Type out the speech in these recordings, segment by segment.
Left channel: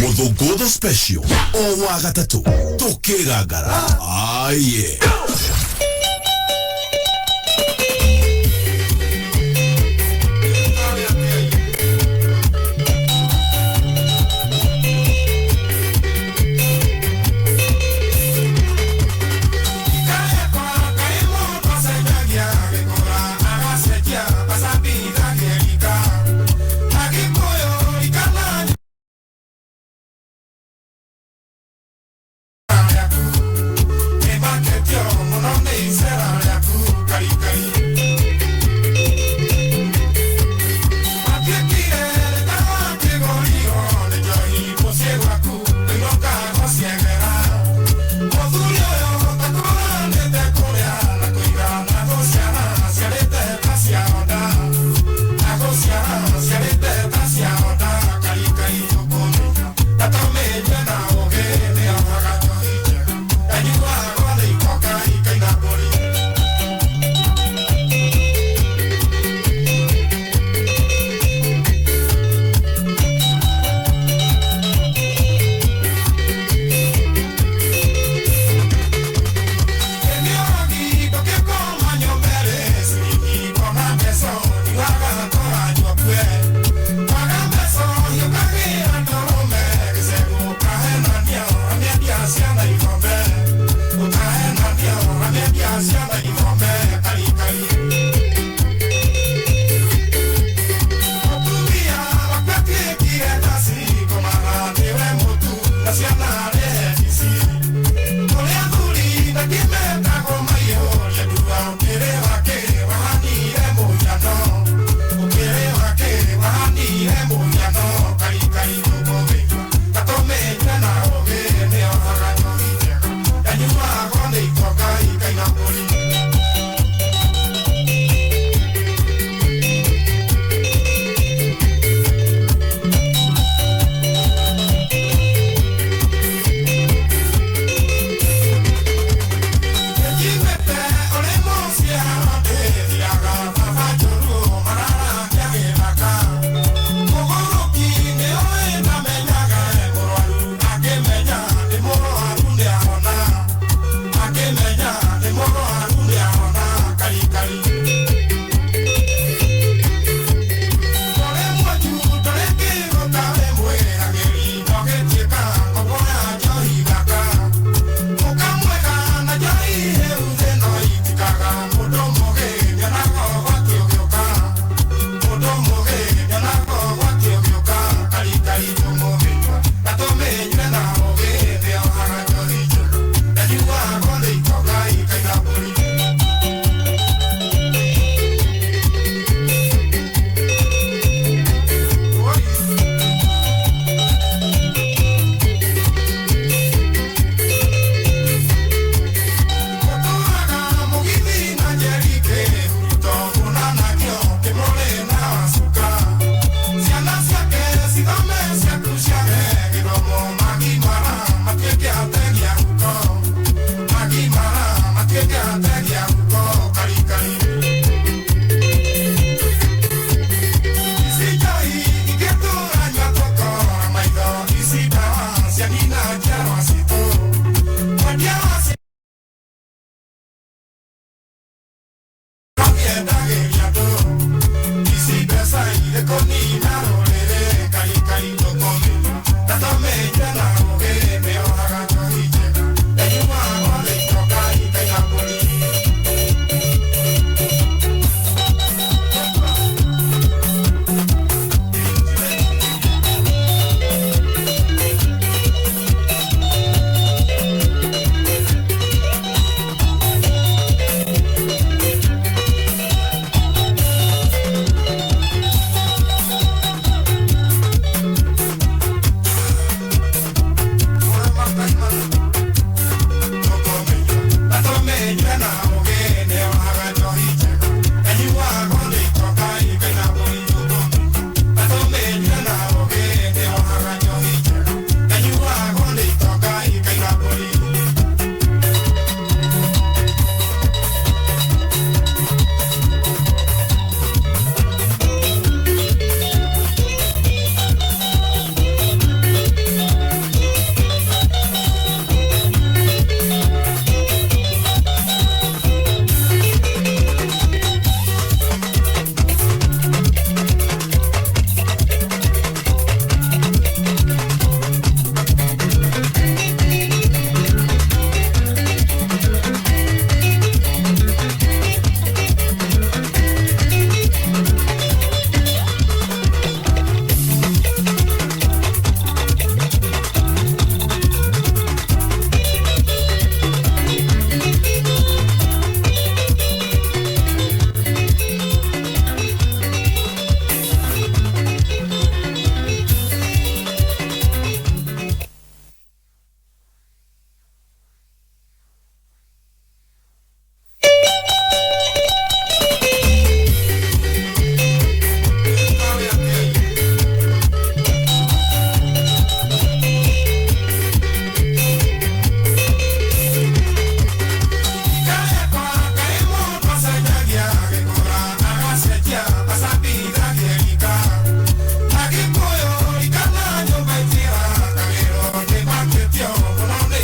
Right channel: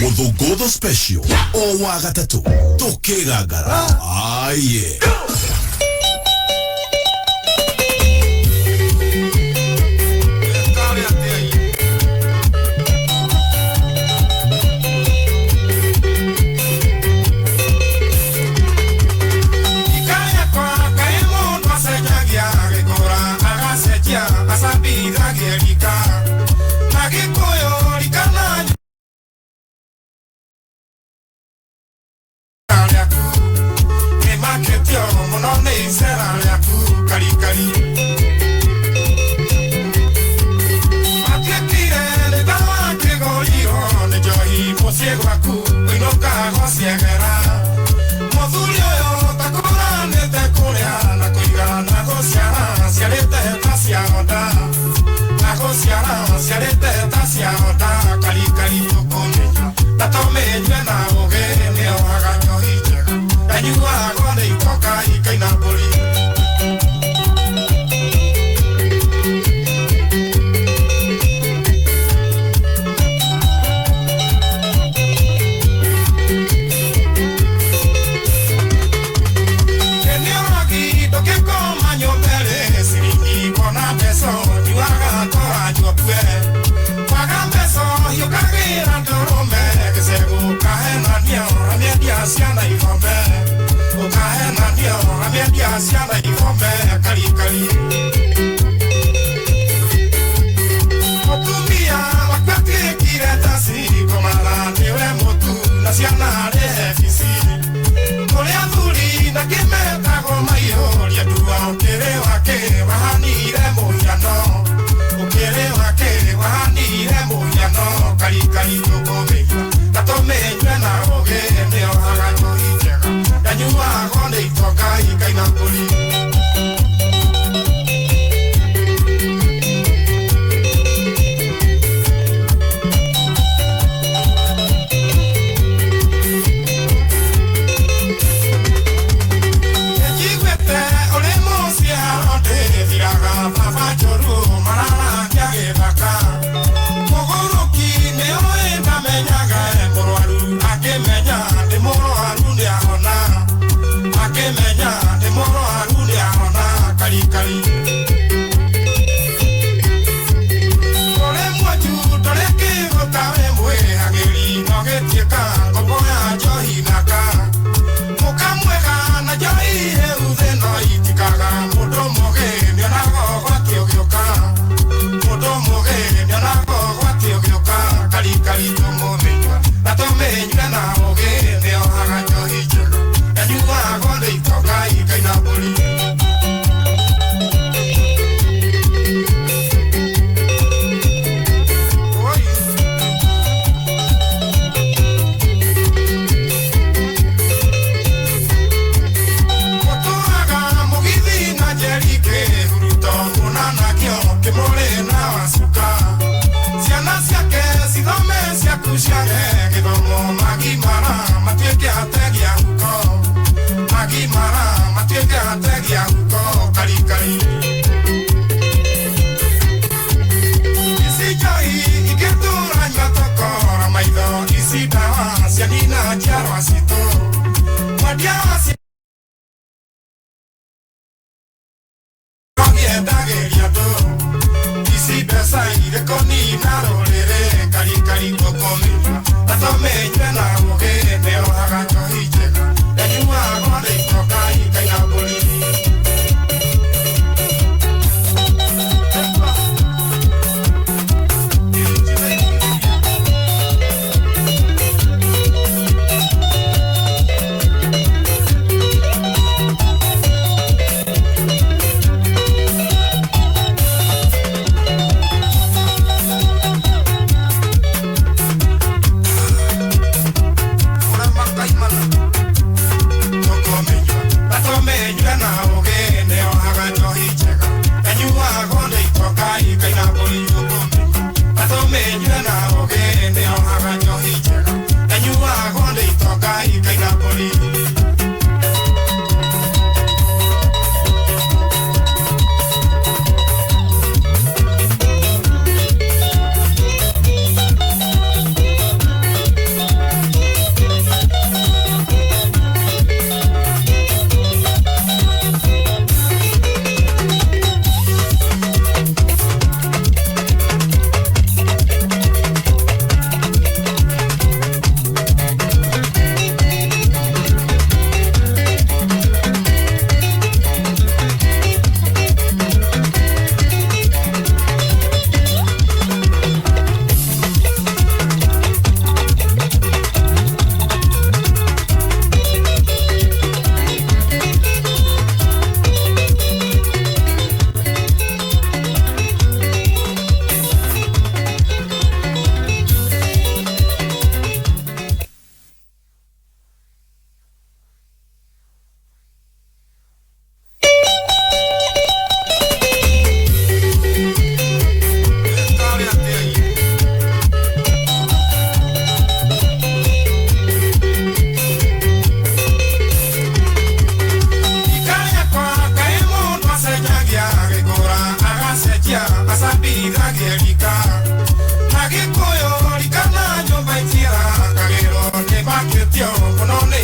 Muthũngũtho special o wa gatatũ tũkĩgangara aye.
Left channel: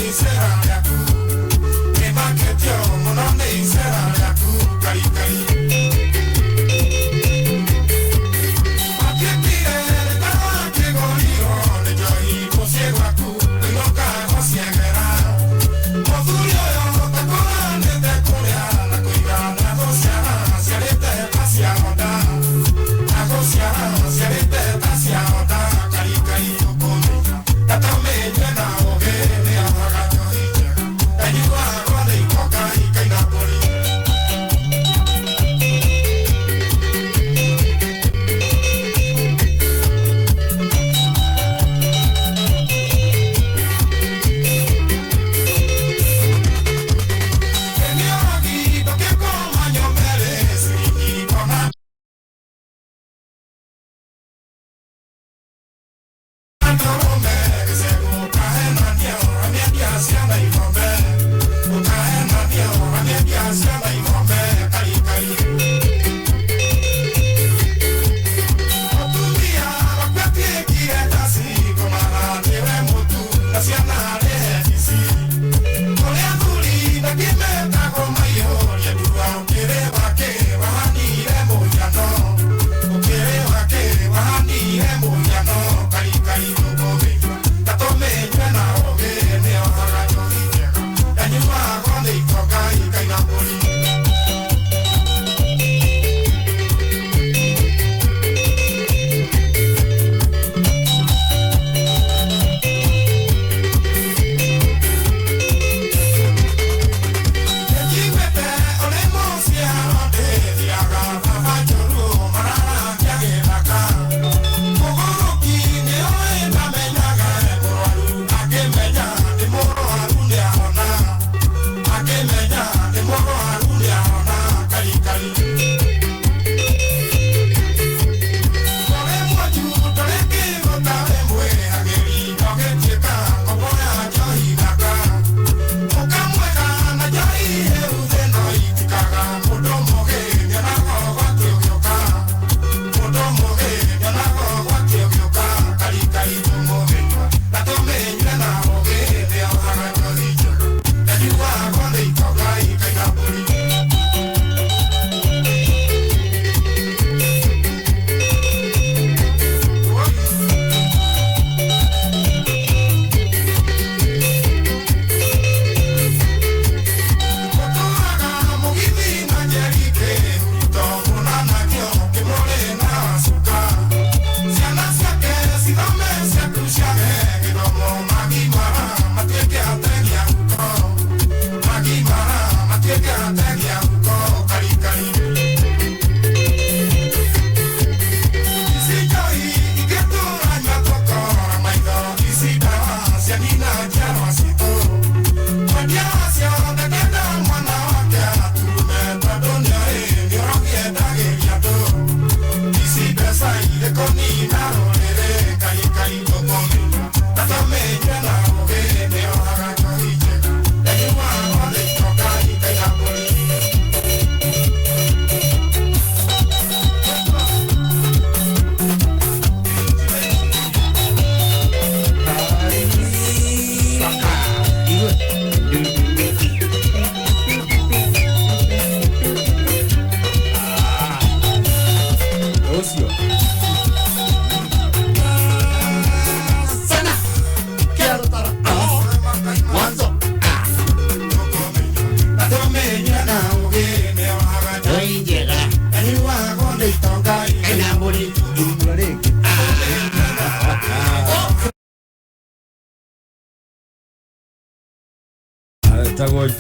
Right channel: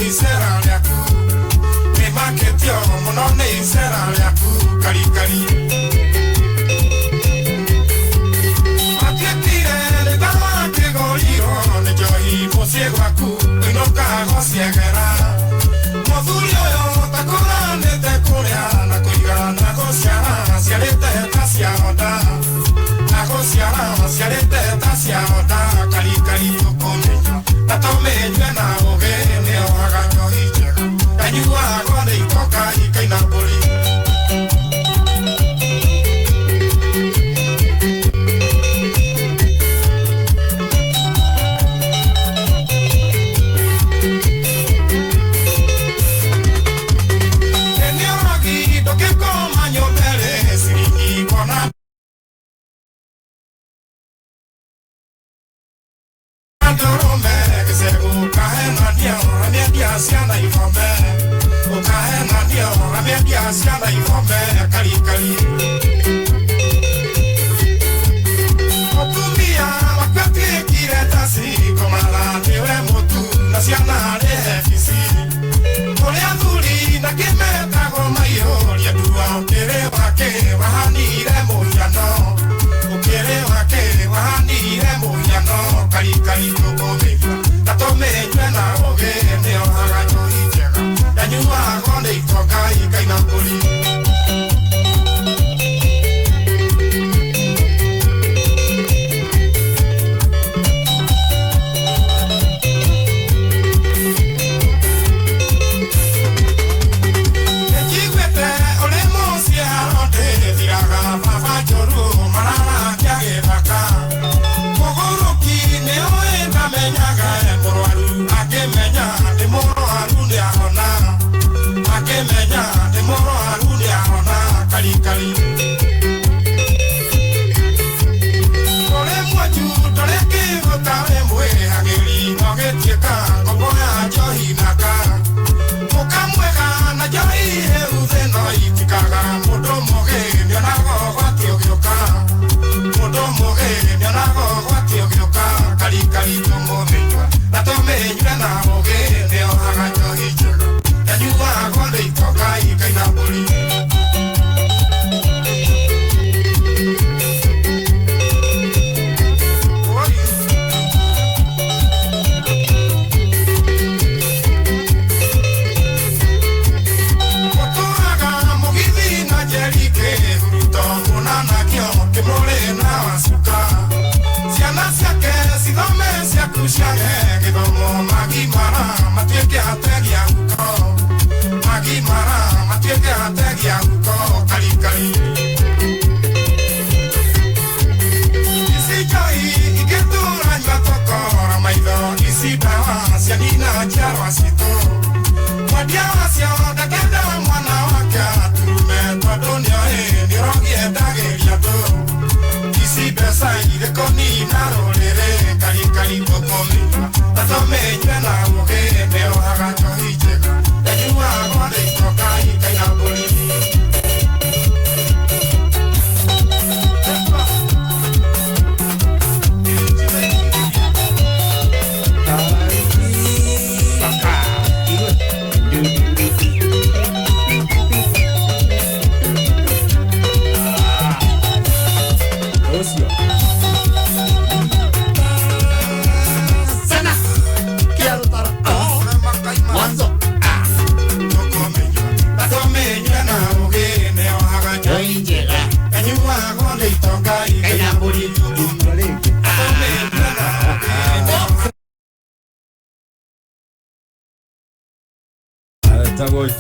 isera yaku me maketio monone isera yaku kari kari atietire le dawa ke gorio ne johi mosiego aku no ka hosiegera modurio yo takora ne te korea na koiga na hosiara siarete pasia oda na hosiara siarete pasia oda kari kari tokone tatome na oge ne oga johiche ayua gode itoka ikaina boli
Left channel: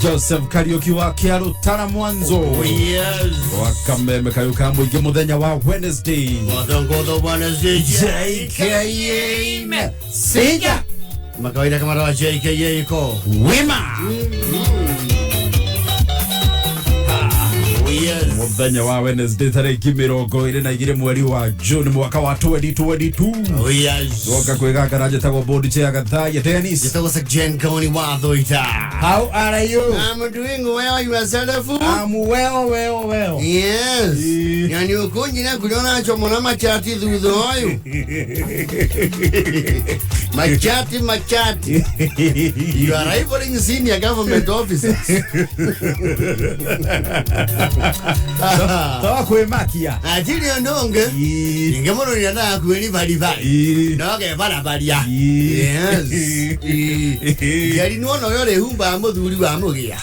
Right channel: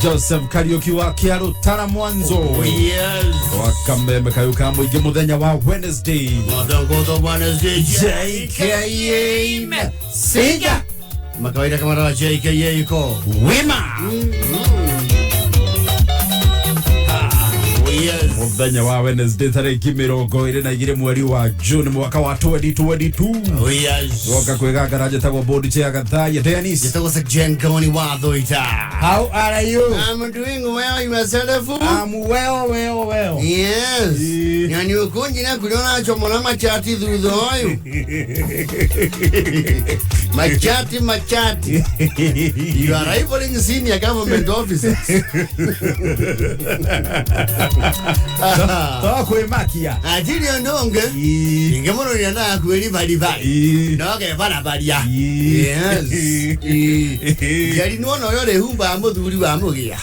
Joseph Karaoke wa Kiarutara mwanzo. Oh, yes. Wakameme kayukambo ige muthenya wa Wednesday. Wadangodo Wednesday. JKA Sega. Makawaida kama rawa JKA ko Wema. Yes. Muthenya wa Wednesday tariki 22 mweri wa June mwaka wa 2022. Yes. Woka kwega raja tago board che Gathaiya Dennis. Jitago sa Ngoni Thuita. How are you? I'm doing well, yourself? I'm well. Yes. Yani ukonji na kuliona chomona machati thutho oyu. Machati. You are rivaling senior government officers. Toa kwemakia. Ajili ondonge. Ingemono yana kweli bali. Noge bana balia. Yes. Yari no yore humba amuduri wa mugia.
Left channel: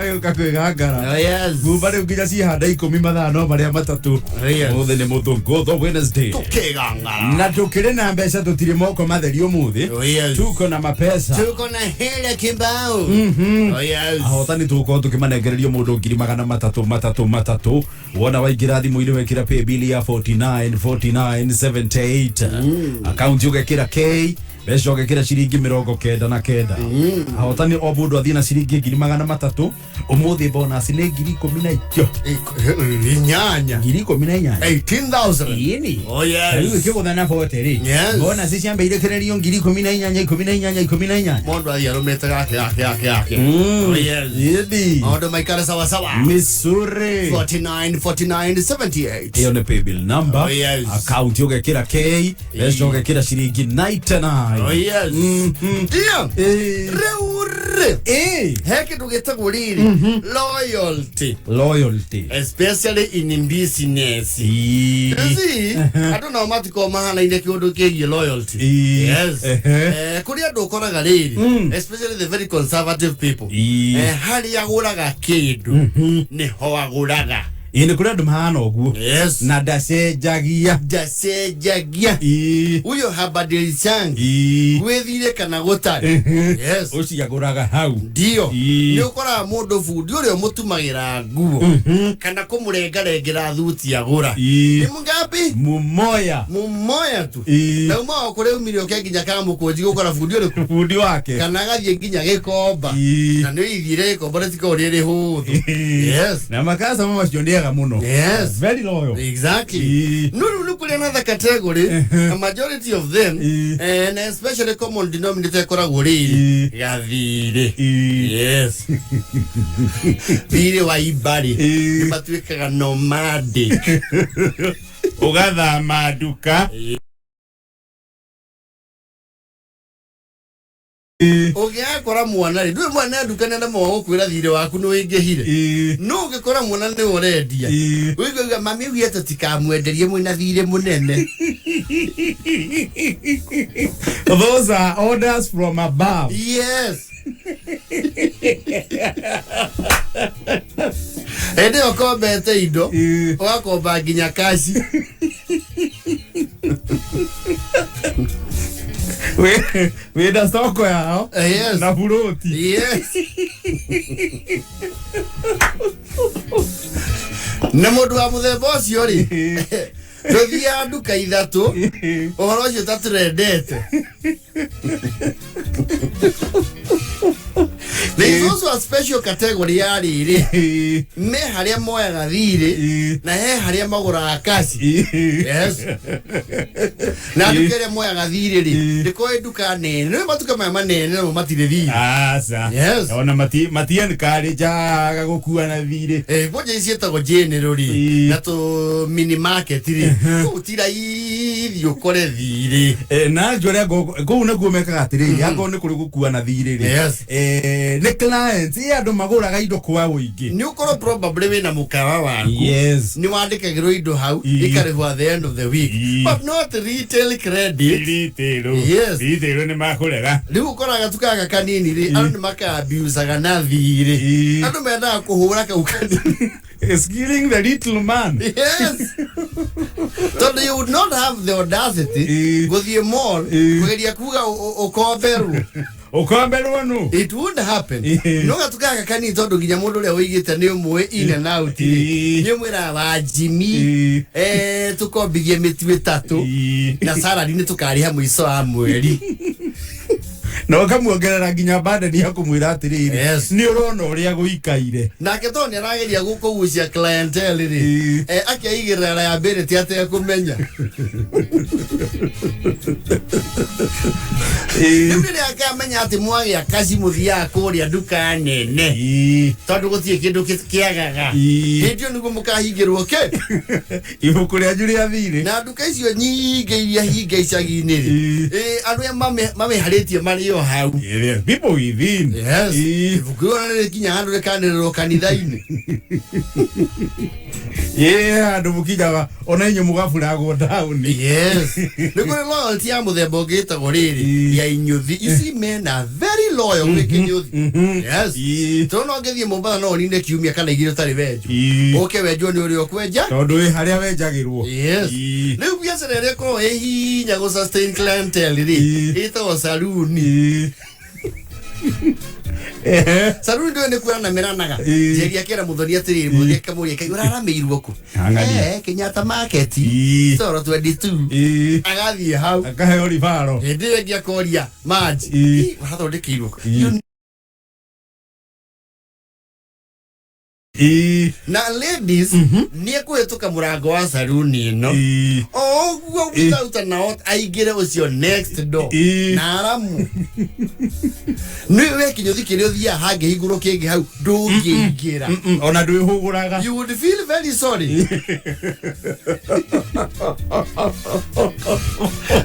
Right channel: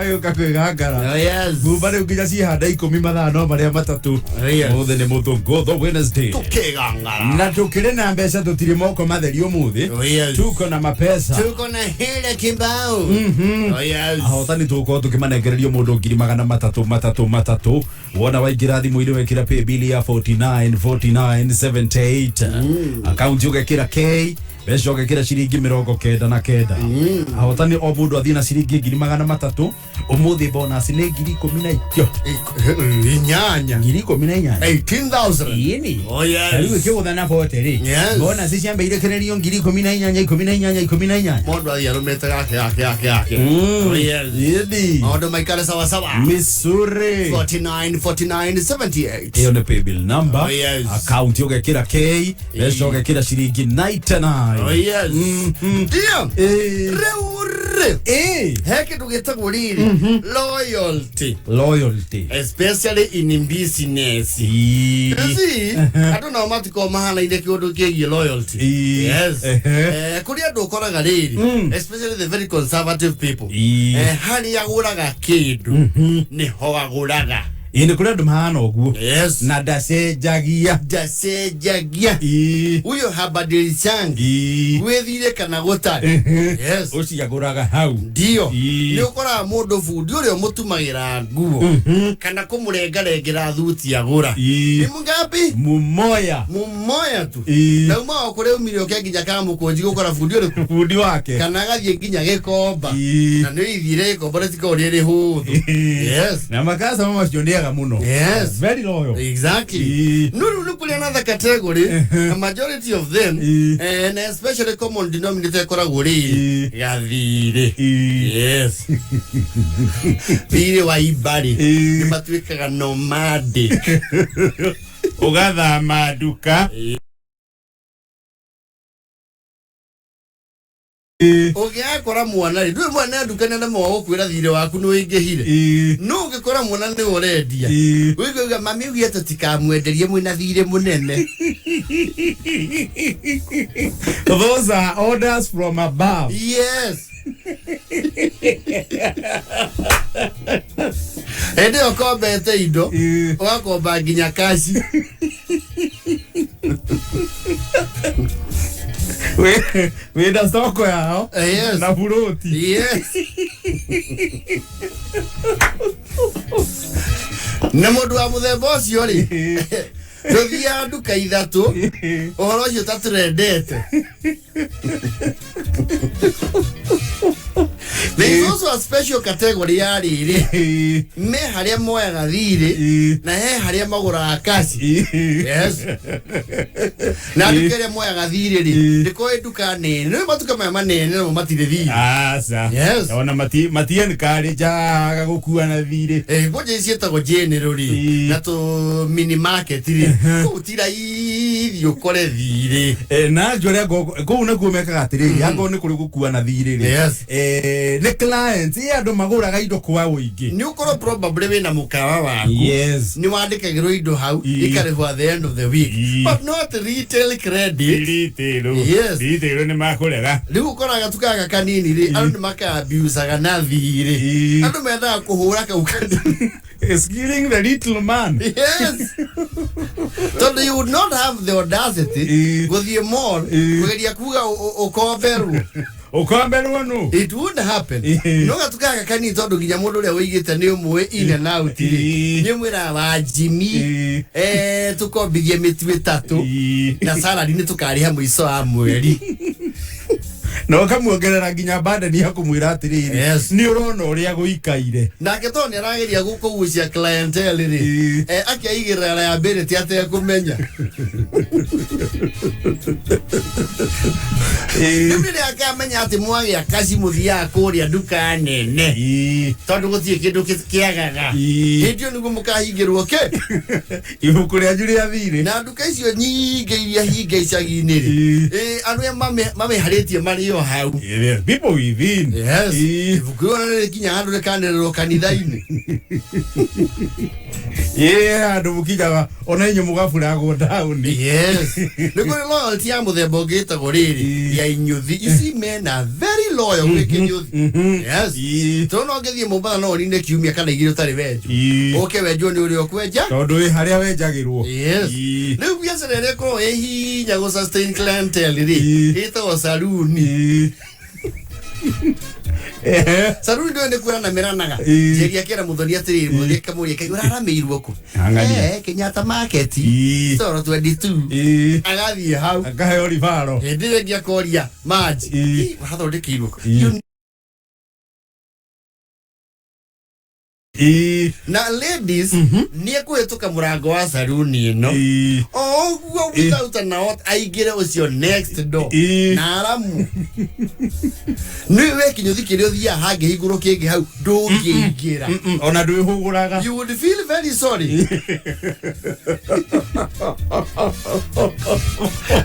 Ayo kakwegangara. Yes. Gubare ukija si hada 10 mathano maria matatu. Muthe ni muthungu Wednesday. Tukegangara. Na tukire na mbeca tutire moko matheri umuthi. Tuko na mapesa. Tuko na hela kimbao. Yes. Ahotani tuko tukimanegererio mundu 300 wona waingira thimu-ini wekira pay bill ya 4978 account ugekira K Besho ugekira ciringi 99 ahotani o mundu athina ciringi 300 umuthi bonus ni 10,000 Inyanya 18,000 yini yes. Ayu kigutha na hoteli bonus ciambeire kirerio 10,000 Mondo ayarumete yake yes. Yedi Ondo maikale sawa Missouri 4978 hiyo ni pay bill number yes. Account ugekira K Besho ugekira ciringi 99 yes. Ndio reure heke tugetagwo riri loyalty especially in business see I don't know matiko mahana inde kiundu kigie loyalty yes kuri andu ukoraga riri especially the very conservative people hari aguraga kindu ni ho aguraga ine kuri andu mahana oguo yes. Na dacenjagia uyo habadilichangi wethire kana gutari yes. Uciaguraga hau ndio ni ukora mundu fundi urio mutumagira nguo kana kumurengarengera thuti agura ni mungapi mumoya tu na uma okore umilio kia nginya kama mukonji gukora fundi urio fundi wake kana gathie nginya gikomba na ni ithire ikomba ritiko riri huthu yes. Na makasa mama ciondiaga muno yes. Very loyal exactly no kuli another category a majority of them and especially common denominator koragwo ri gathire yes. Thire wa ibari ni matuikaga nomadic ugathama nduka Ugekora mwana ri ndwe mwana nduka nenda mo kwira thire waku no ingehire no ugekora mwana ni urendia wiga mami ugieta tikamwenderie mwina thire munene. Those are orders from above. Yes. Ende okombete indo wakomba nginya kashi we da soko yao yes. Na buroti yes. Na mundu wa muthemba ucio ri nduthia nduka ithatu uhoro ucio taturendete. There is also a special category ya riri me haria moyaga thire na he haria magura kashi yes. Na ndukere moyaga thire ri ndiko nduka nene no matuka maya manene no matire thire asa yes. Ona matien kare jaga gukua na thire boje cietagwo generally na to mini market ri utira ithio kore thire na njore go na guomeka atiri yago ni kuri gukua na thire ri yes. Ne clients andu maguraga indo kwa uingi ni ukoro probably we na mukawa waku yes. Ni wandikagirwo indo hau ikarehwo at the end of the week but not retail credit yes. Retail ni makurega Riu ukoraga tukaga kanini ri andu ni makabiusaga na thire andu mendaga kuhura kau kanini skilling the little man yes. So you would not have the audacity guthie mall kugeria kuga ukomberu no it would happen no gatukaga kanini tondu nginya mundu uria wigite ni umwe in and out ni mwira wa Jimmy tukombigie mitu itatu na salary ni tukariha mwiso wa mweri no kamuongerera nginya bande ni akumwira atiriri Yes. ni urona uria guikaire nake to ni arageria gukugucia clientele ri akiaigirira ya ability ate kumenya Ndiri akamenya ati mwagi akaci muthia kuria duka nene tondu gutie kindu kiagaga hindio nigu mukahingirwo ke ibuku ria Julia thiri na duka icio nyinge iria hinge icagi-ini ri andu mame haritie mario hau people within yes ibuku ri kinya handu rikanirwo kanitha-ini andu mukinyaga ona inyu mugaburago down yes nigu loyalty ya muthemba ungitagwo riri ya inyuthi you see men are very loyal with inyuthi yes to no ngethie Mombasa no ninde kiumia kana igire tari wenju oke wenju ni uri okwenja tondu wi haria wenjagirwo yes riu biacara ria ko hinya go sustain clientele ri ito saloon saruni ndio ne kuana meranaga jeria kera muthoni atiri muthoni kamuri kaigura arameirwo ku Kenyatta market toro 22 agathi hau akahe olivaro ndire ngia koria maji wathondekirwo na ladies ni ekuhituka murango wa saruni ino oguo gutauta nao aigire ucio next door na aramu niwe kinyuthi kirio thia hange iguru kingi hau ndungiingira ona ndwihuguraga you would feel very sorry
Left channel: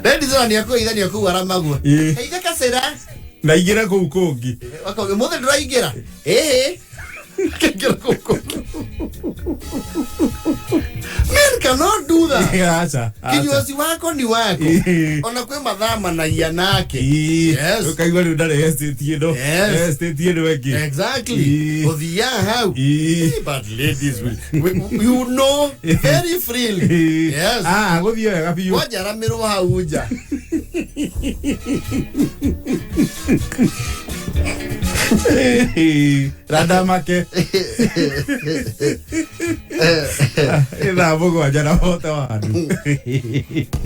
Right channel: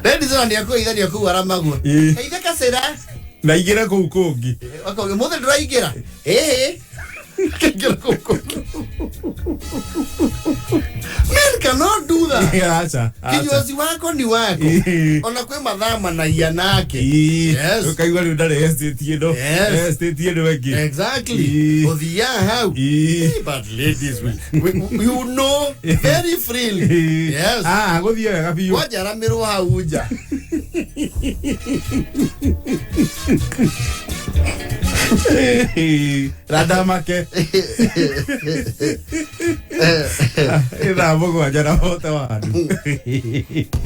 ladies ni akuithania ku aramagwo heitha kasera na igira ku kungi wako mothe nduraigira men cannot do that. Acha. Kinywaji wako ni wako. Ona kwe madhama na yanake. Yes. Ukaigwa ni ndare estate yedo. Estate yedo weki. Exactly. Othia how. But ladies will you know very freely. Yes. Gothio ya gabiyo. Wajara miru hauja. Radamake. Ida bogo ajana hota wadu.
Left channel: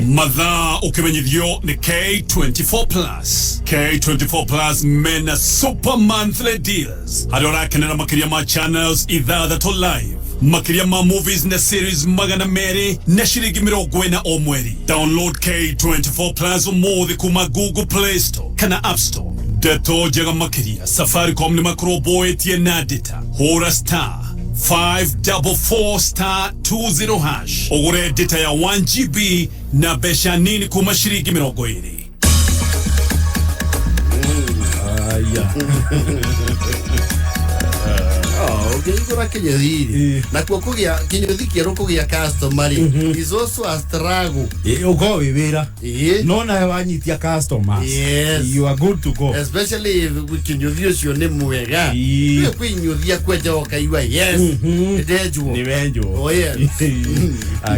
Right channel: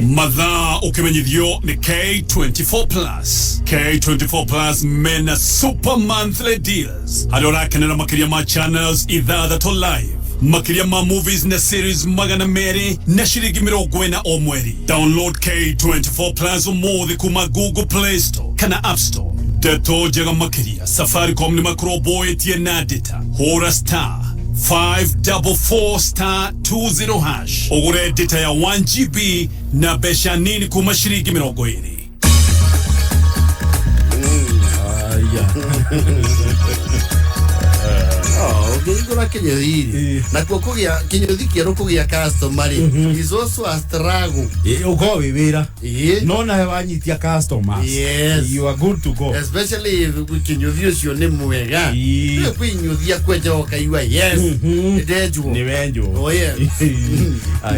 Mathaa ukimenyithio ni K24 Plus. K24 Plus mena super monthly deals. Adora kenera makiria ma channels ithathatũ live. Makiria ma movies na series magana meri na shiringi 40 o mweri. Download K24 Plus umuthi kuma Google Play Store kana App Store. Deto jaga makiria Safaricom ni makroboetie na data. Hora star 544 star 20 hash. Ogure data ya 1 GB na besha nini kuma shiringi 20. Igura kinyuthi na kwa kugia kinyuthi kieru kugia customer is also a struggle. Uko wira no na wanyitia customers. Yes, you are good to go, especially if kinyuthi ucio ni mwega ni kwinyuthia kwenja okaiwa. Yes, ndeju ni wenjo. Oh yes.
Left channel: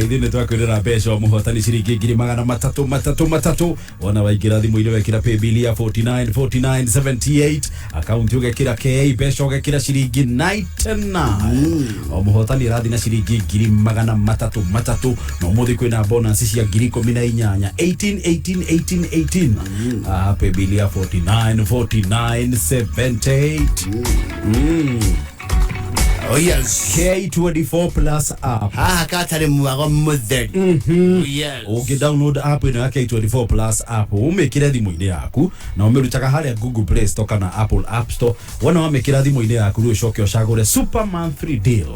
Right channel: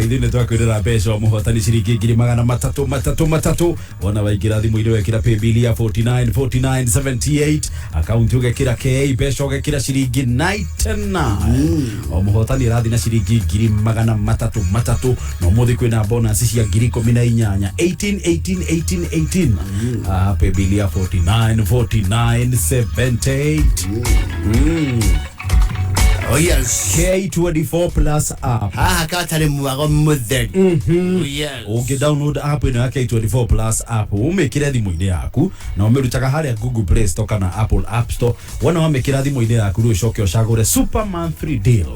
Ithine twakwirira mbeca muhotani ciringi 333 ona waingira thimu ile wekira pay bill ya 494978 account ugekira KA mbeca ugekira ciringi 99 muhotani rathi na ciringi 333 no muthi kwina bonus cia 18 18 pay bill ya 494978 Oh yes, K24 Plus app. Katari mwago mutheri. Yes. Uki download app ino ya K24 Plus app umekira thimu-ini yaku na umerutaga haria Google Play Store kana Apple App Store. Wana wamekira thimu-ini yaku ri ucoke ucagure super monthly deal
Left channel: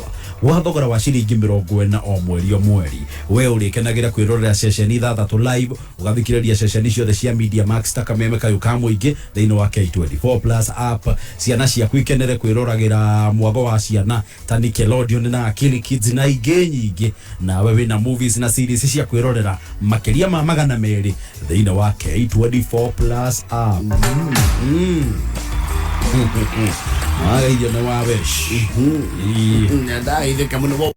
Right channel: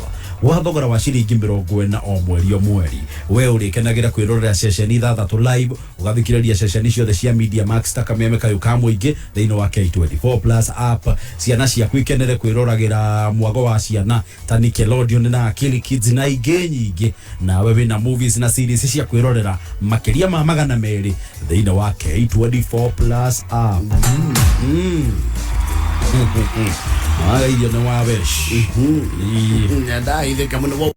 wa thogora wa ciringi 40 o mweri we urikenagira kwirorera session ithathatũ live ugathikiriria session ciothe cia Media Max ta kameme kayo ka muingi thiini wa K24 Plus app. Ciana ciaku ikenere kwiroragĩra mwago wa ciana ta Nickelodeon na Akili Kids na ingĩ nyingĩ, nawe wina movies na series cia kwirorera makiria ma 200 thiini wa K24 Plus app. Idio no wabesh. Ndai de kamuno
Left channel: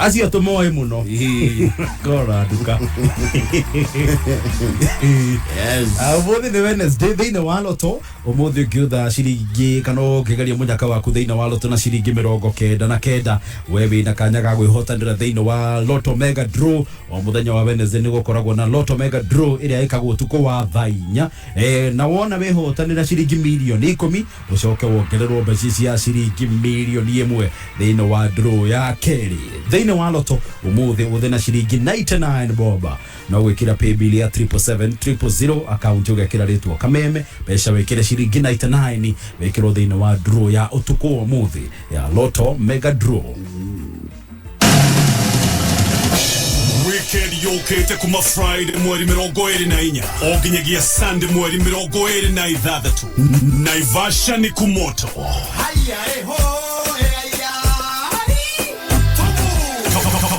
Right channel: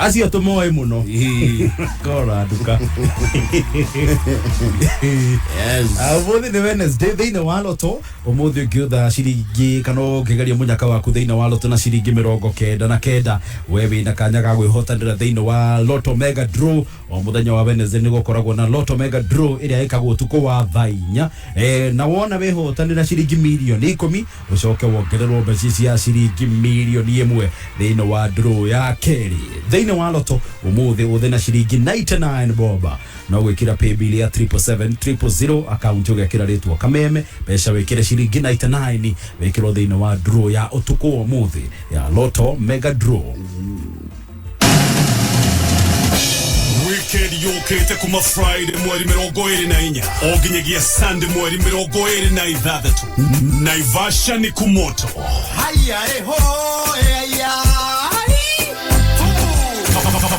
Acio tumoe muno kora duka Yes. Umuthi ni Wednesday thiine wa loto umuthi ukiutha ciringi kana ukigeria munyaka waku thiine wa loto na ciringi 99 wewe na kanya ga gwihotanira thiine wa loto mega draw o muthenya wa Wednesday ni gukoragwo na loto mega draw iria ikagwo tuko wa thainya na wona wihotanira ciringi milioni 10 ucoke wongererwo mbeca cia ciringi milioni 1 thiine wa draw ya keri thiine wa loto umuthi uthina ciringi 99 boba no gwikira pay bill ya 77700 account ugekira ritwa kameme mbeca wikire ciringi 99 wikirwo thiine wa draw ya utuko wa muthi ya loto mega draw. Weekend yokete kuma Friday mweri 24 oginyagia Sunday mweri 26 Naivasha ni kumoto Haya ho haya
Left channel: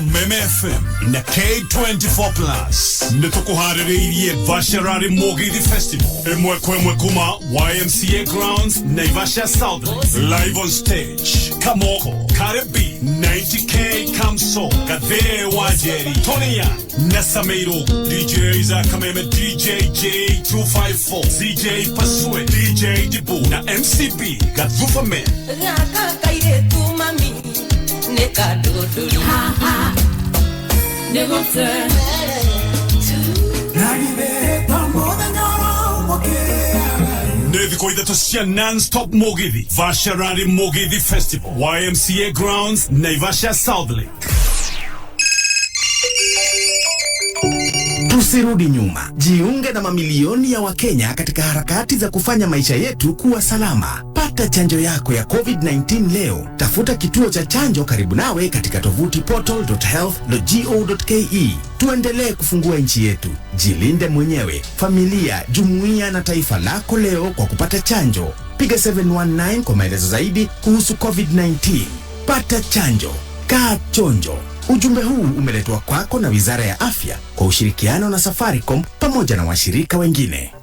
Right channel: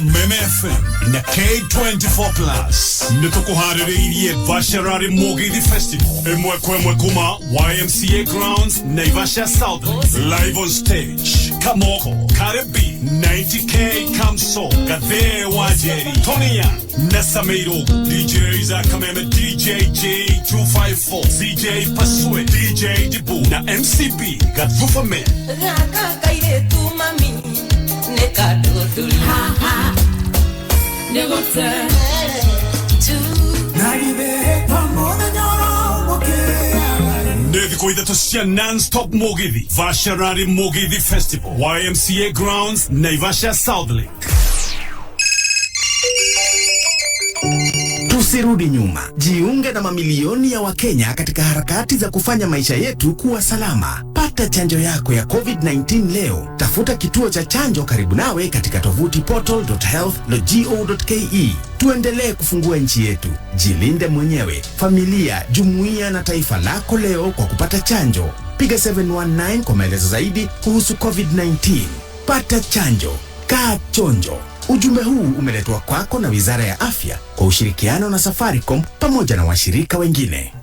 Meme FM na K24 Plus nitukuhaririirie Vasharari Mogithi Festival emwe kuma YMCA Grounds Naivasha South live on stage Kamoko Karibi 90K Kamso Gathaiya Wajeri Tony Young Nasameiro DJs Akameme DJ J254 CJ Pasue DJ Dibu na MCB Gathufa Men Kaire tu mami nekadodoli ha ha negote Nethi koithato cia non-stop Mogithi Vasharari Mogithi Festival YMCA Grounds Naivasha South Lake. Tusirudi nyuma. Jiunge na mamilioni ya Wakenya katika harakati za kufanya maisha yetu kuwa salama. Pata chanjo yako ya COVID-19 leo. Tafuta kituo cha chanjo karibu nawe katika tovuti portal.health.go.ke. Tuendelee kufungua nchi yetu. Jilinde mwenyewe, familia, jumuiya na taifa lako leo kwa kupata chanjo. Piga 719 kwa maelezo zaidi kuhusu COVID-19. Pata chanjo. Kaa chonjo. Ujumbe huu umeletwa kwako na Wizara ya Afya kwa ushirikiano na Safaricom pamoja na washirika wengine.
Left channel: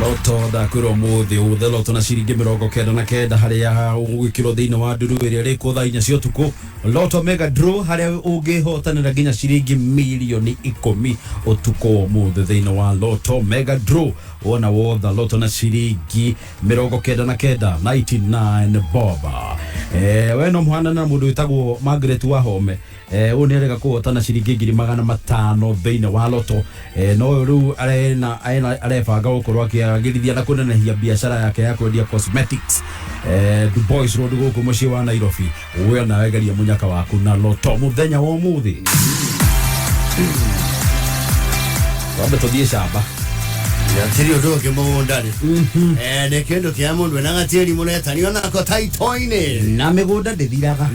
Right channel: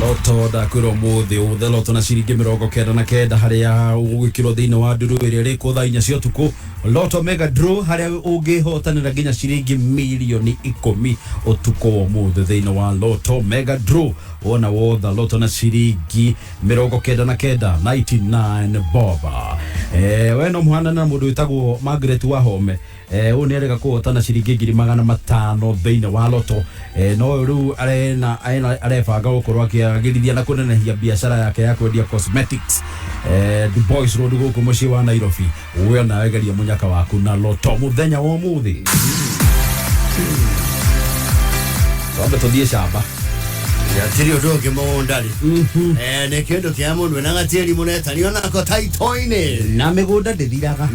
Loto da kuro muthi uthe loto na ciringi 99 haria ugikiro thiine wa nduru iria riko thainya cio tuku loto mega draw haria ungihotanira nginya ciringi milioni 10 utuko muthi thiine wa loto mega draw wona wotha loto na ciringi 99 boba we no muhana na mundu witagwo Margaret Wahome uni arega kuhotana ciringi 500 thiine wa loto no riu arefanga gukorwo akiagirithia na kunenehia biashara yake ya kwendia cosmetics the boys road guku muci wa Nairobi uwe na wegeria munyaka waku na loto muthenya wa muthi wambe tuthie shamba Yatirio doge mondari ne kendo kia mundu na gatiri muneta ni ona ko taitoine na migunda ndithiraga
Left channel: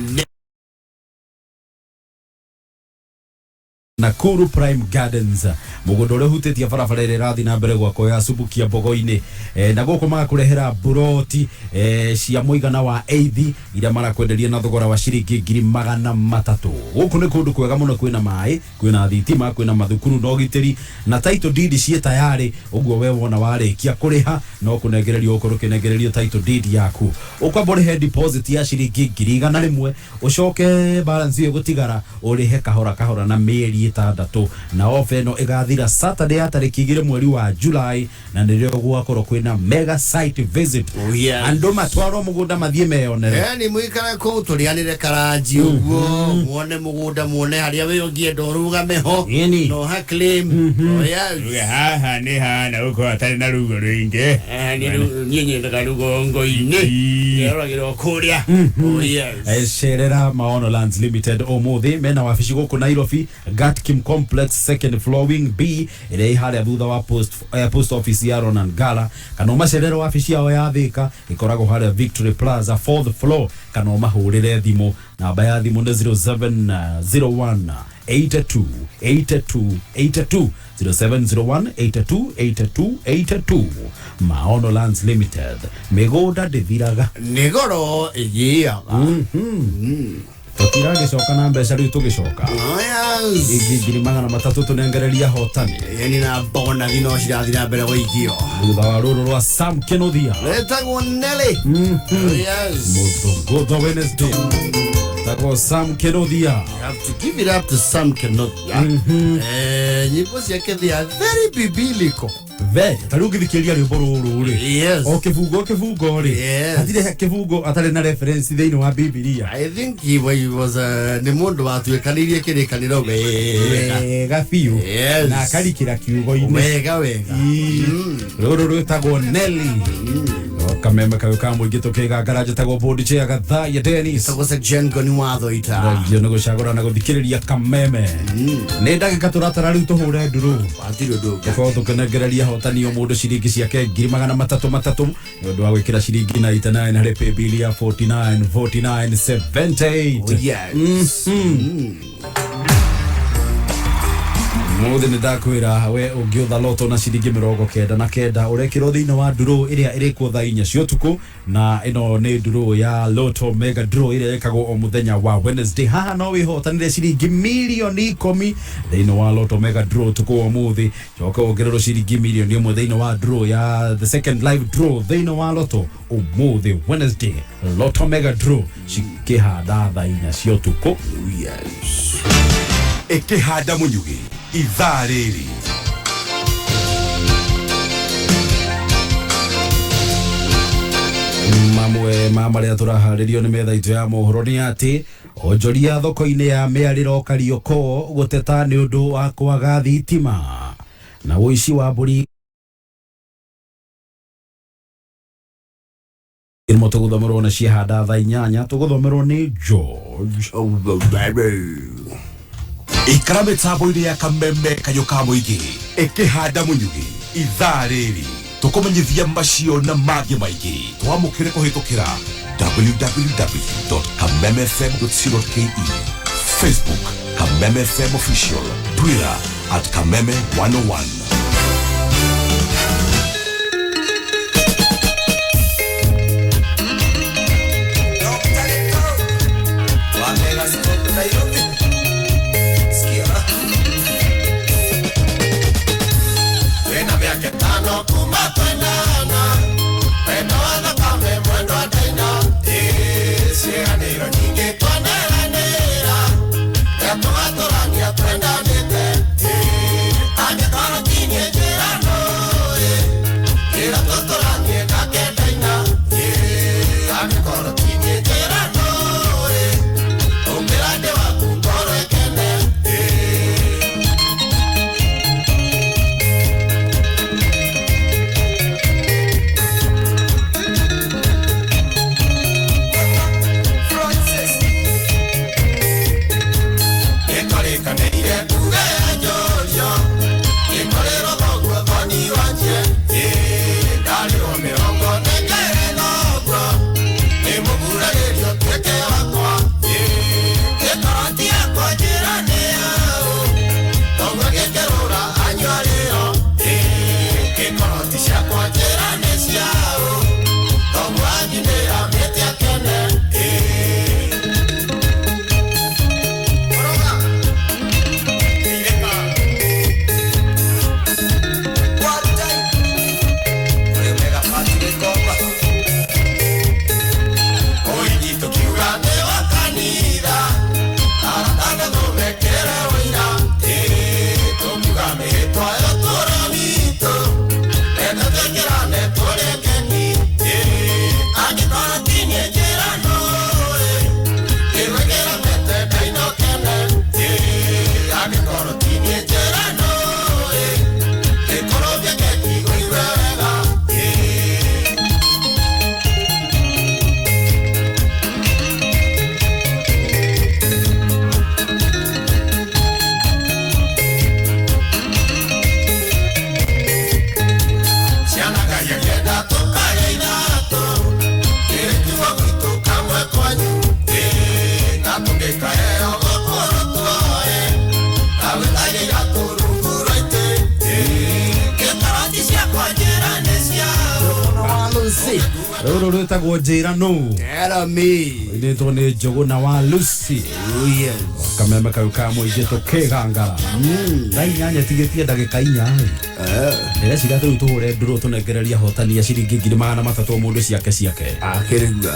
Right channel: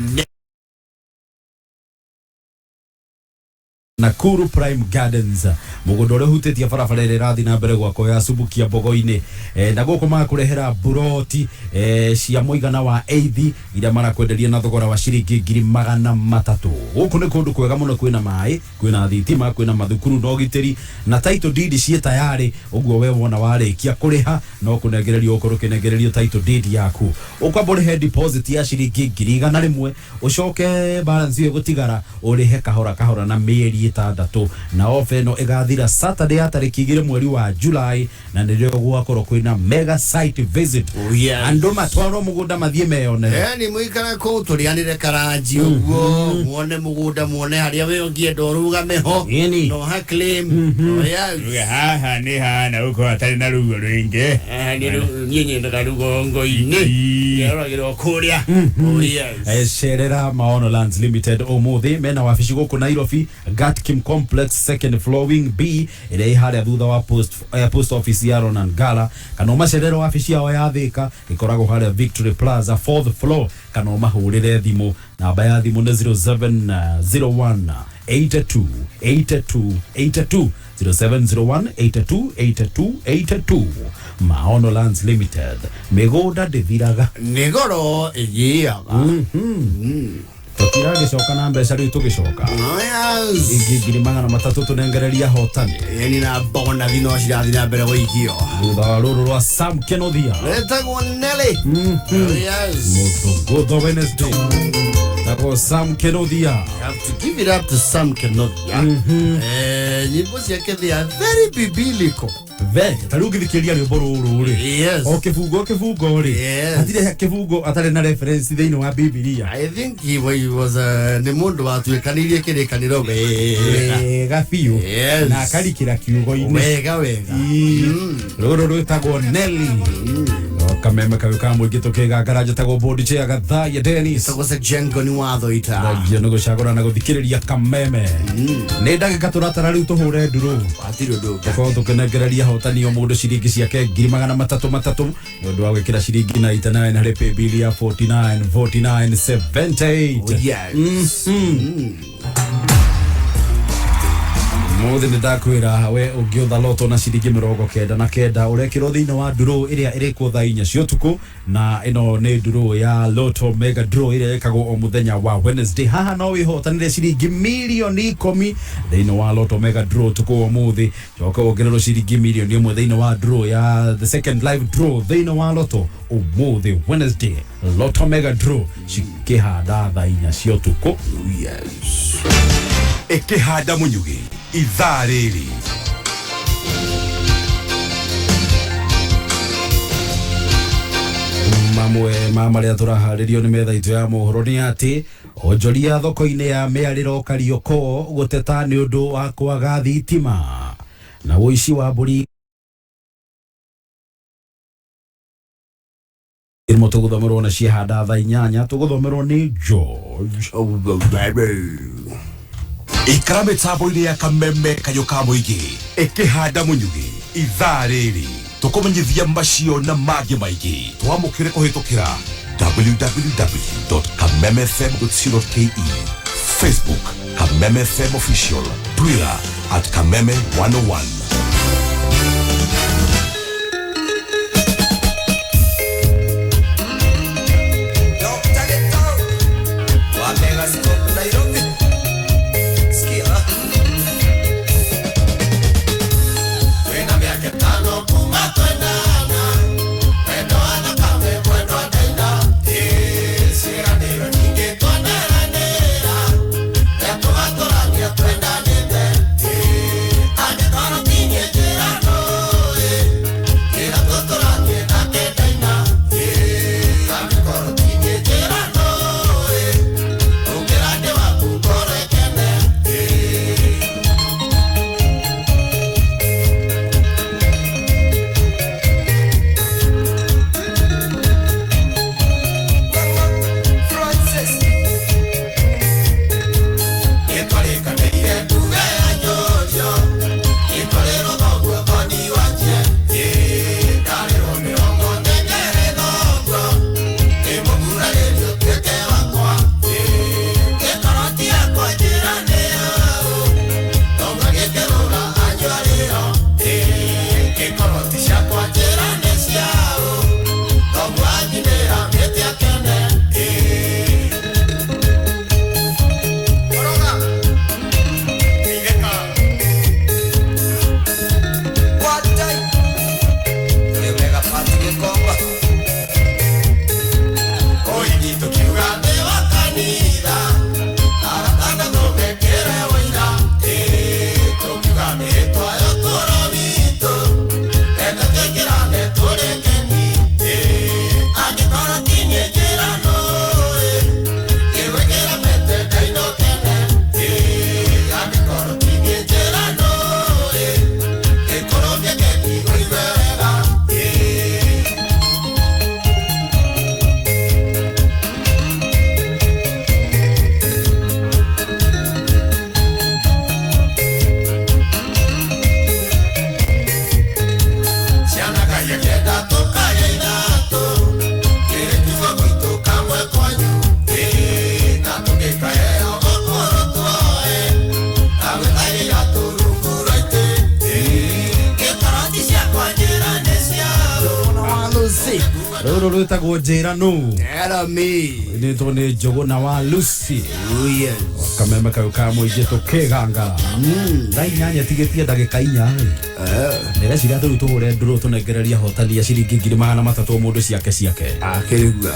Nakuru Prime Gardens mugunda uri hutitie barabara iri rathi na mbere gwako ya Subukia Bogoini na guko makurehera buroti cia muigana wa eithi ira marakwenderia na thogora wa ciringi 300 guku ni kundu kwega muno kwina mai kwina thitima kwina mathukuru no gitiri na title deed cie tayari uguo we wona warikia kuriha no kunengererio ukoro kinengererio title deed yaku ukwambore he deposit ya ciringi 100 ucoke balance yo gutigara urihe kahora na mieri 6 na ofe no igathira Saturday ya tariki 2 mweri wa July na ndio gwakorwo kwina mega site visit ando matwaro mugunda mathie meyone ni muikara ko turianire karaji uguo muone mugunda muone haria we ongienda ruga meho no ha claim haha ni hana uko atari na rugo rwingi ni ndaga rugo ngo-ini yaragiro kuria Sherera Maono Lands Limited omuthi mena wafici guku Nairobi Gatkim Complex second floor wing B ile haria thutha wa post office ya Ronan Gala kana macerero wafici yao ya Thika ikorago haria Victory Plaza 4th floor kana mahurire thimu namba ya thimu 0701 82 0701828282 Maono Lands Limited migunda ndithiraga nigoro igiaga Tukirage coka na mbeca riu tugicoka. Yes. Ingiri magana matatu tunengereria hotani. Yani na bona thino cirathira mbere guikio. Thutha wa ruru rwa Sam Kenothia. Retagwo Nelly. Yes. Muthunguto Wednesday. Tako Sam Kenothia. You have to give it up to Sam Kenothia. Nyimbo ciake they are very biblical. Ve, tari ugithikiria rwimbo ruru ri. Yes. O kibungo ri. Yes. Hatire kibungo atari na reference thiini wa Biblia. I think he was ni mundu watuikanirie kirikaniro wega biu. Yes. Na akarikira kiugo-ini. Wega. Ruru rwitagwo Nelly. Kameme kawe ka muingi tukigangara njatagwo bondi cia Gathaiya Dennis. Tagose Ngoni Thuita. Nagio ni gucagura na guthikiriria kameme. Ni ndagika turatara riu tuhure nduru. Atiro nduga. Ko tukenengereria hotani o mundu ciringi ciake 3,300 ni undu wa gwikira ciringi 99 hari paybill ya 49,49,78. Oh yes. Muthi ni ndakwira we ungiutha loto na ciringi 99 urekirwo thiini wa nduru iria irikuo thaa 4 cia utuku, na ino ni nduru ya Lotto Mega Draw iria ikagwo o muthenya wa Wednesday. Haha no wihotanire ciringi milioni 10 thiini wa Lotto Mega Draw tuku muthi. Coka ongererwo ciringi milioni 1 thiini wa draw ya the second live draw thiini wa Lotto umuthi Wednesday. Lotto Mega Draw cikihanda thaa 4 cia utuku. Yes. Ikihanda munyugi ithaa riri. Mamwe maria turaharirio ni metha itu ya mohoro ni ati onjoria thoko-ini ya miariro Karioko guteta ni undu wa kwaga thitima na uici wa mburi. Irimo tuguthomerwo na ciehanda thaa 8 tuguthomerwo ni George. Ikara mitambo-ini ya kameme kayo ka muingi ikihanda munyugi ithaa riri. Tukumenyithia macio na mangĩ maingĩ twamũkĩre kũhĩtũkĩra www.kamemefm.co.ke, Facebook Kameme FM Official, Twitter @Kameme101. Gonna be Roro rwetagwo njĩra nũ Era me. nĩtwo nĩ Njogu na wa Lucy Oh yes. kameme kau ka mũingĩ tũkĩgangara thaa inyanya tigĩtie ndagĩka 4 ndĩreciria tũu tũhũre ndũrũ tũnengereria hotani ya ciringi 300 mũndũ ciake Akĩrigua.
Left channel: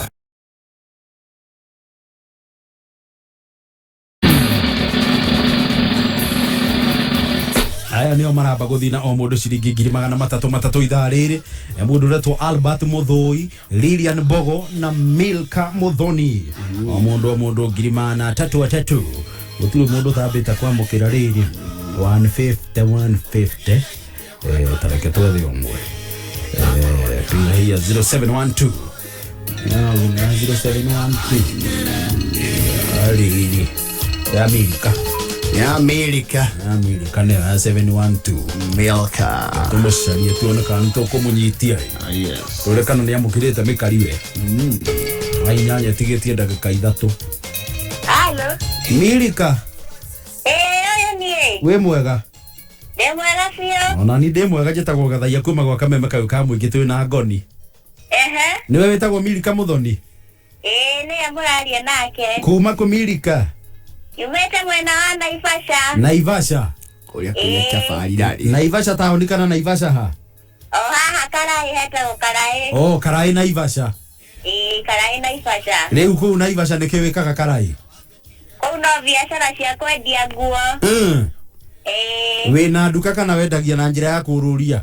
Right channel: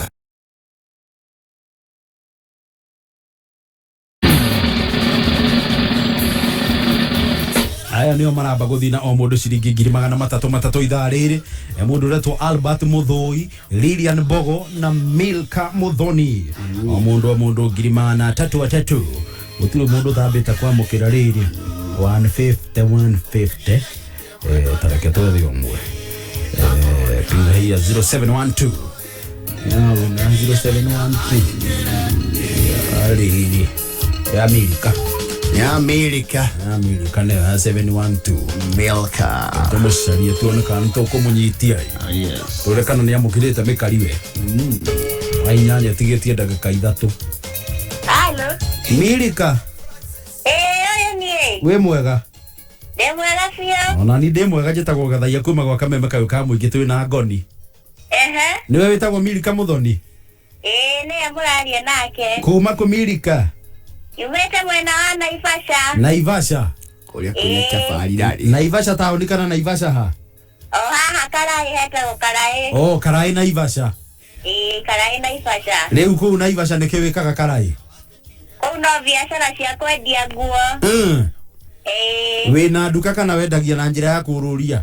aya nĩo maramba gũthina o mũndũ ciringi 300 ithaa rĩrĩ mũndũ ũretwo Albert Mũthũi, Lilian Bogo na Milka Muthoni o mũndũ 300 gũtirĩ mũndũ thambĩte kwamũkĩra rĩrĩ 150 tareke twethe ũmwe pina hii ya 0712 yawe na 0712 rĩrĩ ya Milka Ya America. nĩ ya 712 Milka. tumucarie tuone kana tũkũmũnyitia Yes. tũre kana nĩ amũkĩrĩte mĩkariwe inyanya tigĩtie ndagĩka 3 Halo. Milka Oyo nie. wĩ mwega Ndemwega biũ. ona ni ndĩ mwega njĩtagwo Gathaiya kuma gwa kameme kau ka mũingĩ twĩ na Ngoni nĩwe wĩtagwo Milka Muthoni nĩwe mũraria nake. kuma kũ Milka Yumĩte mwena wa Naivasha. Naivasha Kũrĩa kũrĩa kĩabari rarĩ. Naivasha taũni kana Naivasha ha O haha Karai hetagwo Karai. Karai Naivasha Karai Naivasha. rĩu kũu Naivasha nĩkĩ wĩkaga Karai Kũu no biacara cia kwendia nguo. wĩna nduka kana wendagia na njĩra ya kũrũria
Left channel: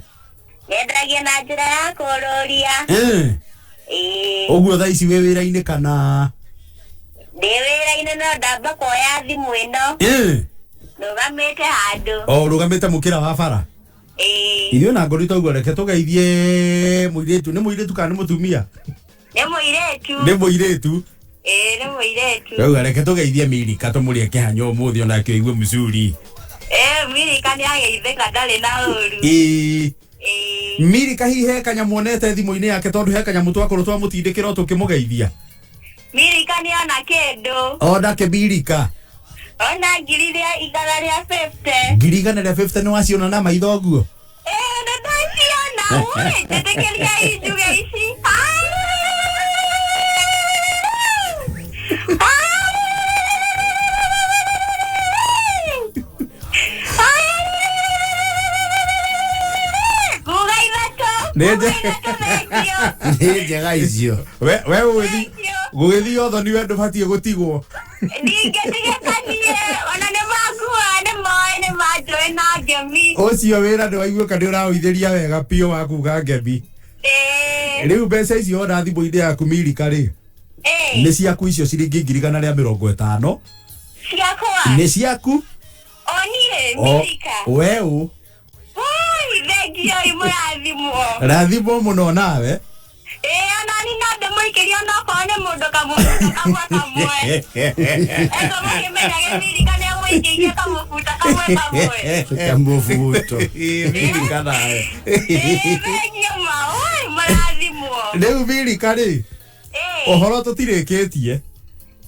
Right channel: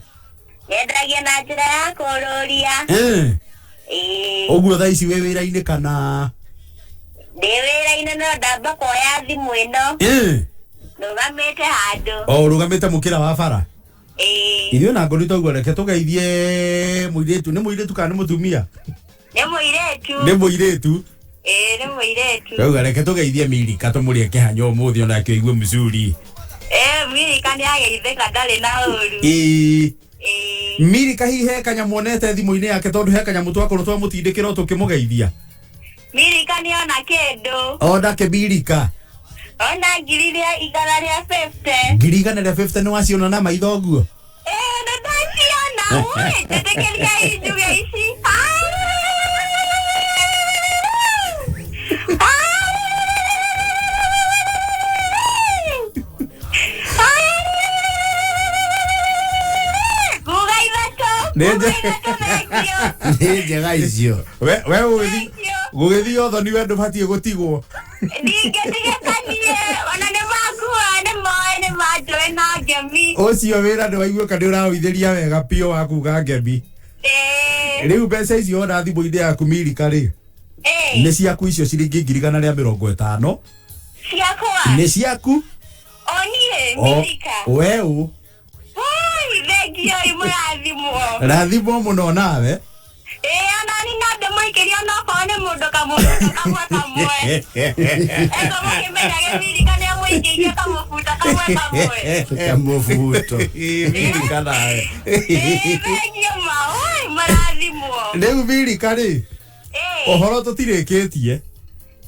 Nyendagia na njĩra ya kũrũria. ũguo thaa ici wĩ wĩra-inĩ kana Ndĩ wĩra-inĩ no ndamba kuoya thimũ ĩno. Rũgamĩte handũ. Rũgamĩte mũkĩra wa bara ithuĩ na Ngoni twaigua reke tũgeithie mũirĩtu nĩ mũirĩtu kana nĩ mũtumia Nĩ mũirĩtu. nĩ mũirĩtu Nĩ mũirĩtu. rĩu reke tũgeithie Milka tũmũrĩe kĩhanyo ũmũthĩ ona akĩigue mũcuri Milka nĩ ageithĩka ndarĩ na ũru. Milka hihi he kanyamũ onete thimũ-inĩ yake tondũ he kanyamũ twakorwo twamũtindĩkĩra tũkĩmũgeithia Milka nĩ ona kĩndũ. ondake Milka Ona ngiri rĩa 150. ngiri 150 nĩ waciona na maitho ũguo Nĩ ndaciona. Njĩtĩkĩria injuge ici. nĩ njega icio we gũgĩthiĩ othoni we ndũbatiĩ gũtigwo Ningĩtigĩkanie ona nĩ makua nĩ moĩ nĩ manjũĩ na ngemi. ũcio wĩra ndĩwaiguĩka nĩ ũraũithĩria wega piũ wa kuga ngemi rĩu mbeca icio ona thimũ-inĩ yaku Milka rĩ nĩ ciaku icio ciringi 150 ciakwa nĩ ciaku onire Milka weũ thengio mũrathimwo rathimwo mũno nawe ona ni no ndĩmũikĩrie onakorwo nĩ mũndũ kamwe kamwe ego mũkĩmenyaga Milka nĩ amũikĩirie kamũbuta kamwe kamũbuto Milka nawe thengio ma mũrathimwo rĩu Milka rĩ ũhoro tũtirĩkĩtie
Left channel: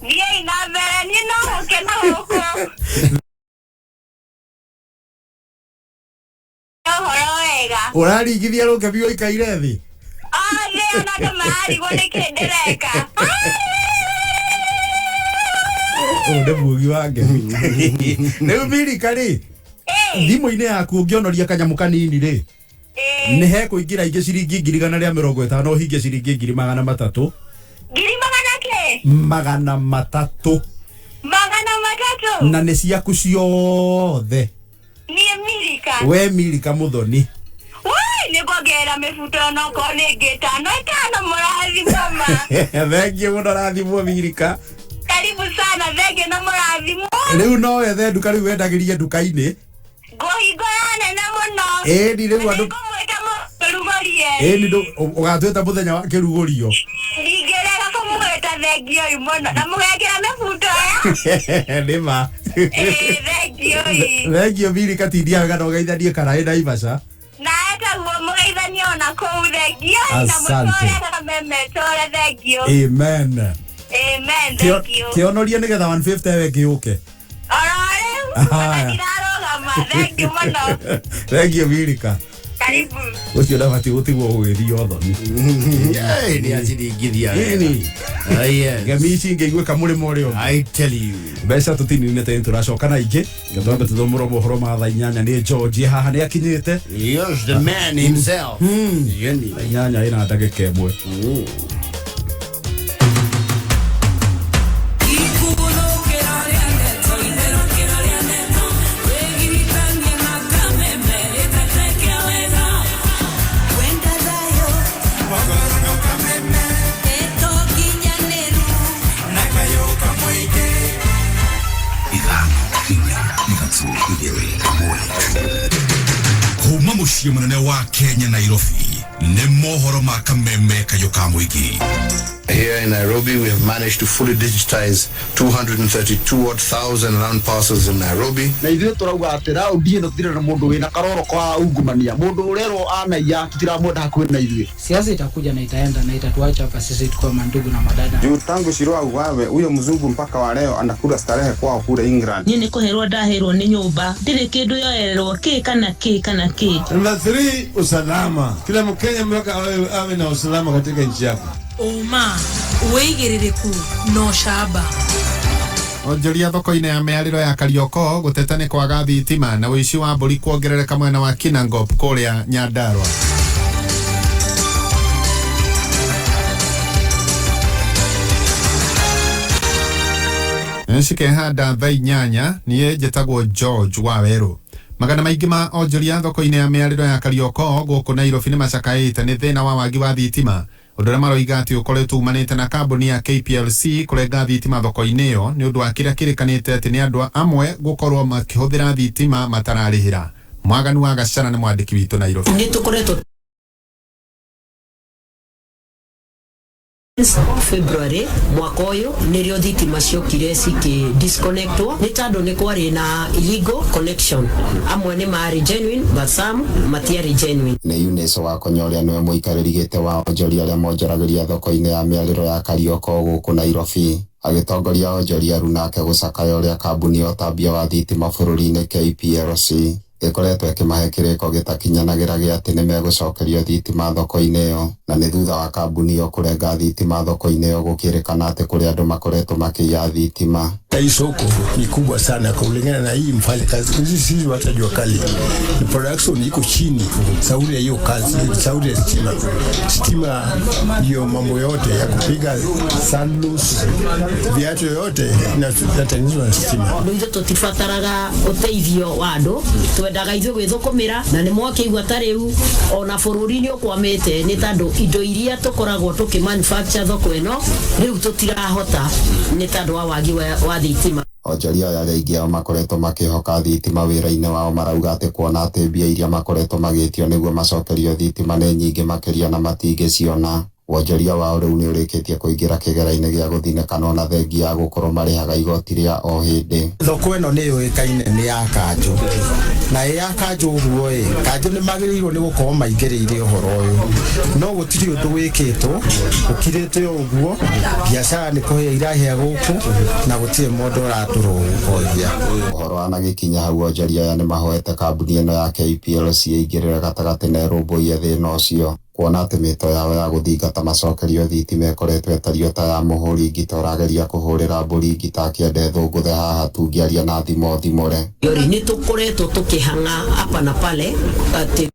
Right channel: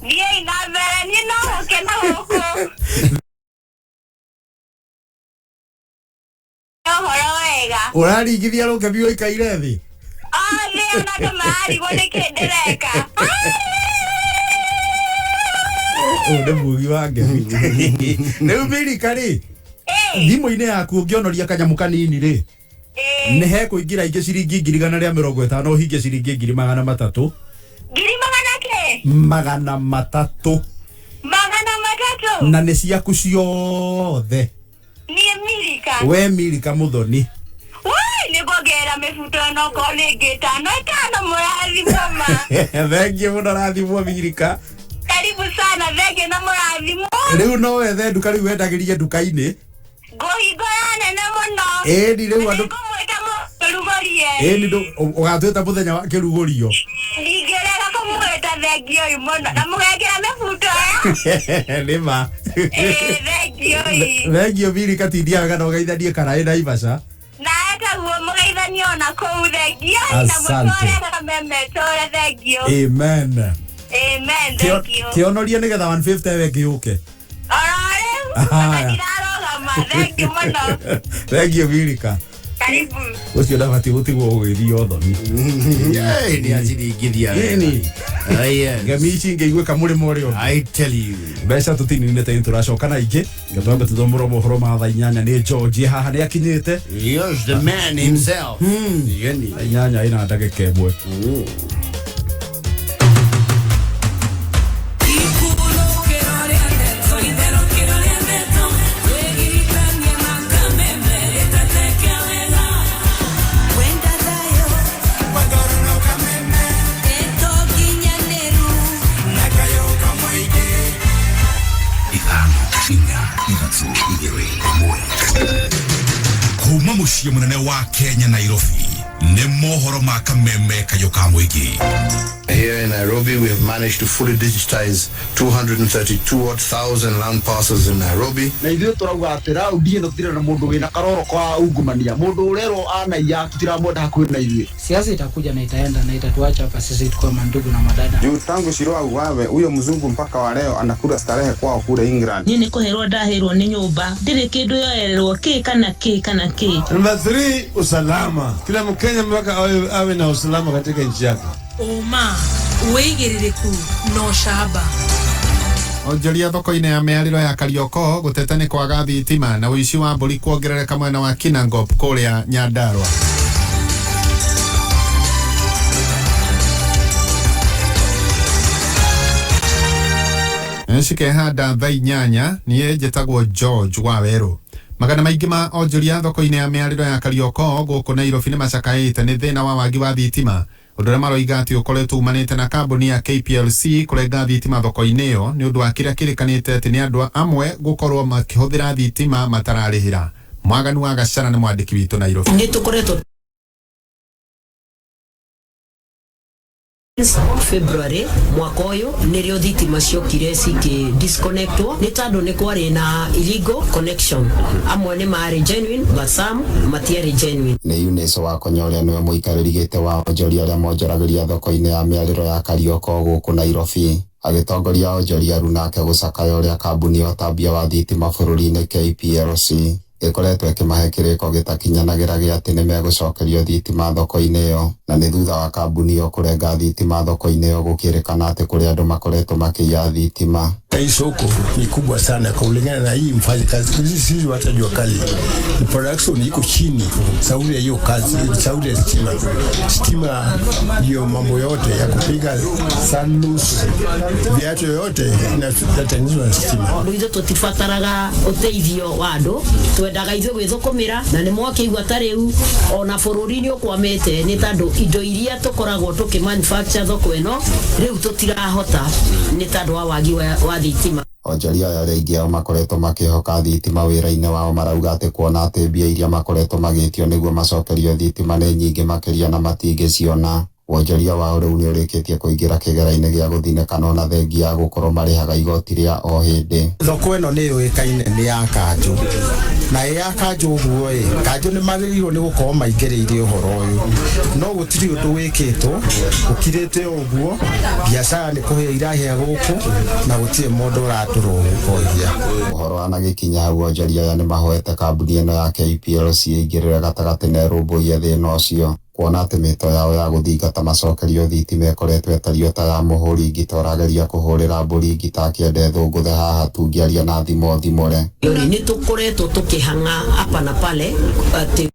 thiĩi na mbere niĩ no gũkena gũkũ ũhoro wega ũraringithia rũkemi ũikaire thĩ thĩ ona andũ mararigwo nĩkĩ ndĩreka ũyũ nĩ mugi wa ngemi rĩu Milka rĩ thimũ-inĩ yaku ũngĩonoria kanyamũ kanini rĩ nĩ he kũingĩra ingĩ ciringi 150 ũhingie ciringi 300 magana matatũ na nĩ ciaku ciothe niĩ Milka we Milka Muthoni nĩ kuongerera mĩbuto onokorwo nĩ ĩngĩ ĩtano mũrathimwo ma thengiũ mũno rathimwo Milka karibu sana thengio na mũrathimwo rĩu no wethe nduka rĩu wendagĩrie nduka-inĩ ngũhingũra nene mũno ĩni rĩu andũ nĩngũmwĩta mũrugũrie ĩni ũgatwĩta mũthenya wa kĩrugũrio ndingĩrega kũmwĩta thengio ũyũ mũno na mũgekĩra mĩbuto nĩma thengio Milka tindia wega na ũgeithanie Karai Naivasha na etaguo mũgeithanie ona kũu thengio na Asante. mũtũre kamemetũre thengio amen thengio kĩonorie nĩgetha 150 we kĩũke oro rĩu ona ndirarũgama thengio mũno thengio Milka Karibu. Ucio ndabati gutigwo gugithio thoni. Ni aciringithia. Ni. Yes. Gamici ngeigwe kamurimo rio. I tell you. Mbeca tutinine te turacoka na ingi. Gatwambe tuthomoro mohoro ma thaa 8 ni George haha ni akinyite. Yes, the man himself. Yeni. 8 ina ndagika imwe. Kuma muciĩ munene wa Kenya Nairobi nĩ mohoro ma kameme kayo ka mũingĩ. Here in Nairobi, we have managed to fully digitize 232,000 land parcels in Nairobi. Na ithuĩ tũrauga atĩ raundi ĩno tũtirĩ na mũndũ wĩna karoro kwa ungumania. Mũndũ ũrerwo anaiya tũtiramwenda hakuhĩ na ithuĩ. Siasa itakuja na itaenda na itatuacha hapa sisi tukiwa mandugu na madada. Juu tangu Shirua uwawe huyo mzungu mpaka wa leo anakula starehe kwao kule England. Nini kuherwa daherwa ni nyumba. Ndire kindu yoererwo ki kana ki kana ki. Number 3, usalama. Kila Mkenya mpaka awe na usalama katika nchi yake. Oma, uigiririku no shaba. Onjoria thoko-inĩ ya mĩarĩro ya Karioko gũteta nĩ kwaga thitima na ũici wa mbũri kuongerereka mwena wa Kinangop kũrĩa Nyandarua. Nshikehanda thaa 8 niĩ njĩtagwo George Waweru. Magana maingĩ ma onjoria thoko-inĩ ya mĩarĩro ya Karioko gũkũ Nairobi nĩ macakaĩte nĩ thĩna wa wagi wa thitima. Ũndũ ũrĩa maroiga atĩ ũkoretwo umanĩte na kambuni ya KPLC kũrenga thitima thoko-inĩ ĩyo nĩ ũndũ wa kĩrĩa kĩrĩkanĩte atĩ nĩ andũ amwe gũkorwo makĩhũthĩra thitima matararĩhĩra. Mwaganu wa Gacana nĩ mwandĩki witũ Nairobi. Nĩ tũkoretwo February mwaka ũyũ nĩrĩo thitima ciokire disconnectwo nĩ tondũ nĩ kwarĩ na illegal connection. Amwe nĩ marĩ genuine but some matiarĩ genuine. Nĩ Eunice wa Konyoria nĩwe mũikarĩri gĩtĩ wa onjoria arĩa monjoragĩria thoko-inĩ ya mĩarĩro ya Karioko gũkũ Nairobi. Agĩtongoria onjoria rĩu nake gũcakaya ũrĩa kambuni ya ũtambia wa thitima bũrũri-inĩ KPLC ĩkoretwo ĩkĩmahe kĩrĩko gĩtakinyanagĩra gĩa atĩ nĩ megũcokerio thitima thoko-inĩ ĩyo, na nĩ thutha wa kambuni ĩyo kũrenga thitima thoko-inĩ ĩyo gũkĩrĩkana atĩ kũrĩ andũ makoretwo makĩiya thitima. Hii soko ni kubwa sana kulingana na hii mfanya kazi. Sisi hata jua kali. Production iko chini. Sauri ya hiyo kazi, sauri ya stima. Stima ndio mambo yote ya kupiga sandus. Viatu yote inatengenezwa na stima. Ndio tutifataraga uteithio wa andu. Twendaga ithuĩ gwĩthũkũmĩra na nĩ mwakĩigua ta rĩu ona bũrũri-inĩ ũkwamĩte nĩ tondũ indo iria tũkoragwo tũkĩmanufacture thoko ĩno rĩu tũtirahota nĩ tondũ wa wagi wa thitima. Onjoria arĩa aingĩ ao makoretwo makĩhoka thitima wĩra-inĩ wao marauga atĩ kuona atĩ mbia iria makoretwo magĩtio nĩguo macokerio thitima nĩ nyingĩ makĩria na matingĩciona. Wonjoria wao rĩu nĩ ũrĩkĩtie kũingĩra kĩgera-inĩ gĩa gũthinĩkana ona thengia ya gũkorwo marĩhaga igoti rĩa o hĩndĩ. Thoko ĩno nĩ yũĩkaine nĩ ya kanjũ, na ya kanjũ ũguo kanjũ nĩ magĩrĩirwo nĩ gũkorwo maingĩrĩire ũhoro ũyũ, no gũtirĩ ũndũ wĩkĩtwo ũkirĩte ũguo. Biacara nĩ kũhĩa irahĩa gũkũ na gũtirĩ mũndũ ũratũrũmbũiya. Ũhoro wanagĩkinya hau onjoria aya nĩ mahoete kambuni ĩno ya KPLC ĩingĩrĩre gatagatĩ na ĩrũmbũiye thĩna ũcio, kuona atĩ mĩto yao ya gũthingata macokerio thitima ĩkoretwo ĩtario ta ya mũhũri ngita ũrageria kũhũrĩra mbũri ngita akĩenda thũngũthe haha tungĩaria na thimo thimũre. Nĩ tũkoretwo tũkĩhang'a hapa na pale atĩ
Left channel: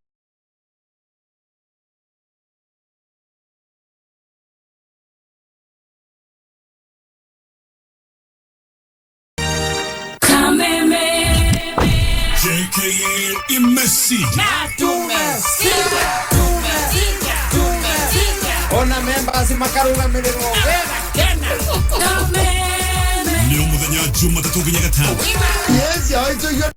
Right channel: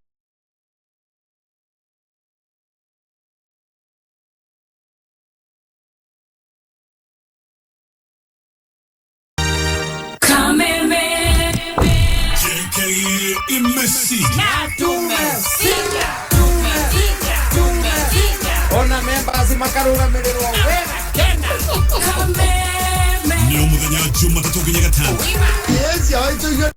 Ona members makarugamĩrĩrwo nĩ mũthenya Jumatatu nginya Gatano. Yes, yo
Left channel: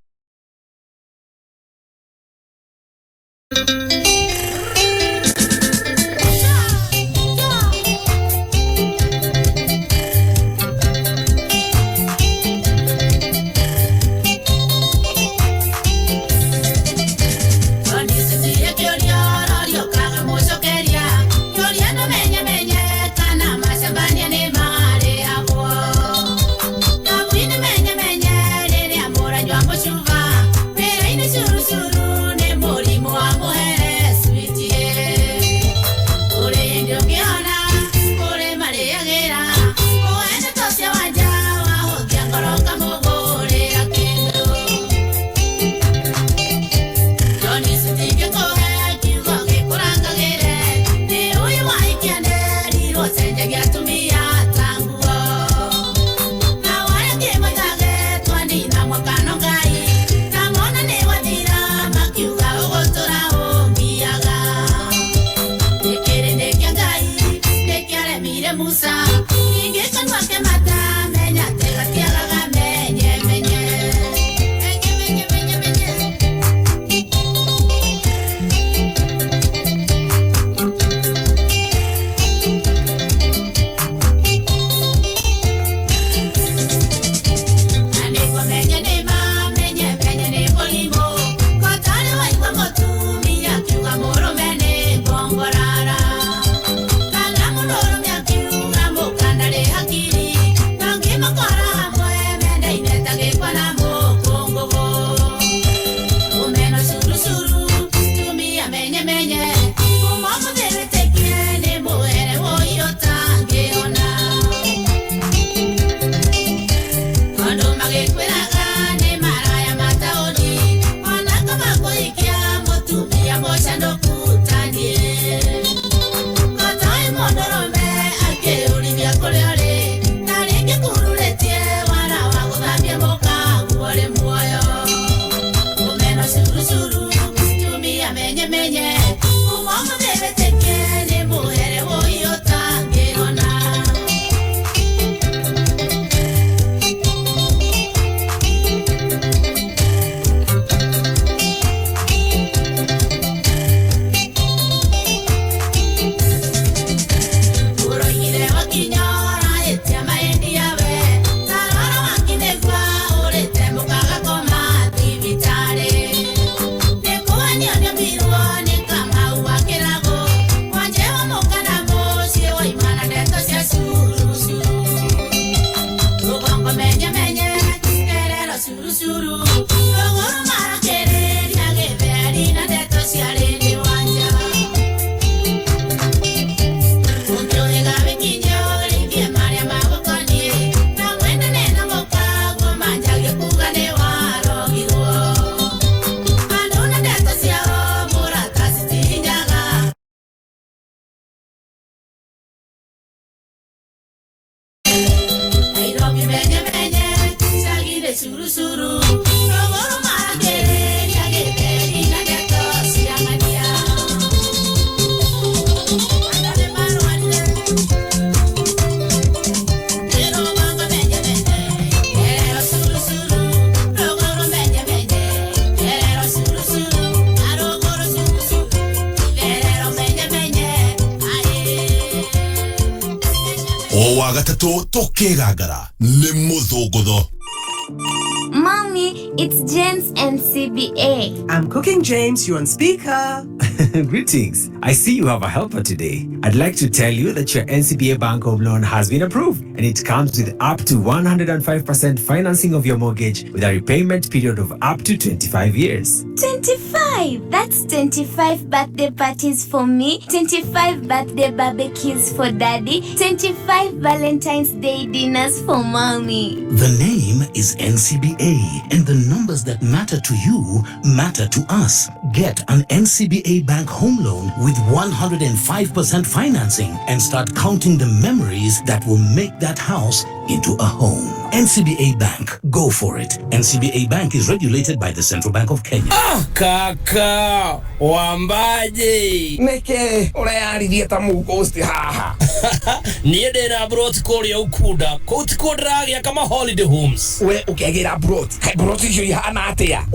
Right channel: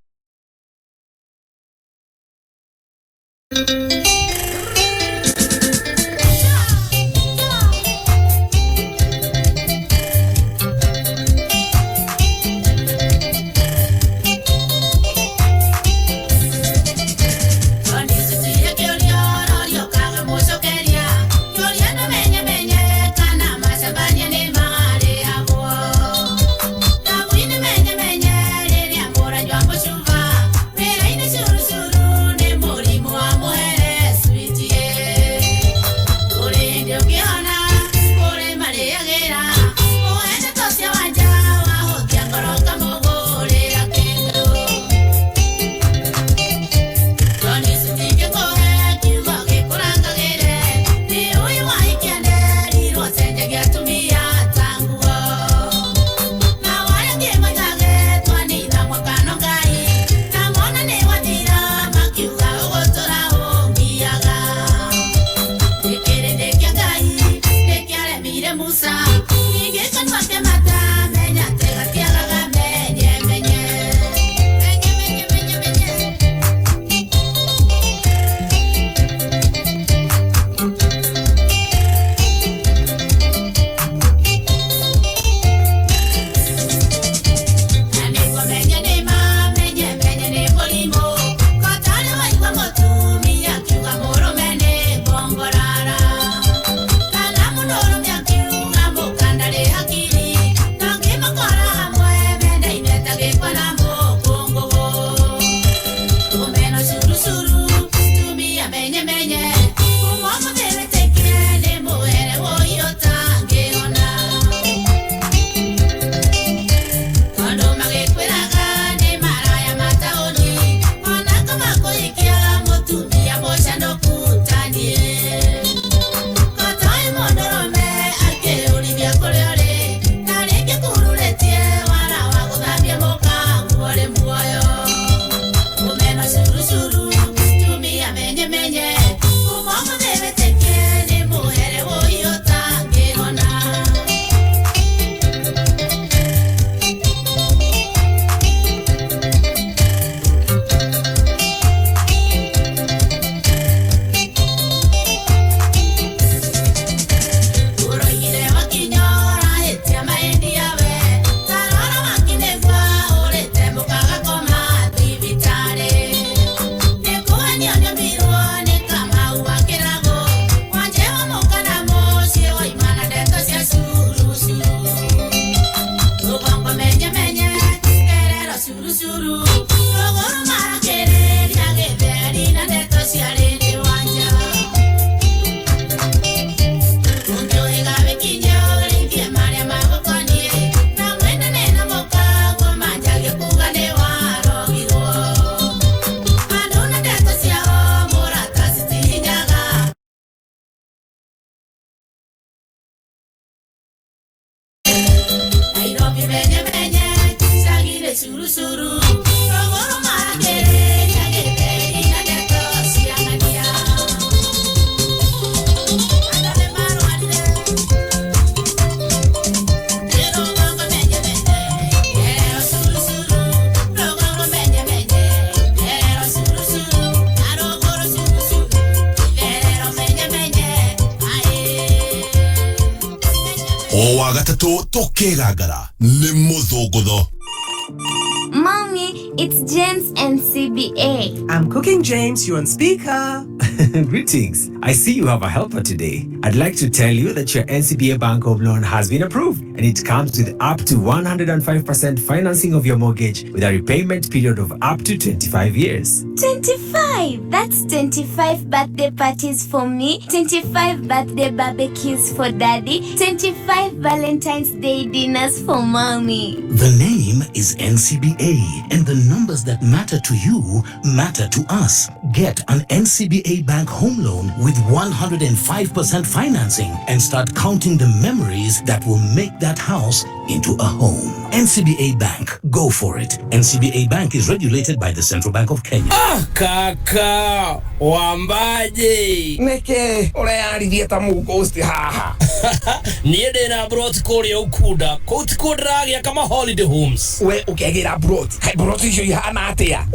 O wa gatatu tokegagara ni muthugutho. Mommy, it's James and CBA. I'm cooking, James. You're on speaker. Greetings. I see you have a helper today. I'd like to tell you that your NCBA Bank Home Loan has been approved, and it comes with up to 105% financing of your mortgage with a repayment period of up to 25 years. 25? That's 25 birthday parties for me, 25 birthday barbecues for daddy, 25 Valentine's Day dinners for mommy. The name is NCBA, and the numbers that matter to you matter to us. Get an NCBA Bank Home Loan with 105% financing and start counting the memories that will make that house into a home. NCBA Bank, go for it. NCBA Bank is regulated by the Central Bank of Kenya. Kaka, wambaje. Neke, urearithia ta mugosti haha. Niende na brot kuri ukuda. Koti kodragia kama holiday homes. We ukegira brot. Kai brot icio ihana atia.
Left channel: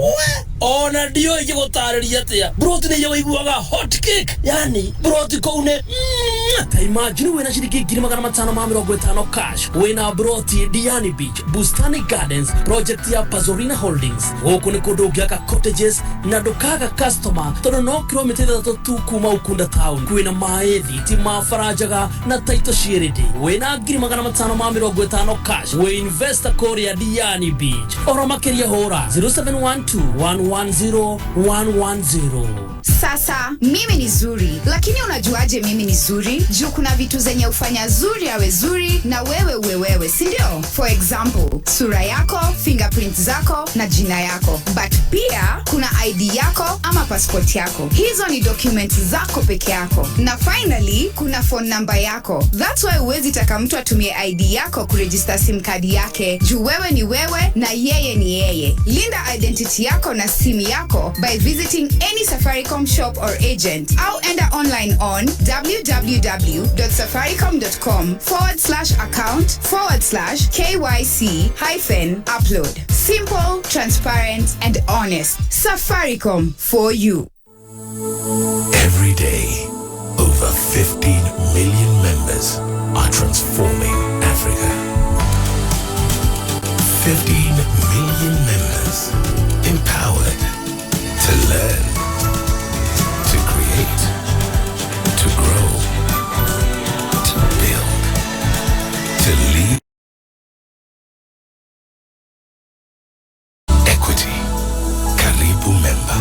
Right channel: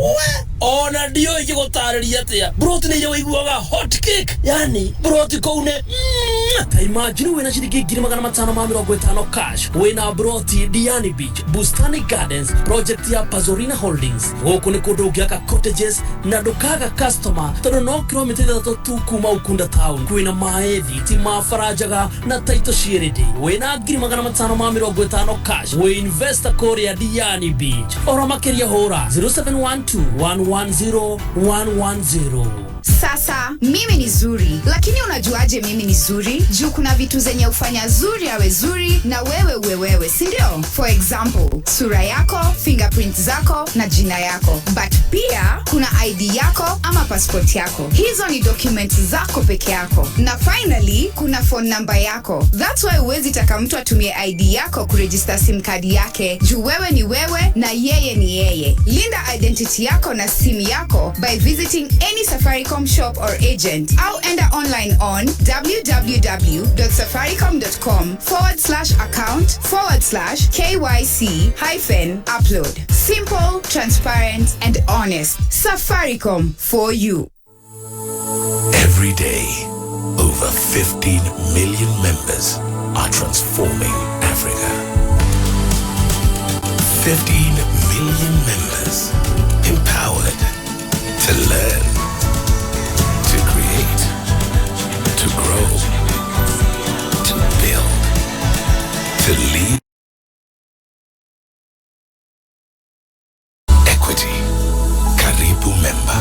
Ona dio igotariria atia. Brot ni yo iguaga hot cake. Yani brot koune. Ta imagine we na shilingi 550 cash. We na brot Diani Beach, Bustani Gardens, project ya Pazorina Holdings. Woku ni kudogia ka cottages na dokaga customer. Todo no kilometer da tu kuma ukunda town. Kuina maethi, tima farajaga na taito shiridi. We na 550 cash. We investor Korea Diani Beach. Ora makeria hora 0712-110-110. Sasa mimi ni zuri, lakini unajuaje mimi ni zuri? Juu kuna vitu zenye ufanya zuri awe zuri na wewe, si ndio? For example, sura yako, fingerprints zako na jina yako. But pia kuna ID yako ama passport yako. Hizo ni documents zako peke yako. Na finally, kuna phone number yako. That's why huwezi taka mtu atumie ID yako kuregister SIM card yake. Juu wewe ni wewe na yeye ni yeye. Linda identity yako na simu yako by visiting any Safaricom Safaricom shop or agent. Au enda online on www.safaricom.com/account/KYC-upload. Simple, transparent, and honest. Safaricom for you. Every day, over 15 million members are transforming Africa. 15 million members empowered to learn, to create, to grow, to build, to lead. Equity. Karibu member.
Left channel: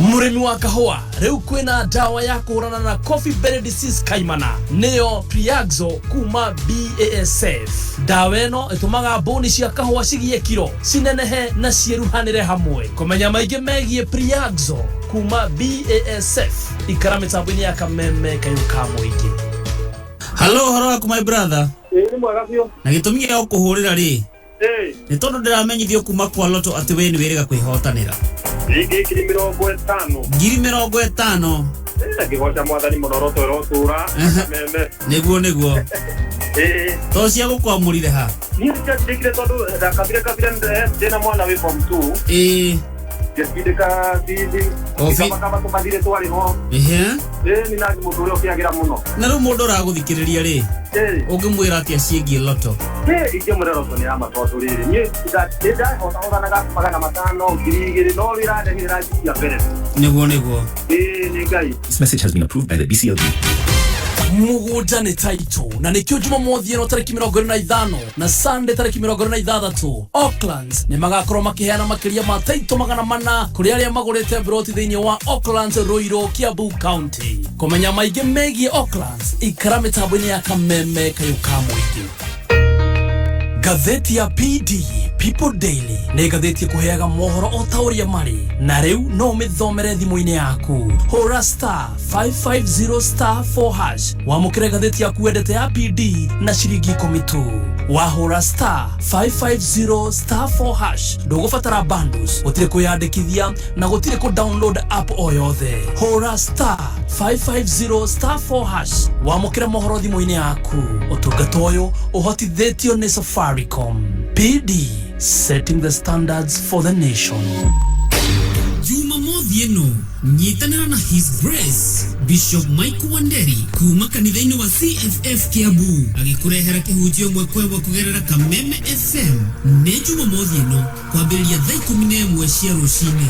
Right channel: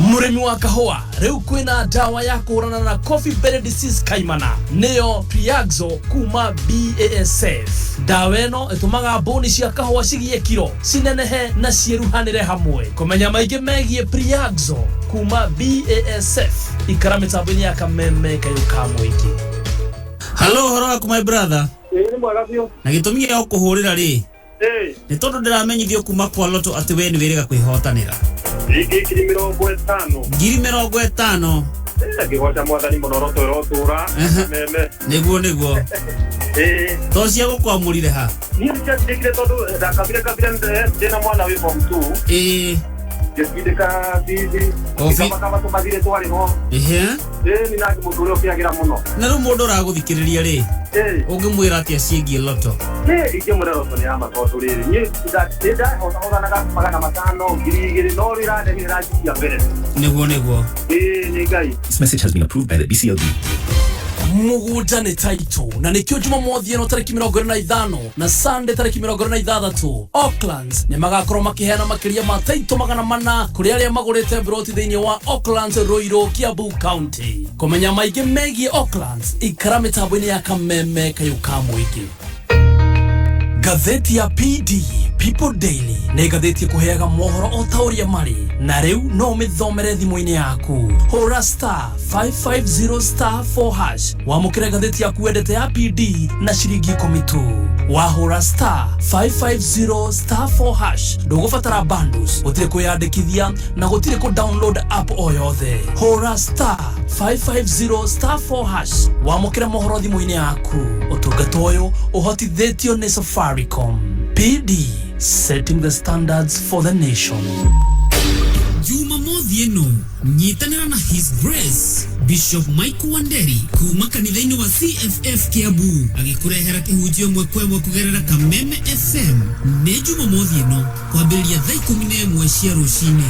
Murimi wa kahua reu kwina dawa ya kurana na coffee berry disease kaimana neo Priaxo kuma BASF. Dawa eno etumaga boni cia kahua cigie kiro cinenehe na cieruhanire hamwe. Kumenya maige megie Priaxo kuma BASF ikara mitambo-ini ya kameme kayuka mwiki. Hello, haro my brother. Ni mwega biyo. Na gitumi gya kuhurira ri. Ni tondu ndiramenyithio kuma kwa loto ati we ni wirega kwihotanira. Ngiri 50. Ngiri 50. Ngigoca mwathani muno roto rotura meme. Niguo. To cia gukwamurire ha. Ni ndikire tondu ndakabire ndena mwana wi form 2. Ngĩkindĩka bithi kama tumathire twari no ni nagi mundu uria ukiagira muno na ru mundu uraguthikiriria ri ungimwira atia ciengie loto ingimwira loto ni ama tondu riri ni ndida ona magana matano ngiri no rirandengira njia mbere niguo ni ngai. This message has been approved by the BCLD. Mugunda ni taito na nikio Jumamothi eno tariki 25 na Sunday tariki 26 Auckland ni magakorwo makiheana makiria ma taito 400 kuri aria magurite broti thiini wa Auckland Ruiru Kiambu County. Kumenya maige megie Auckland ikara mitambo-ini ya kameme kayuka mwiki. Gathaiya PD People Daily nĩ gathĩti kuheaga mohoro o tauria mari na riu no mithomere thimu-ini yaku. Hora *550*4# wamukire gathĩti yaku wendete ya PD na ciringi 10 tu. Wahora *550*4# ndũgũbatara bundles, gũtirĩ kwĩyandĩkithia na gũtirĩ ku download app o yothe. Hora *550*4# wamukire mohoro thimu-ini yaku. Ũtungata ũyũ ũhotithĩtio nĩ Safaricom. PD, setting the standards for the nation. Jumamothi eno nyitanira na His Grace Bishop Mike Wanderi kuma kanitha-ini wa CFF Kiambu agikurehera kihunjio mwekwe kugerera Kameme FM. Nĩ Jumamothi eno kwambĩrĩria thaa 11 cia rũcinĩ.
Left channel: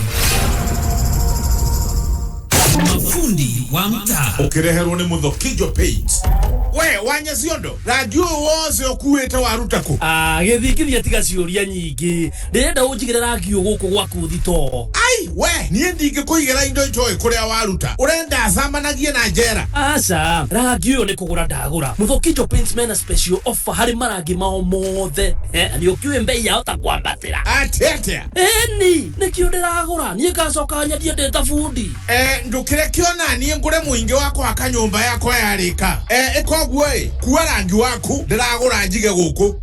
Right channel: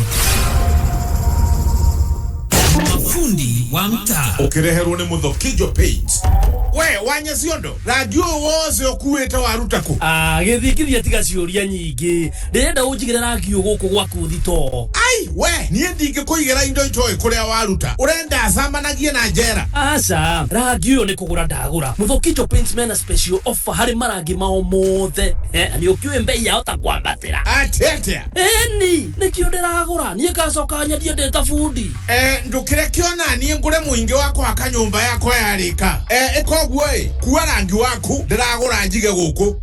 Mafundi wa mtaa ukireherwo ni Muthokijo Paint. We wanya ciondo radio woze okuwete warutako githikithia tiga ciuria nyingi ndirenda unjigire rangi uguku gwaku thito. Ai we nie ndinge kuigera indo itoe kuria waruta urenda acamanagie na njera. Aca rangi uyu ni kugura ndagura. Muthokijo Paint mena special offer hari marangi mao mothe ni ukiwe mbei yao ta kwambatira atete ni nikio ndiragura nie ngacoka nyendie ndeta fundi ndukire kiona nie ngure muingi wako akanyumba yako yarika koguo kuwa rangi waku ndiragura njige guku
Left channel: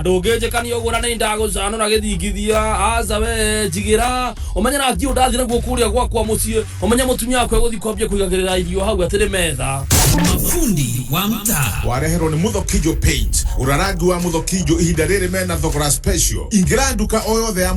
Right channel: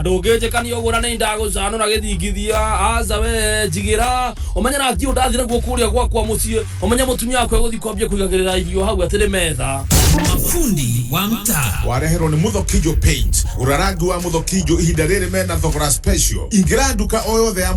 ndungĩnjĩkania ũgũra nĩ ndagũcano na gĩthingithia aca we njigira ũmenye rangi ũyũ ndathire guo kũrĩa gwakwa mũciĩ ũmenye mũtumia wakwa gũthiĩ kwambia kũigagĩrĩra irio hau atirĩ metha. Mafundi wa mtaa wareherwo ni Muthokijo Paint. Urarangi wa Muthokijo ihinda rĩrĩ mena thogora special. Ingira nduka o yothe ya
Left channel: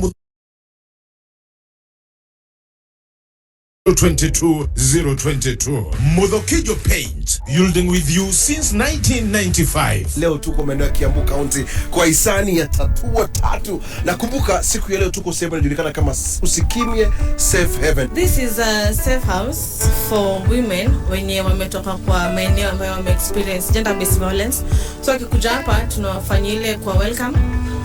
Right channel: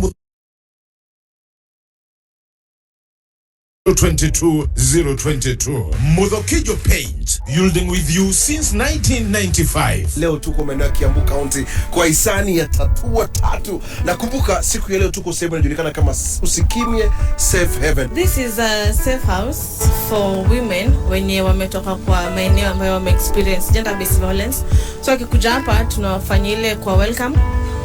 022 Muthokijo Paint, building with you since 1995. Leo tuko maeneo ya Kiambu County kwa hisani ya Tatua Tatu. Na kumbuka siku ya leo tuko sehemu inajulikana kama Usikimye Safe Haven. This is a safe house for women wenye wametoka kwa maeneo ambayo wame experience gender based violence. So akikuja hapa tunawafanyia ile kwa welcome.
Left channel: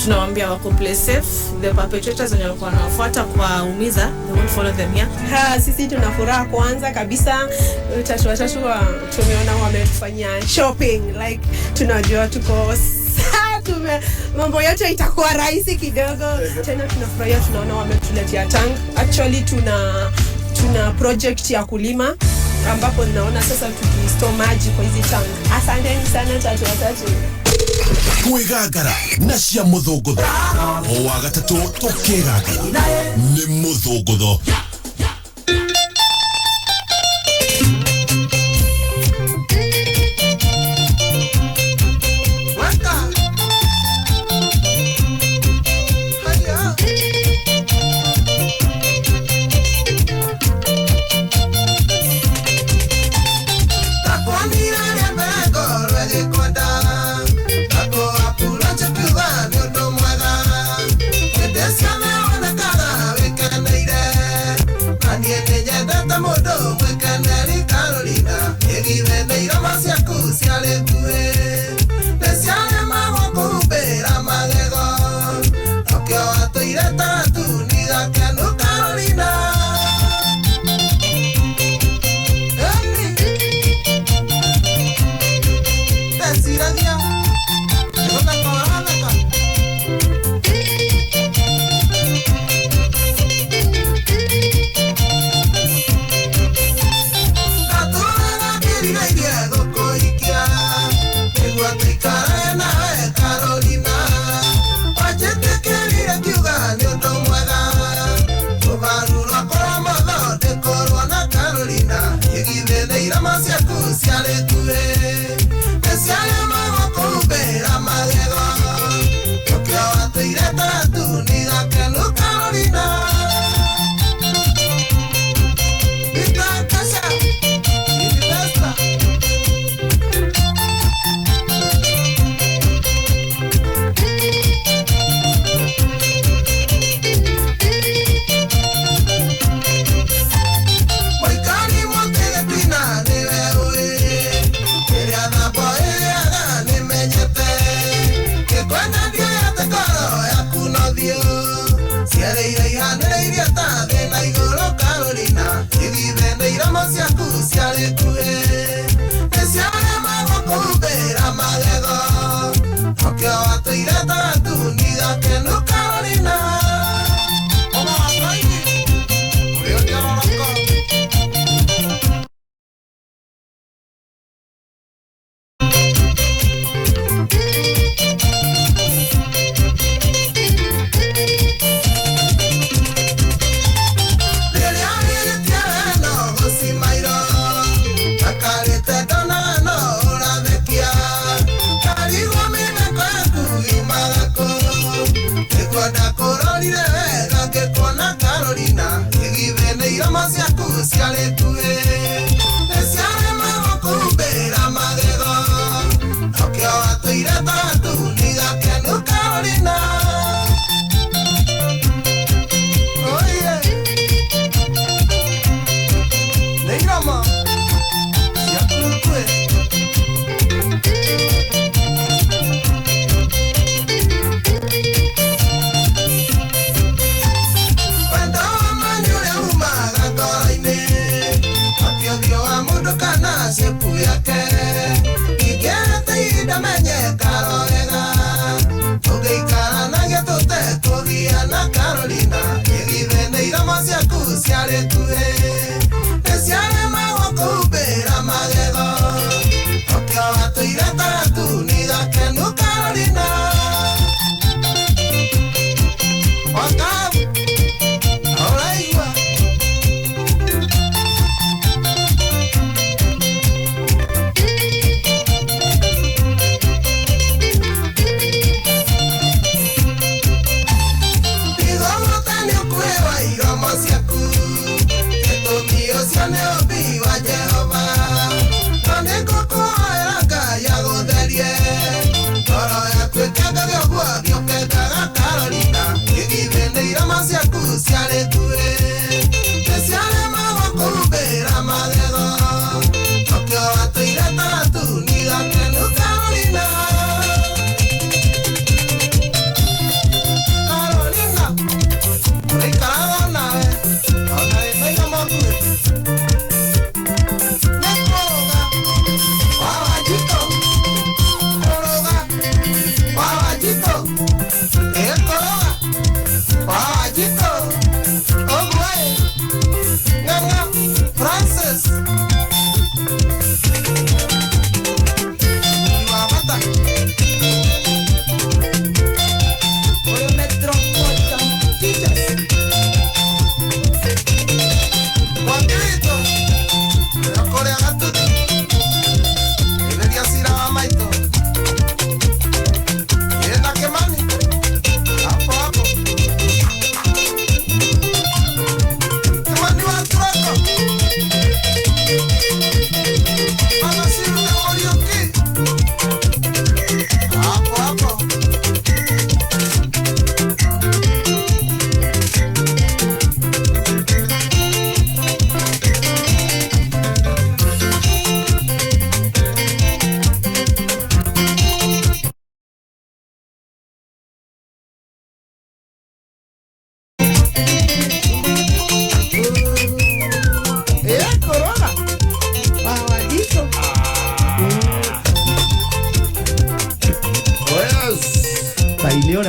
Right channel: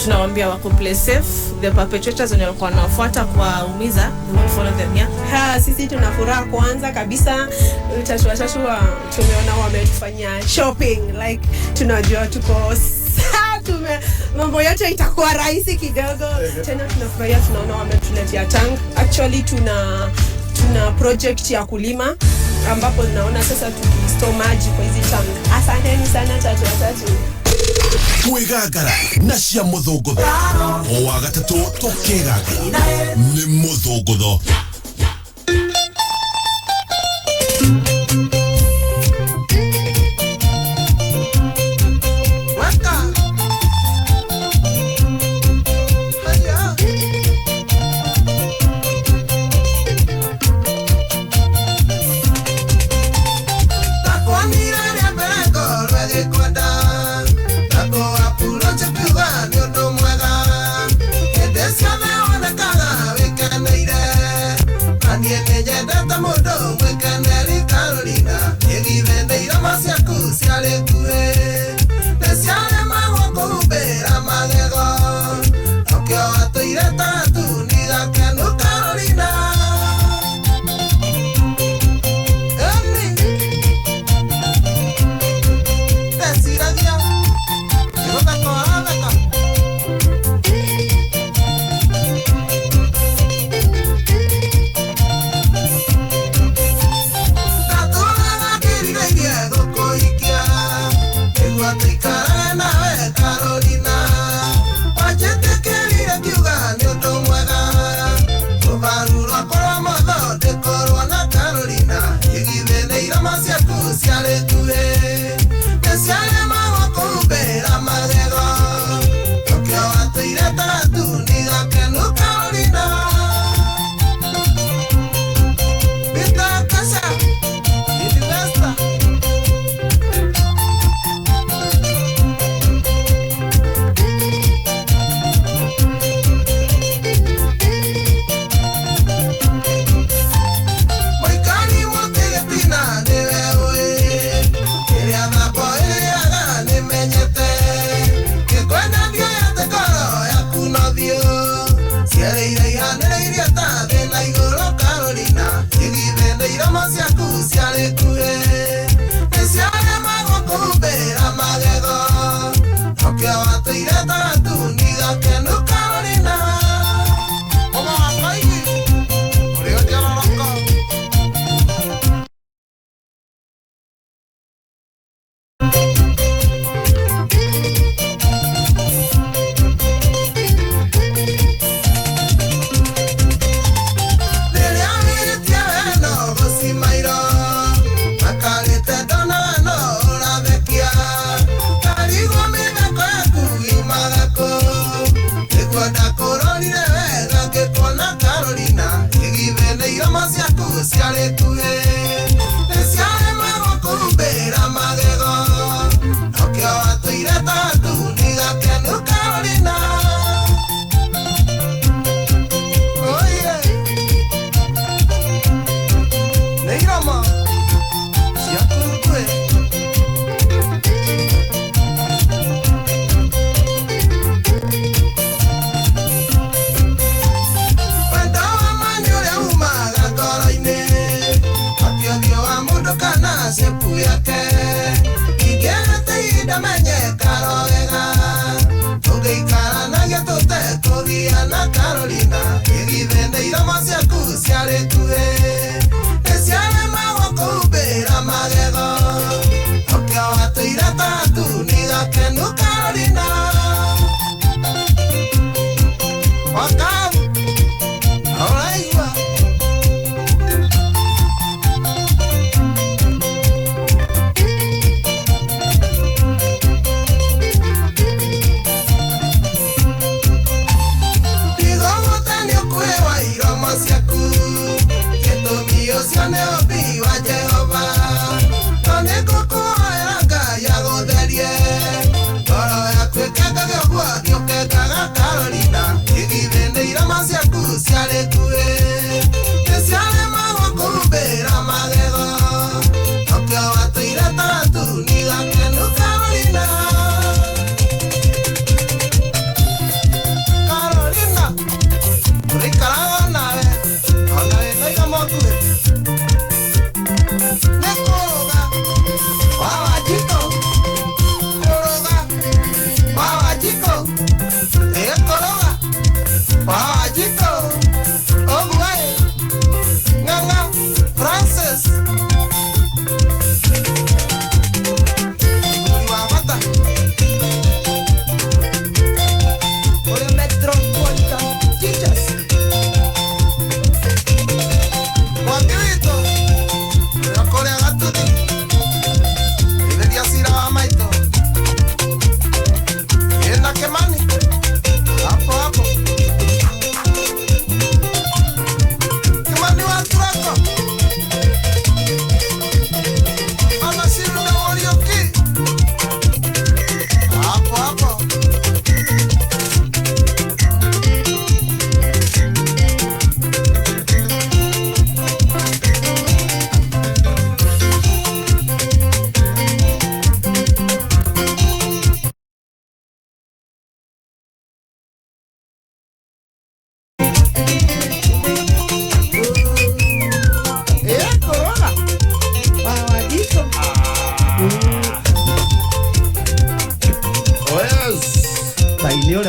Tunawaambia wako play safe. The perpetrators wenye walikuwa wanafuata kwa umiza, we will follow them here. Sisi tuna furaha kwanza kabisa. Tatu tumeona wametufanyia shopping, like tunajua tuko mambo yote itakuwa rahisi kidogo. Tena tunafurahia tunaona wametuletea tank. Actually tuna project ya kulima ambapo naona sasa tukistore maji kwa hizi tank. Asanteni sana Tatu. Kwigagara na cia muthungutho o wa gatatu tukigagara ni muthungutho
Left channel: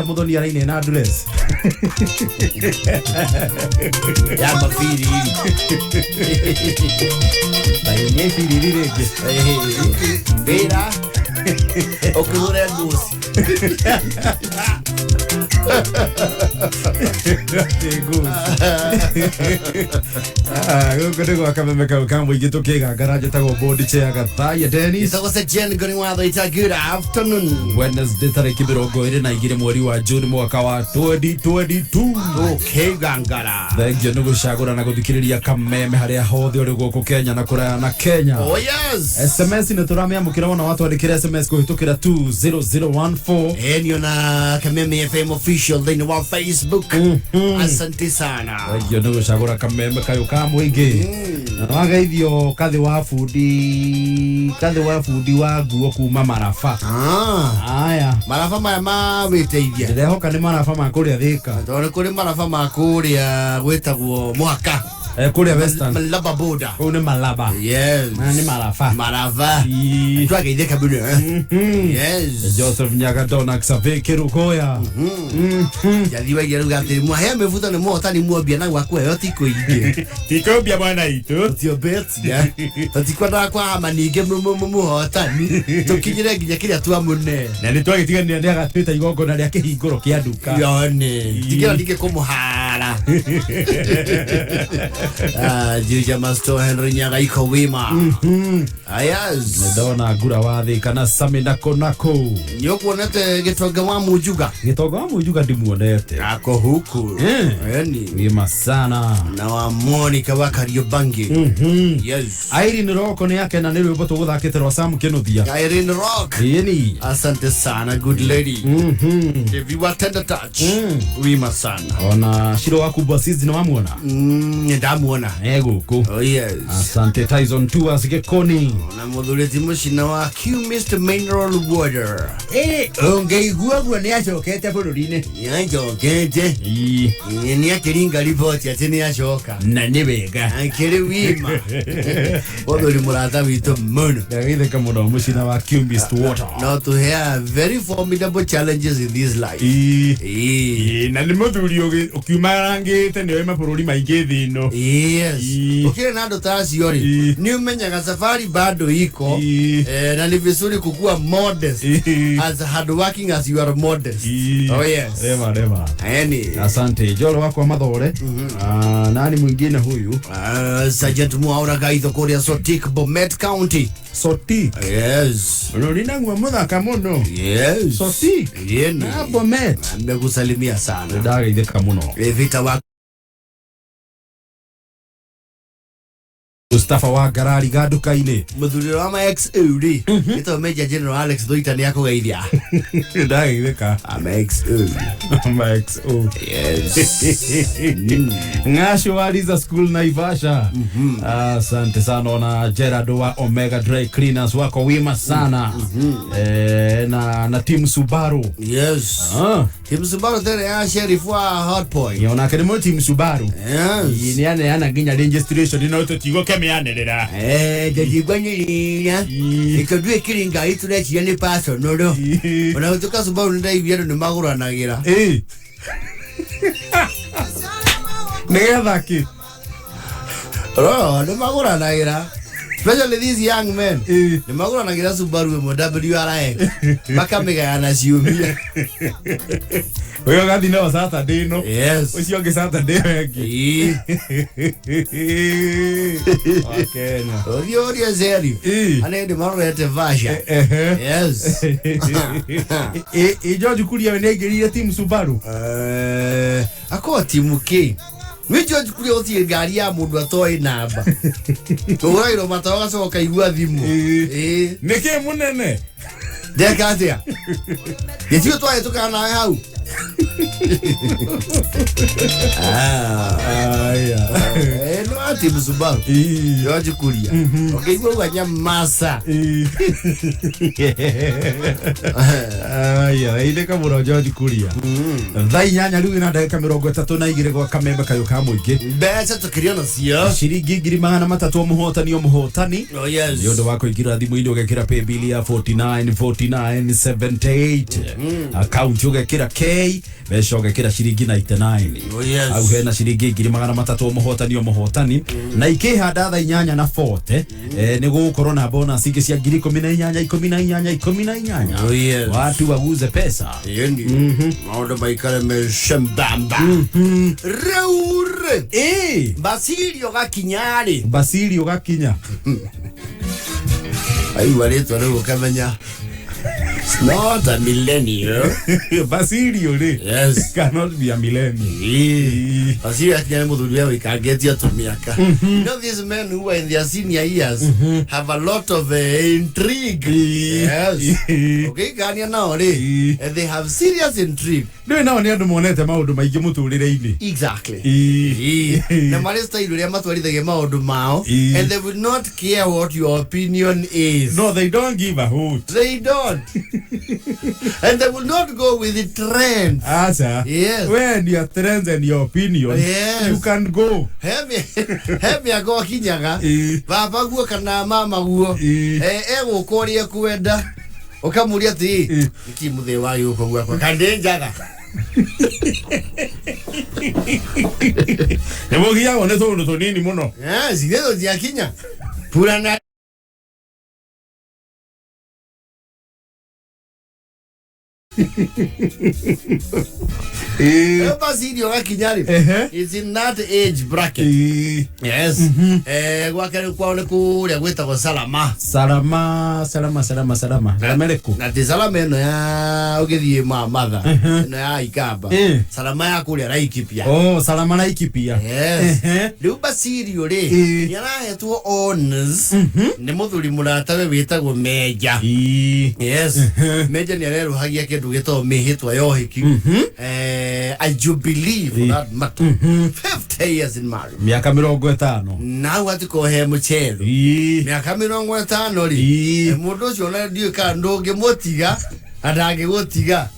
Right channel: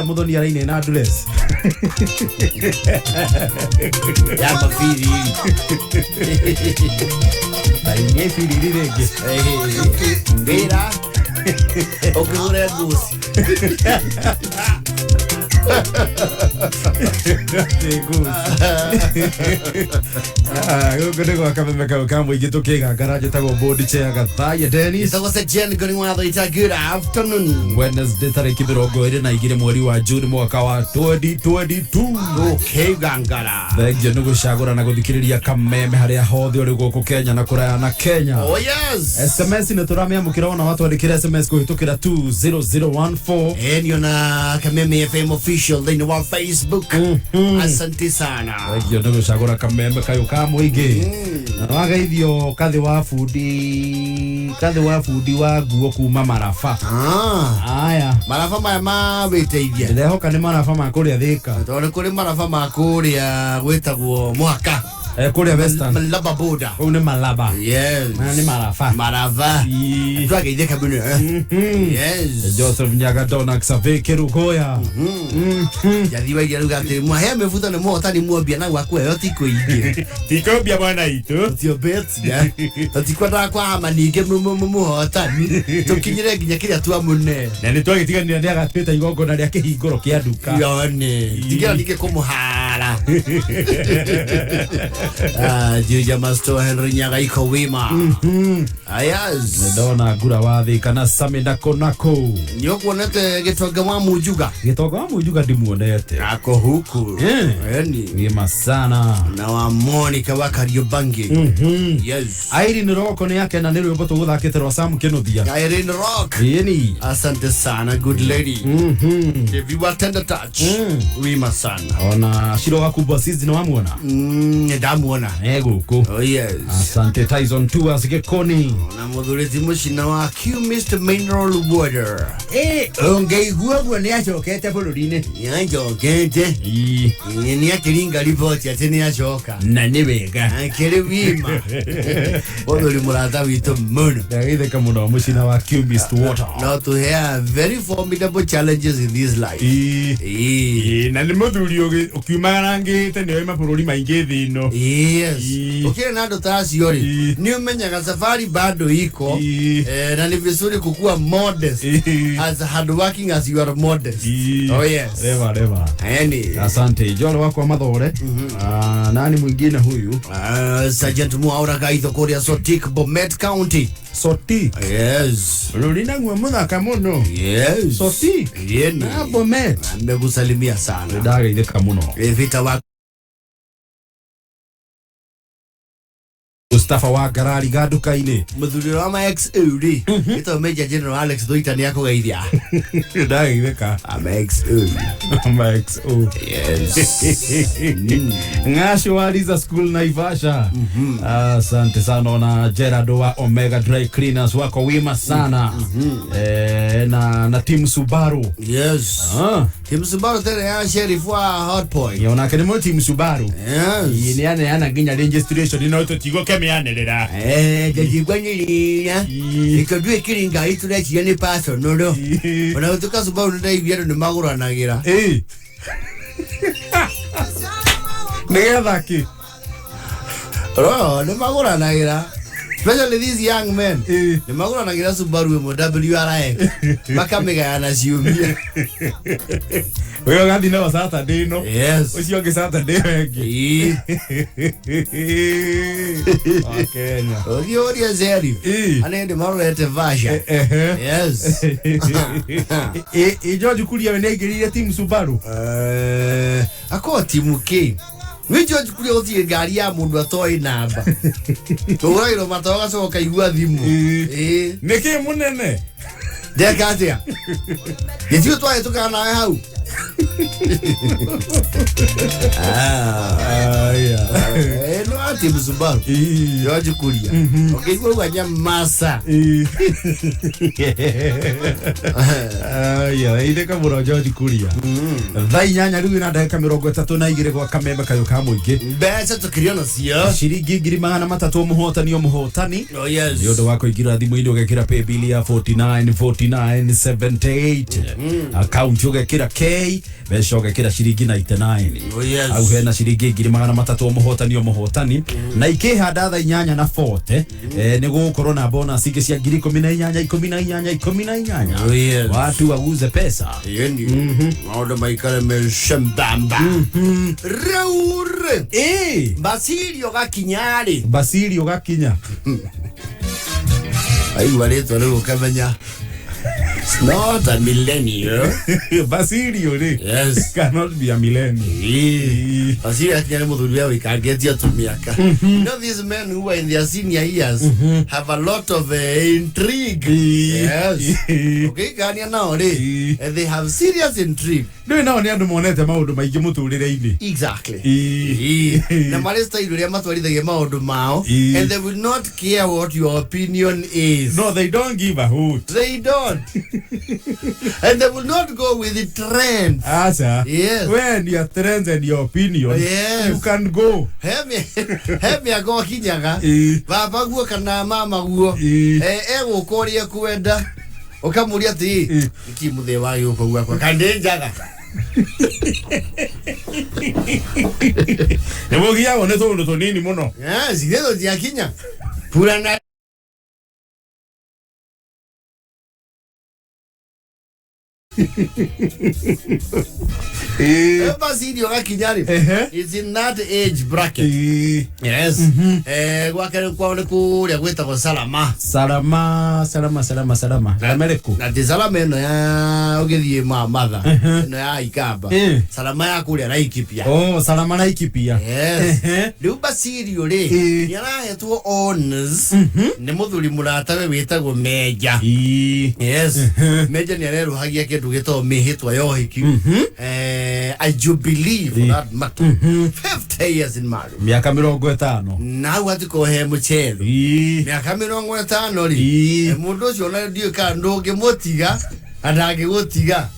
Muthoni araine na address ya mafiri tainye firi rege ndera okugura gusi Gũkũ nĩ gwa kameme kau ka mũingĩ tũkĩgangara njĩtagwo board chair Gathaiya Dennis. Gĩtagwo Sejen Ngoni Thuita, good afternoon. Wednesday tarĩki 22 mweri wa June mwaka wa 2022. Tũkĩgangara. Thengio nĩ gũcagũra na gũthikĩrĩria kameme harĩa hothe ũrĩ gũkũ Kenya na kũraya na Kenya. Oh yes. SMS nĩ tũramĩamũkĩra ona watwandĩkĩra SMS kũhĩtũkĩra 20014. Enio na Kameme FM official official thing on Facebook. Asante sana. Yo ndo gucagura kameme kayo ka muingi. Na wageithio kathi wa fundi wa nguo kuma Marafa. Aya. Marafa ma witeithia. Ndehoka ni Marafa ma kuria Thika. Tondu kuri Marafa ma kuria gwetagwo Mwaka. Kuria Western. Malaba boda. Ni Malaba. Yes. Ni Marafa. Marava. Twageithia kabune. Yes. Joseph Nyaga Dona Xavier Kirugoya. Yathiwa igeruga atiri mwahe mefuta ni muhotani mwambia na gwakwe yo tiko ingi. Tiko bia bwana itu. Tio betsia. Tatikwenda kwa amaninge muhotani. Tukinyire nginya kiria twa mune. Na ni twagitiganira ndi agatwita igongo na ria kihinguro kia nduka. Yone. Tigira ndike kumuhara. Juja Master Henry Nyaga iko wima. Ayaz. Ndona gura wa Thika na Sami nako. Nyokuonete gitonga wa mujuga. Gitonga wa mujuga ndimuonete. Ako huku. Yani. Wima sana. Na wa Monica wa Kariobangi. Yes. Irene Rock ni yake na nilio boto guthakite ro Sam Kinuthia. Irene Rock. Yeni. Asante sana, good lady. If you attend touch. Wima sana. Ona shiro waku bosses na wamuona. Ndamuona. Guku. Oh yes. Asante Tyson Tours Gekoni. Na muthuriti mucina wa Q Mr Mineral Water. Ongeigua bwo ni acokete bururi-ini. Yacokete. Ni akiringa report ati ni acoka. Na ni wega. Akiri wima. Othuri murata witu muno. Ndagitheka muno mucina wa Q Mr Water. Now to hear very formidable challenges in this life. Na ni muthuri ukiumarangite ni oima bururi maingi thino. Yes. Ukire na ndo taciori. Ni umenyaga safari bado iko. Na ni vizuri kukua modest. As hard working as you are modest. Oh yes. Rema. Asante. Jolo wako mathore. Nani mwingine huyu? Sergeant Muaura Gaitho Korea Sotik Bomet County. Soti. Yes. Rorina ngwa muthaka muno. Yes. Soti. Yeni. Na Bomet. Ndakusalimia sana. Ndageitheka muno. Vita wa Mustafa wa Garari gaduka-ini. Muthuri wa ma XOD. Ito Major General Alex Thuita ni akugeithia. Ndageitheka. Ama XO. Yes. Ngasho wa Liza School Naivasha. Asante sana na Gerard wa Omega Dry Cleaners wako wima sana. Na team Subaru. Yes. Team Subaru tere ya sheriff wa Hot Point. Yona kene team Subaru. Yes. Ni ana nginya registration ino totigo kemeanerera. Jajigwanyiria. Ikadwe kiringa itule chiyani paso nodo. Ona utuka Subaru ndaivia ndo maguranagira. Negetha ki. Ndo maguranagira. Especially these young men. Ni maguranagira Subaru mo WRX. Makamigana ciumia. Wewe gathi na Saturday no. Yes. Ucio ge Saturday wengi. Okay. Odio zeri. Ane de marete vasha. Yes. George Kuria wenegirire team Subaru. Ako timu K. We George Kuria otie ngari ya mundu atoi namba. Tuwairo matawaga soka igua thimu. Neke munene. Dekatia. Yetio twae tukana hau. No ati Subaru. George Kuria. Okay, go ganya masa. Ide kamuro George Kuria. Thai nyanya riu na ndagika 32 gwa kamembe kayo ka muingi. Mbeca tukiriona cio. Ciringi 300 muhotani. Oh yes. Yondo wako igira thimu-ini ugekira pay bill ya 4978. Account ugekira K besho ugekira ciringi 99. Oh yes. Au hena ciringi 300 muhotani. Na ikihanda tha inyanya na 40 ni gukorwo na bonus ingi cia 18. Oh yes. Watu waguze pesa. Yeni. Maodo maikare meshambamba. Raure. Basilio gakinyari. Basilio gakinya. Ai wareto leo kamenya. It's not a millennial. Basilio, yes, cannot be a millennial. Basilio akijana mudhuria we can get you to miaka. You know, these men who are in their senior years have a lot of intrigue. Yes. Okay, Ganya now, and they have serious intrigue. No, no, ni andu monete maundu maingi muturire-ini. Exactly. Na maresta iruria matwarithagia maundu mao, and they will not care what your opinion is. No, they don't give a hoot. They don't. And they will not go with the trends. Asa. Yes. When your trends and your opinion, yes, you can go. Have me go kinyaga. Baba guo kana mama guo. Ego koria kwenda. Okamuria ti. Kimuthe wa yuko guo kwa kandenjaga. Nemo gia one to nini muno. Yes, idedo dia kinya. Purana Basilio gakinyari is in that age bracket. Yes. Gwakere kwaone kuria gwetagwo Salama. Salama. Ameriku. Na de Salama no ya ugithie mamatha. No ya Ikamba. Salama ya kuria Laikipia. Oh, Salama Laikipia. Yes. Riu Basilio ri yarahetwo honors ni muthuri muratawe witagwo Meja. Yes. Meja ni areruhagia kindu gitagwo mihitwa yohiki. I jubilee for that matter. 50 years in marriage. Miaka 50. Now what ko he muchelo. Miaka 50 ri. Mundu ucio na ndio ka ndoge motiga adange gotiga.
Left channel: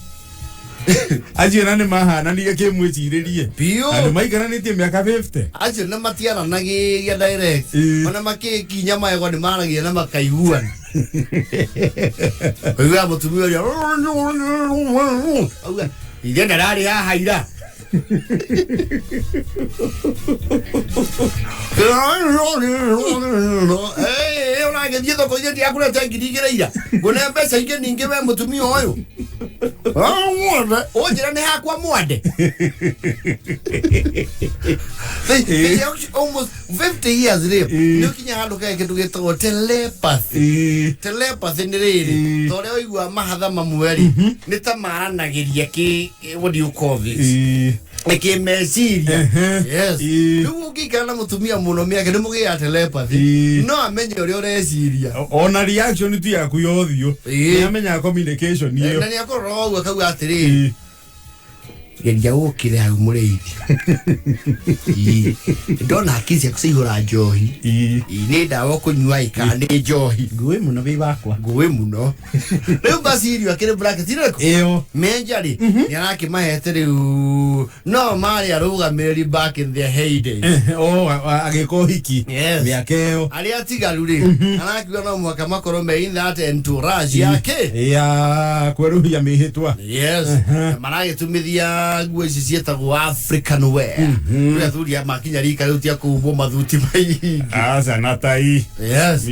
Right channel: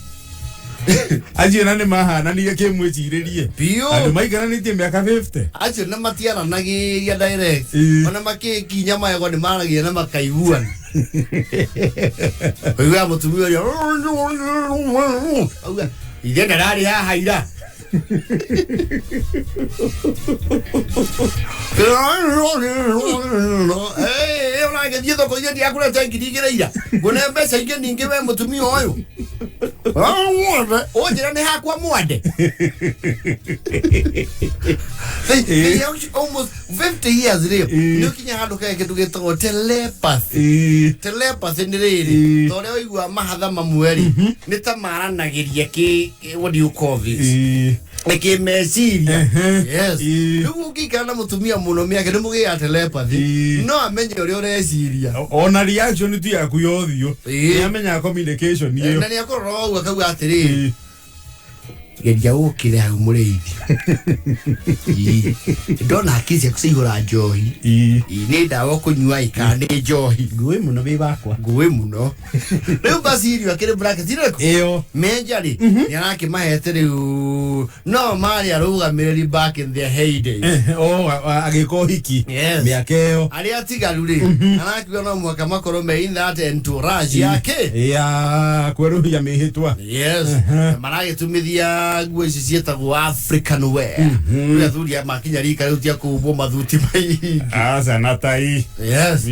Aje nani mahana ni yake mwechiririe. Pio. Andu maigana nitie miaka 50. Aje na matiana nagiria direct. Ona makeki nyama yego ni maragia na makaiguana. Oiga mutumio ya. Oiga igenda rari haha ira. Ona ngethie ko ire dia kula tangidigera ira. Ngone mbeca ingi ningi we mutumio oyo. Ojira ni hakwa mwande. Almost 50 years live. Nukinya handu ka kindu gitagwo telepathy. Telepathy ni riri. Tore oigua mahatha mamweri. Ni ta maranagiria ki what do you call this? Eke meciria. Yes. Nugu kikana mutumia muno miake ni mugia telepathy. No amenye uri ureciria. Ona reaction tu yaku yothio. Ni amenya communication iyo. Na ni akoro ogwa kagu atiri. Geria ukire hau mureithi. Ndona akisi akusihura njohi. Ni ndawa kunyua ikane njohi. Nguwe muno bi bakwa. Nguwe muno. Riu Basilio akire bracket ireko. Iyo. Meja ri. Ni araki mahete riu. No mari arugamiri back in their heyday. Oh, agiko hiki. Yes. Miakeo. Ali atigaru ri. Araki no mwaka makoro me in that entourage yake. Ya kweruhia mihitwa. Yes. Marage tumithia nguo ici cietagwo African wear. Ria thuria makinya rika riu tia kumbwo mathuti maingi. Asa natai. Yes.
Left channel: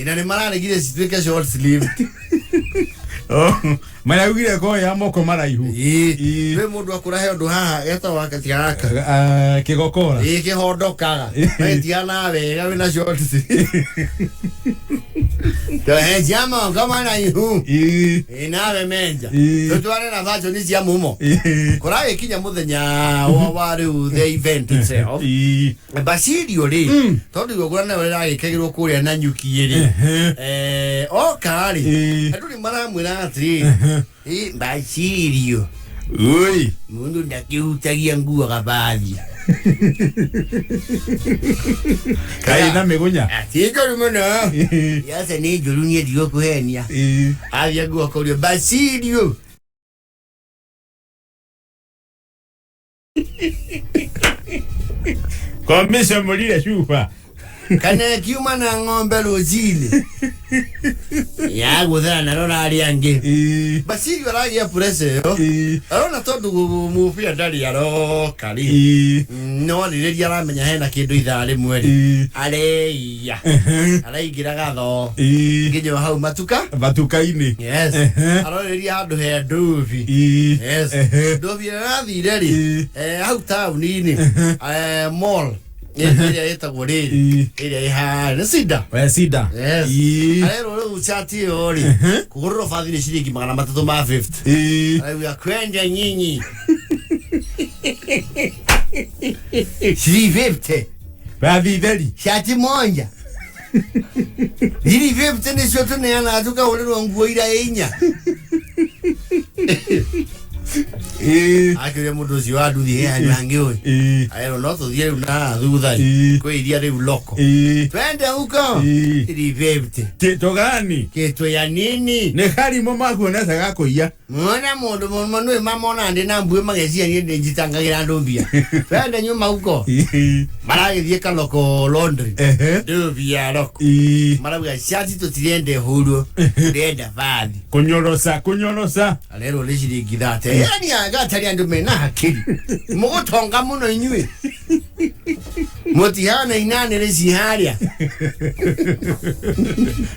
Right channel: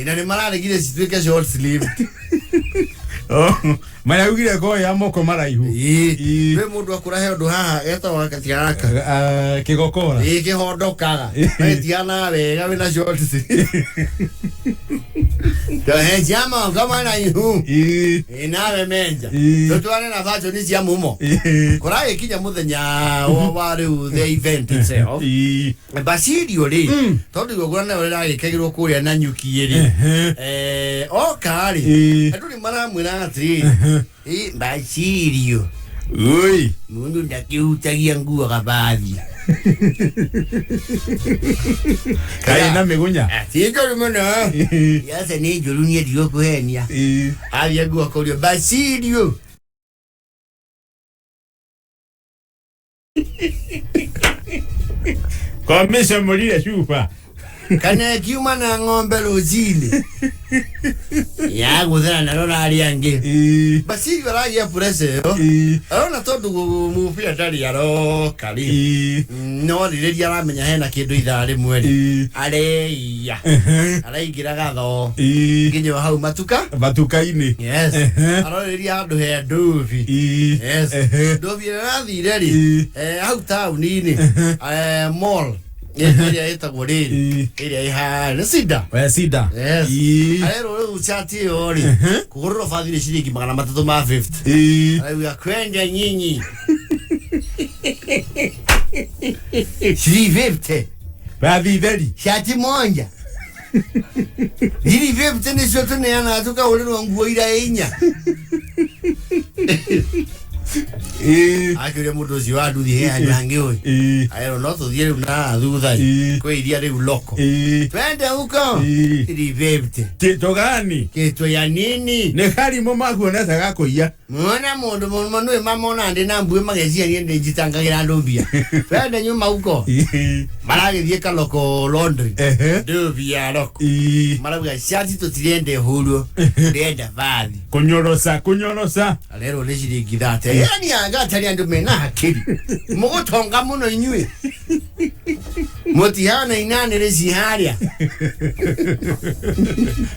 Ina ni mararegire cituike short sleeve. Oh, mara ugire ko ya moko maraihu. We mundu akurahe undu haha etagwo katiaraka. Kigokora. Kihondokaga. Etiana wega wina short sleeve. He jama kama na ihu. Inawe menja. Tutwane na vacho ni cia mumo. Kurai kinya muthenya wa riu the event itself. Basilio ri. Tondu gogorana uri ragikagirwo kuria na nyuki ri. Okari. Andu ni maramwira ati. Basilio. Oi. Mundu ndakiutagia nguo gabathi. Kai na megunya. Atijo muno. Yasa ni njuru ni ndio kuhenia. Avya nguo korio Basilio. Komesha moria chupa. Kana kiuma na ng'ombe rojini. Ya guthera na rona ari angi. Basilio aragia presse yo. Arona tondu mupira ndari aro kari. No riria aramenya hena kindu ithari mweri. Areia. Araigira gatho. Nginyo hau matuka-ini. Yes. Aroriria handu he nduvi. Yes. Nduvi arathire ri. Hau town-ini. Mall. ĩrĩa ĩtagwo rĩrĩ ĩrĩa ĩhana sida sida arero uchati ori kugorora fadhili shilingi 350 aiwa kwenda nyinyi shilingi 50 fadhili shati moja shilingi 50 ni shoto ne ana atuka ulero nguo ira inya akire mundu cio anduthi he anyange oi ayero no tuthie na thutha kwe iria riu loko twende huko ili vepte kito gani kito ya nini ne hari mo maguona saga kuia mwana mundu manu mamona ndi na mbue magecia ni ndi jitangagira ndombia twende nyuma huko maragithie kaloko laundry ndobia loko marabuga shati tutiriende huru ndenda vathi kunyorosa alero le shilingi thate yani agatari andu mena hakiri mugutonga muno inyue mutihana inane rezi haria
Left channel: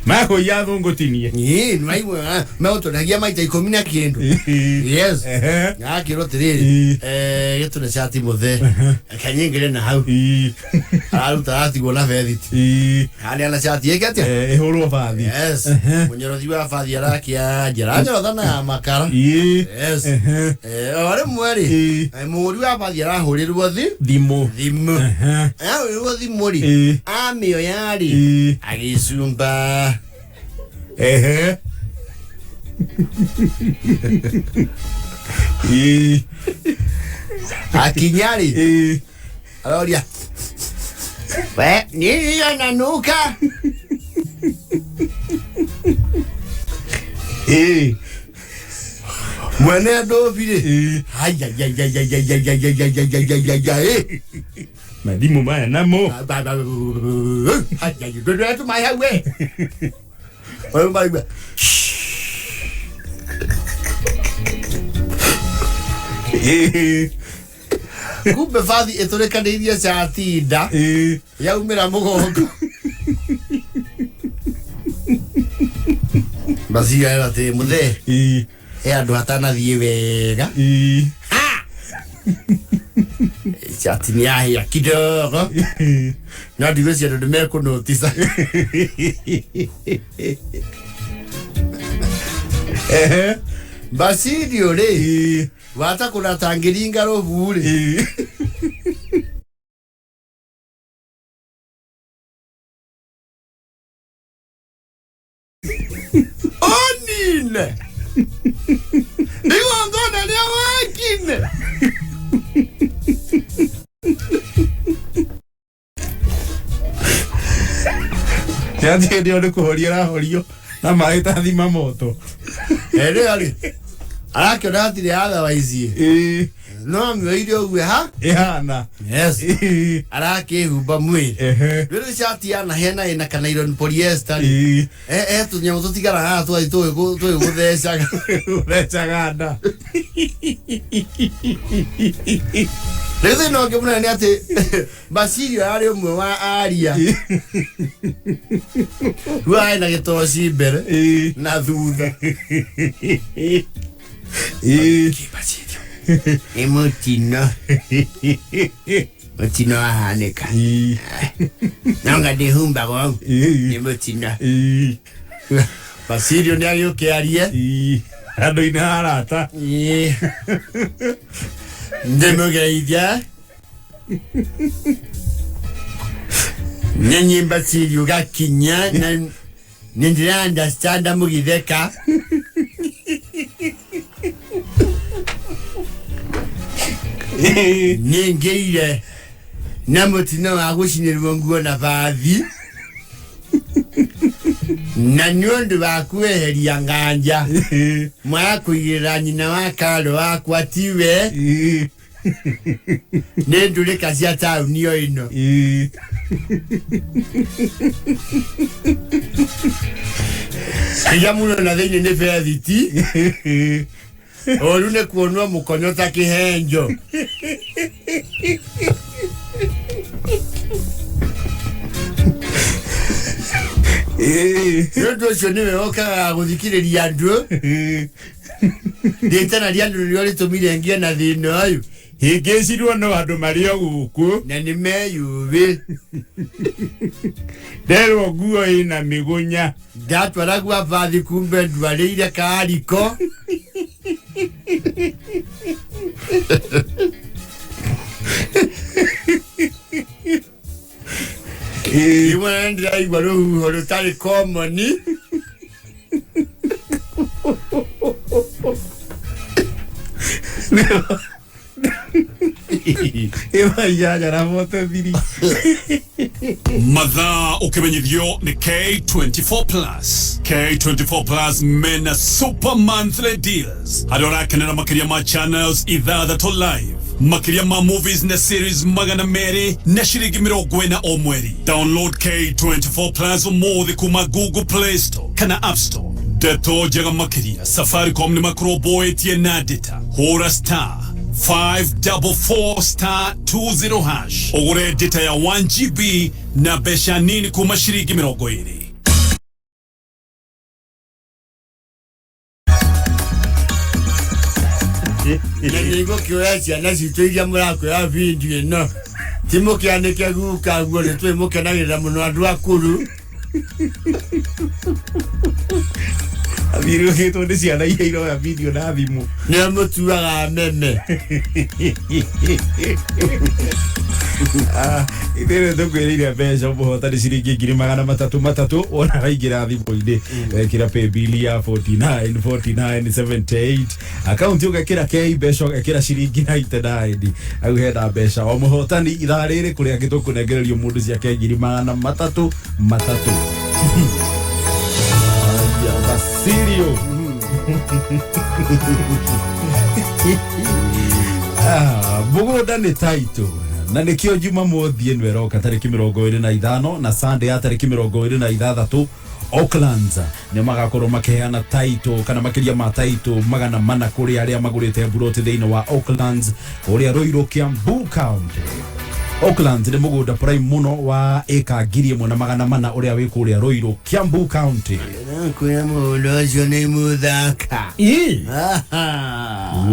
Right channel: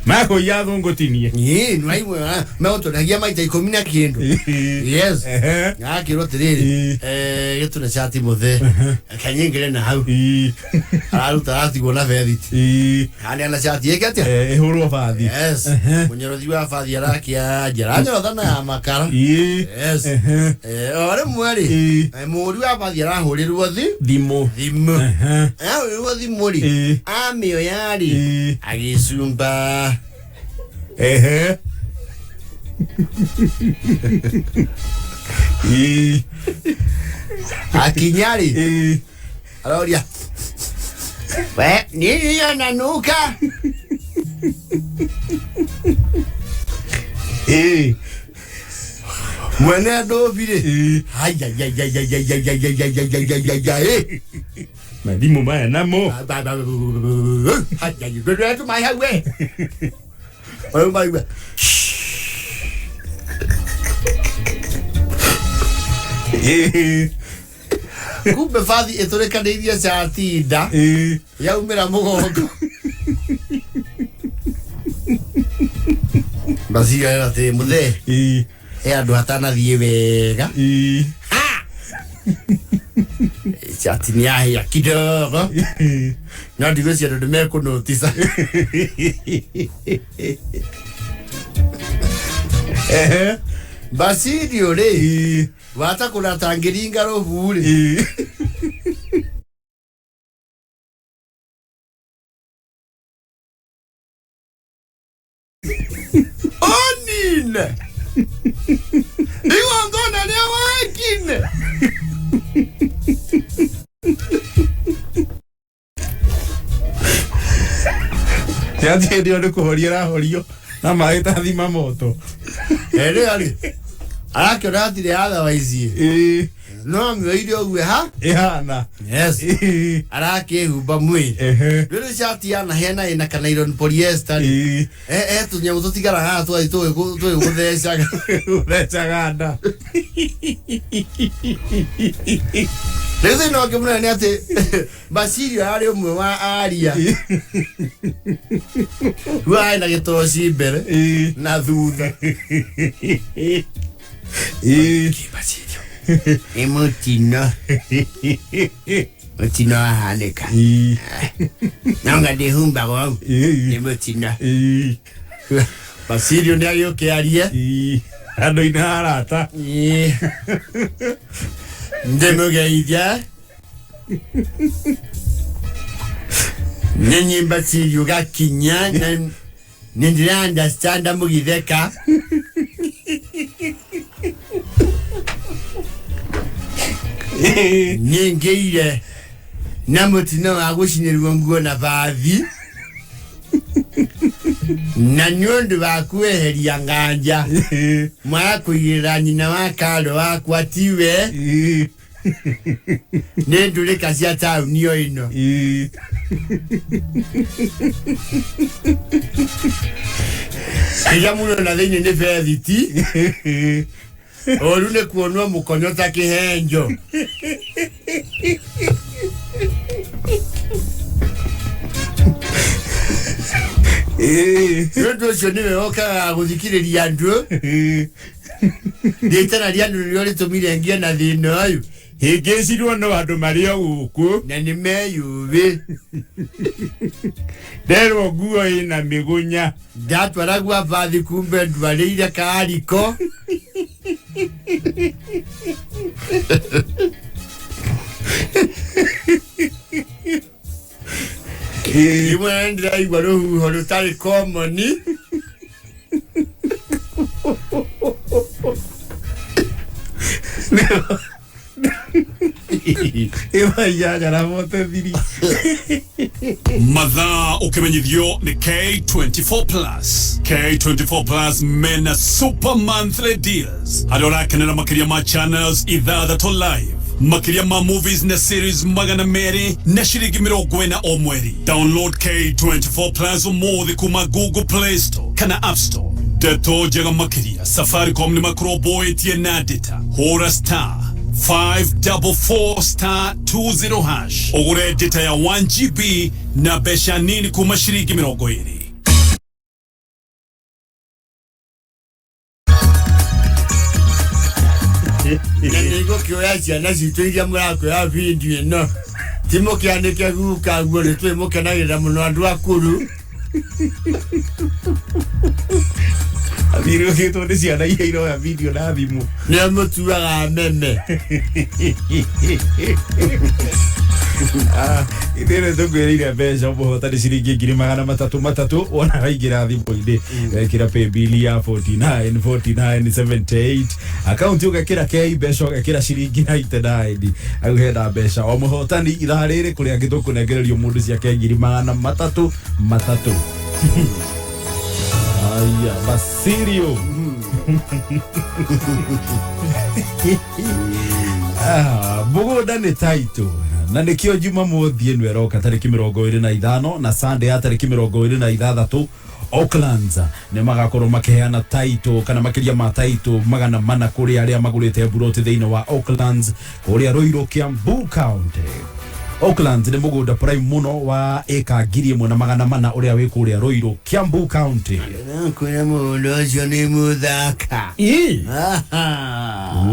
mako yavo ngotinie nwaiwe meotodagia maita 10 kindu yes akiro tiriri yetu na chati muthe kanyengere na hau aruta ati gona vedit hani ana chati yeketia ehuru fathi yes munyorothi wa fathi arakia jaranja thana makara yes ore mwari muri wa fathi arahurirwo thimo ahuririrwo thimuri amio yari agisumba akinyari aloria we nini ananuka mwene dovile madimo maya namo do my highway oh my god kumbe fathi itureka ndeithia chatinda yaumira mugongo basi era te muthe andu hatana thie wega chati ni ya kidogo na ndigosi andu meko notisa basi ndio le wata kuna tangiringa rohuri onine iwa ngona ni wakine ya ndio ndo kuhoria horio na maita thima moto ere ali arake ratire otherwise no mweire ogwe ha ehana yes arake huba mwiri rero shati yana hena ina kana iron polyester tu nyamu tutigara ha tu gutheca ganda reze no ke mwana ni ate basirio ari umwe wa aria wa ina gitoshi mbere na thutha basirio emotino motino haneka nanga de humba go emotino basirio ndio kiarie ando ina arata ndemo gaija nyenye basirio gakinya na nindira understand mugitheka ningeire namutino agushinirwo nguo na bathi na nyondo bakweheria nganja mwa kugira nyina wa karo wakwa tiwe nendule kasia town yo ino Kaya muno na thini ni verity orune kuonwa mukonyota kihenjo Yodo shoni meoka guthikiriria andu Ndetana ria andu niori tumire ngia na thino ayu higecirwo no andu mario guku na ni meyuvi nderwo nguo ina migunya ndatwara gwa vathi kumbe ndwarĩire kariko imwe ndiraigua rũhuho rũtarĩ komoni Mathaa ukimenyithio ni K24 Plus. K24 Plus mena super monthly deals. Hadorakenera makiria ma channels ithathatũ live. Makiria ma movies na series magana meri na shiringi 40 o mweri. Download K24 Plus umuthi kuma Google Play Store kana App Store. Deto jega makiria Safaricom ni makroboy tie na data. Hora star 544*20 hash. Ogure data ya 1GB na besha nini kuma shiringi 20. Niko kioya ciana citũ iria mũrakwĩra video ĩno timũkĩanĩke guka guo nĩ twĩmũkenagĩrĩra mũno andũ akũrũ Abiru gĩtwo nĩ ciana iria iroya video na thimũ nĩ mũtuaga meme ithere tukwĩrĩire mbeca mũhotani ciringi 300 wona waingĩra thimũ-inĩ wekĩra pay bill ya 49.78 account ũgekĩra K mbeca ũgekĩra ciringi 99 au hena mbeca o mũhotani ithaa rĩrĩ kũrĩa gĩtũkũnengererio mũndũ cia K 300 aya Basirio mũgũnda nĩ taitũ na nikio Jumamothi ĩno ĩroka tarĩki 25 na Sunday ya tarĩki 26 Auckland nĩ magakorwo makiheana taitũ kana makiria ma taitũ magana mana kũrĩ arĩa magũrĩte buroti thĩinĩ wa Auckland ũrĩa Ruiru Kiambu County. Auckland nĩ mũgũnda prime muno wa eka 1,400 ũrĩa wĩ kũrĩa Ruiru Kiambu County. Kwĩna mũndũ ũcio nĩ mũthaka.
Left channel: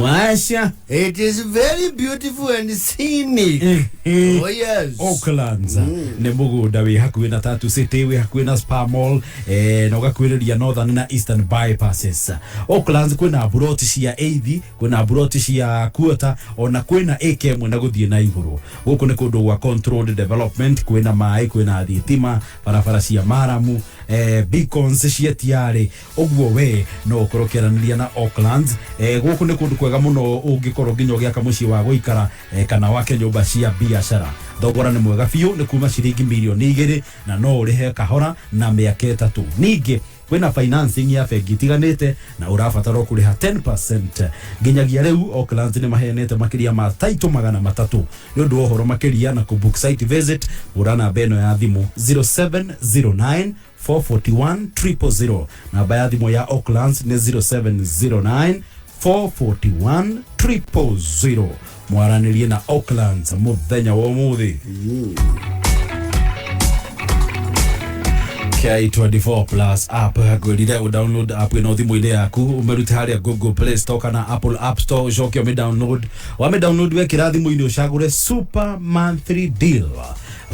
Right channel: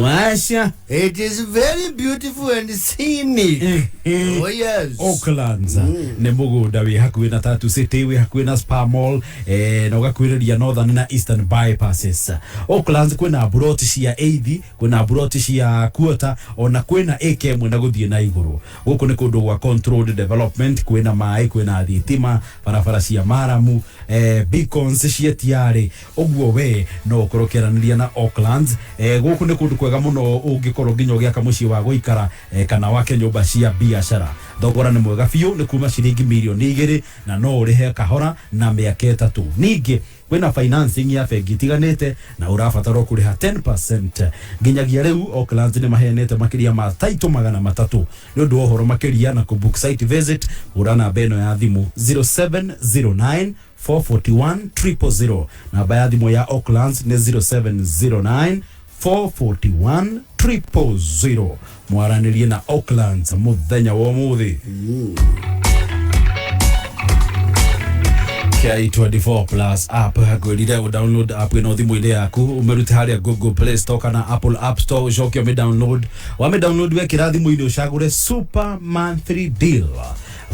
Washa. It is very beautiful and scenic. Oh yes. Auckland nĩ mũgũnda wĩ hakuhĩ na Tattoo City, wĩ hakuhĩ na Spa Mall na ũgakuhĩrĩria Northern na Eastern bypasses. Auckland kwĩna buroti cia eithi, kwĩna buroti cia quarter, ona kwĩna eka ĩmwe na gũthiĩ na igũrũ. Gũkũ nĩ kũndũ gwa controlled development, kwĩna maĩ, kwĩna thitima, barabara cia maramu, beacons cia tiarĩ. Ũguo we no ũkorwo ũkĩaranĩria na Auckland. Gũkũ nĩ kũndũ kwega mũno ũngĩkorwo nginya ũgĩaka mũciĩ wa gũikara kana wake nyũmba cia biacara. Thogora nĩ mwega biũ, nĩ kuma ciringi mirioni 2 na no ũrĩhe kahora na mĩaka 3. Ningĩ kwĩna financing ya bengi itiganĩte na ũrabatara kũrĩha 10%. Nginyagia rĩu Auckland nĩ maheanĩte makĩria ma taitũ 300. Nĩ ũndũ wa ũhoro makĩria na kũbook site visit ũra namba ĩno ya thimũ 0709 441 000. Namba ya thimũ ya Auckland nĩ 0709 441 000. Mwaranĩrie na Auckland mũthenya wa ũmũthĩ. K24 Plus app gwĩrire download app ĩno thimũ-inĩ yaku ũmerute harĩa Google Play Store kana Apple App Store ũcoke download wekĩra thimũ-inĩ ũcagũre super monthly deal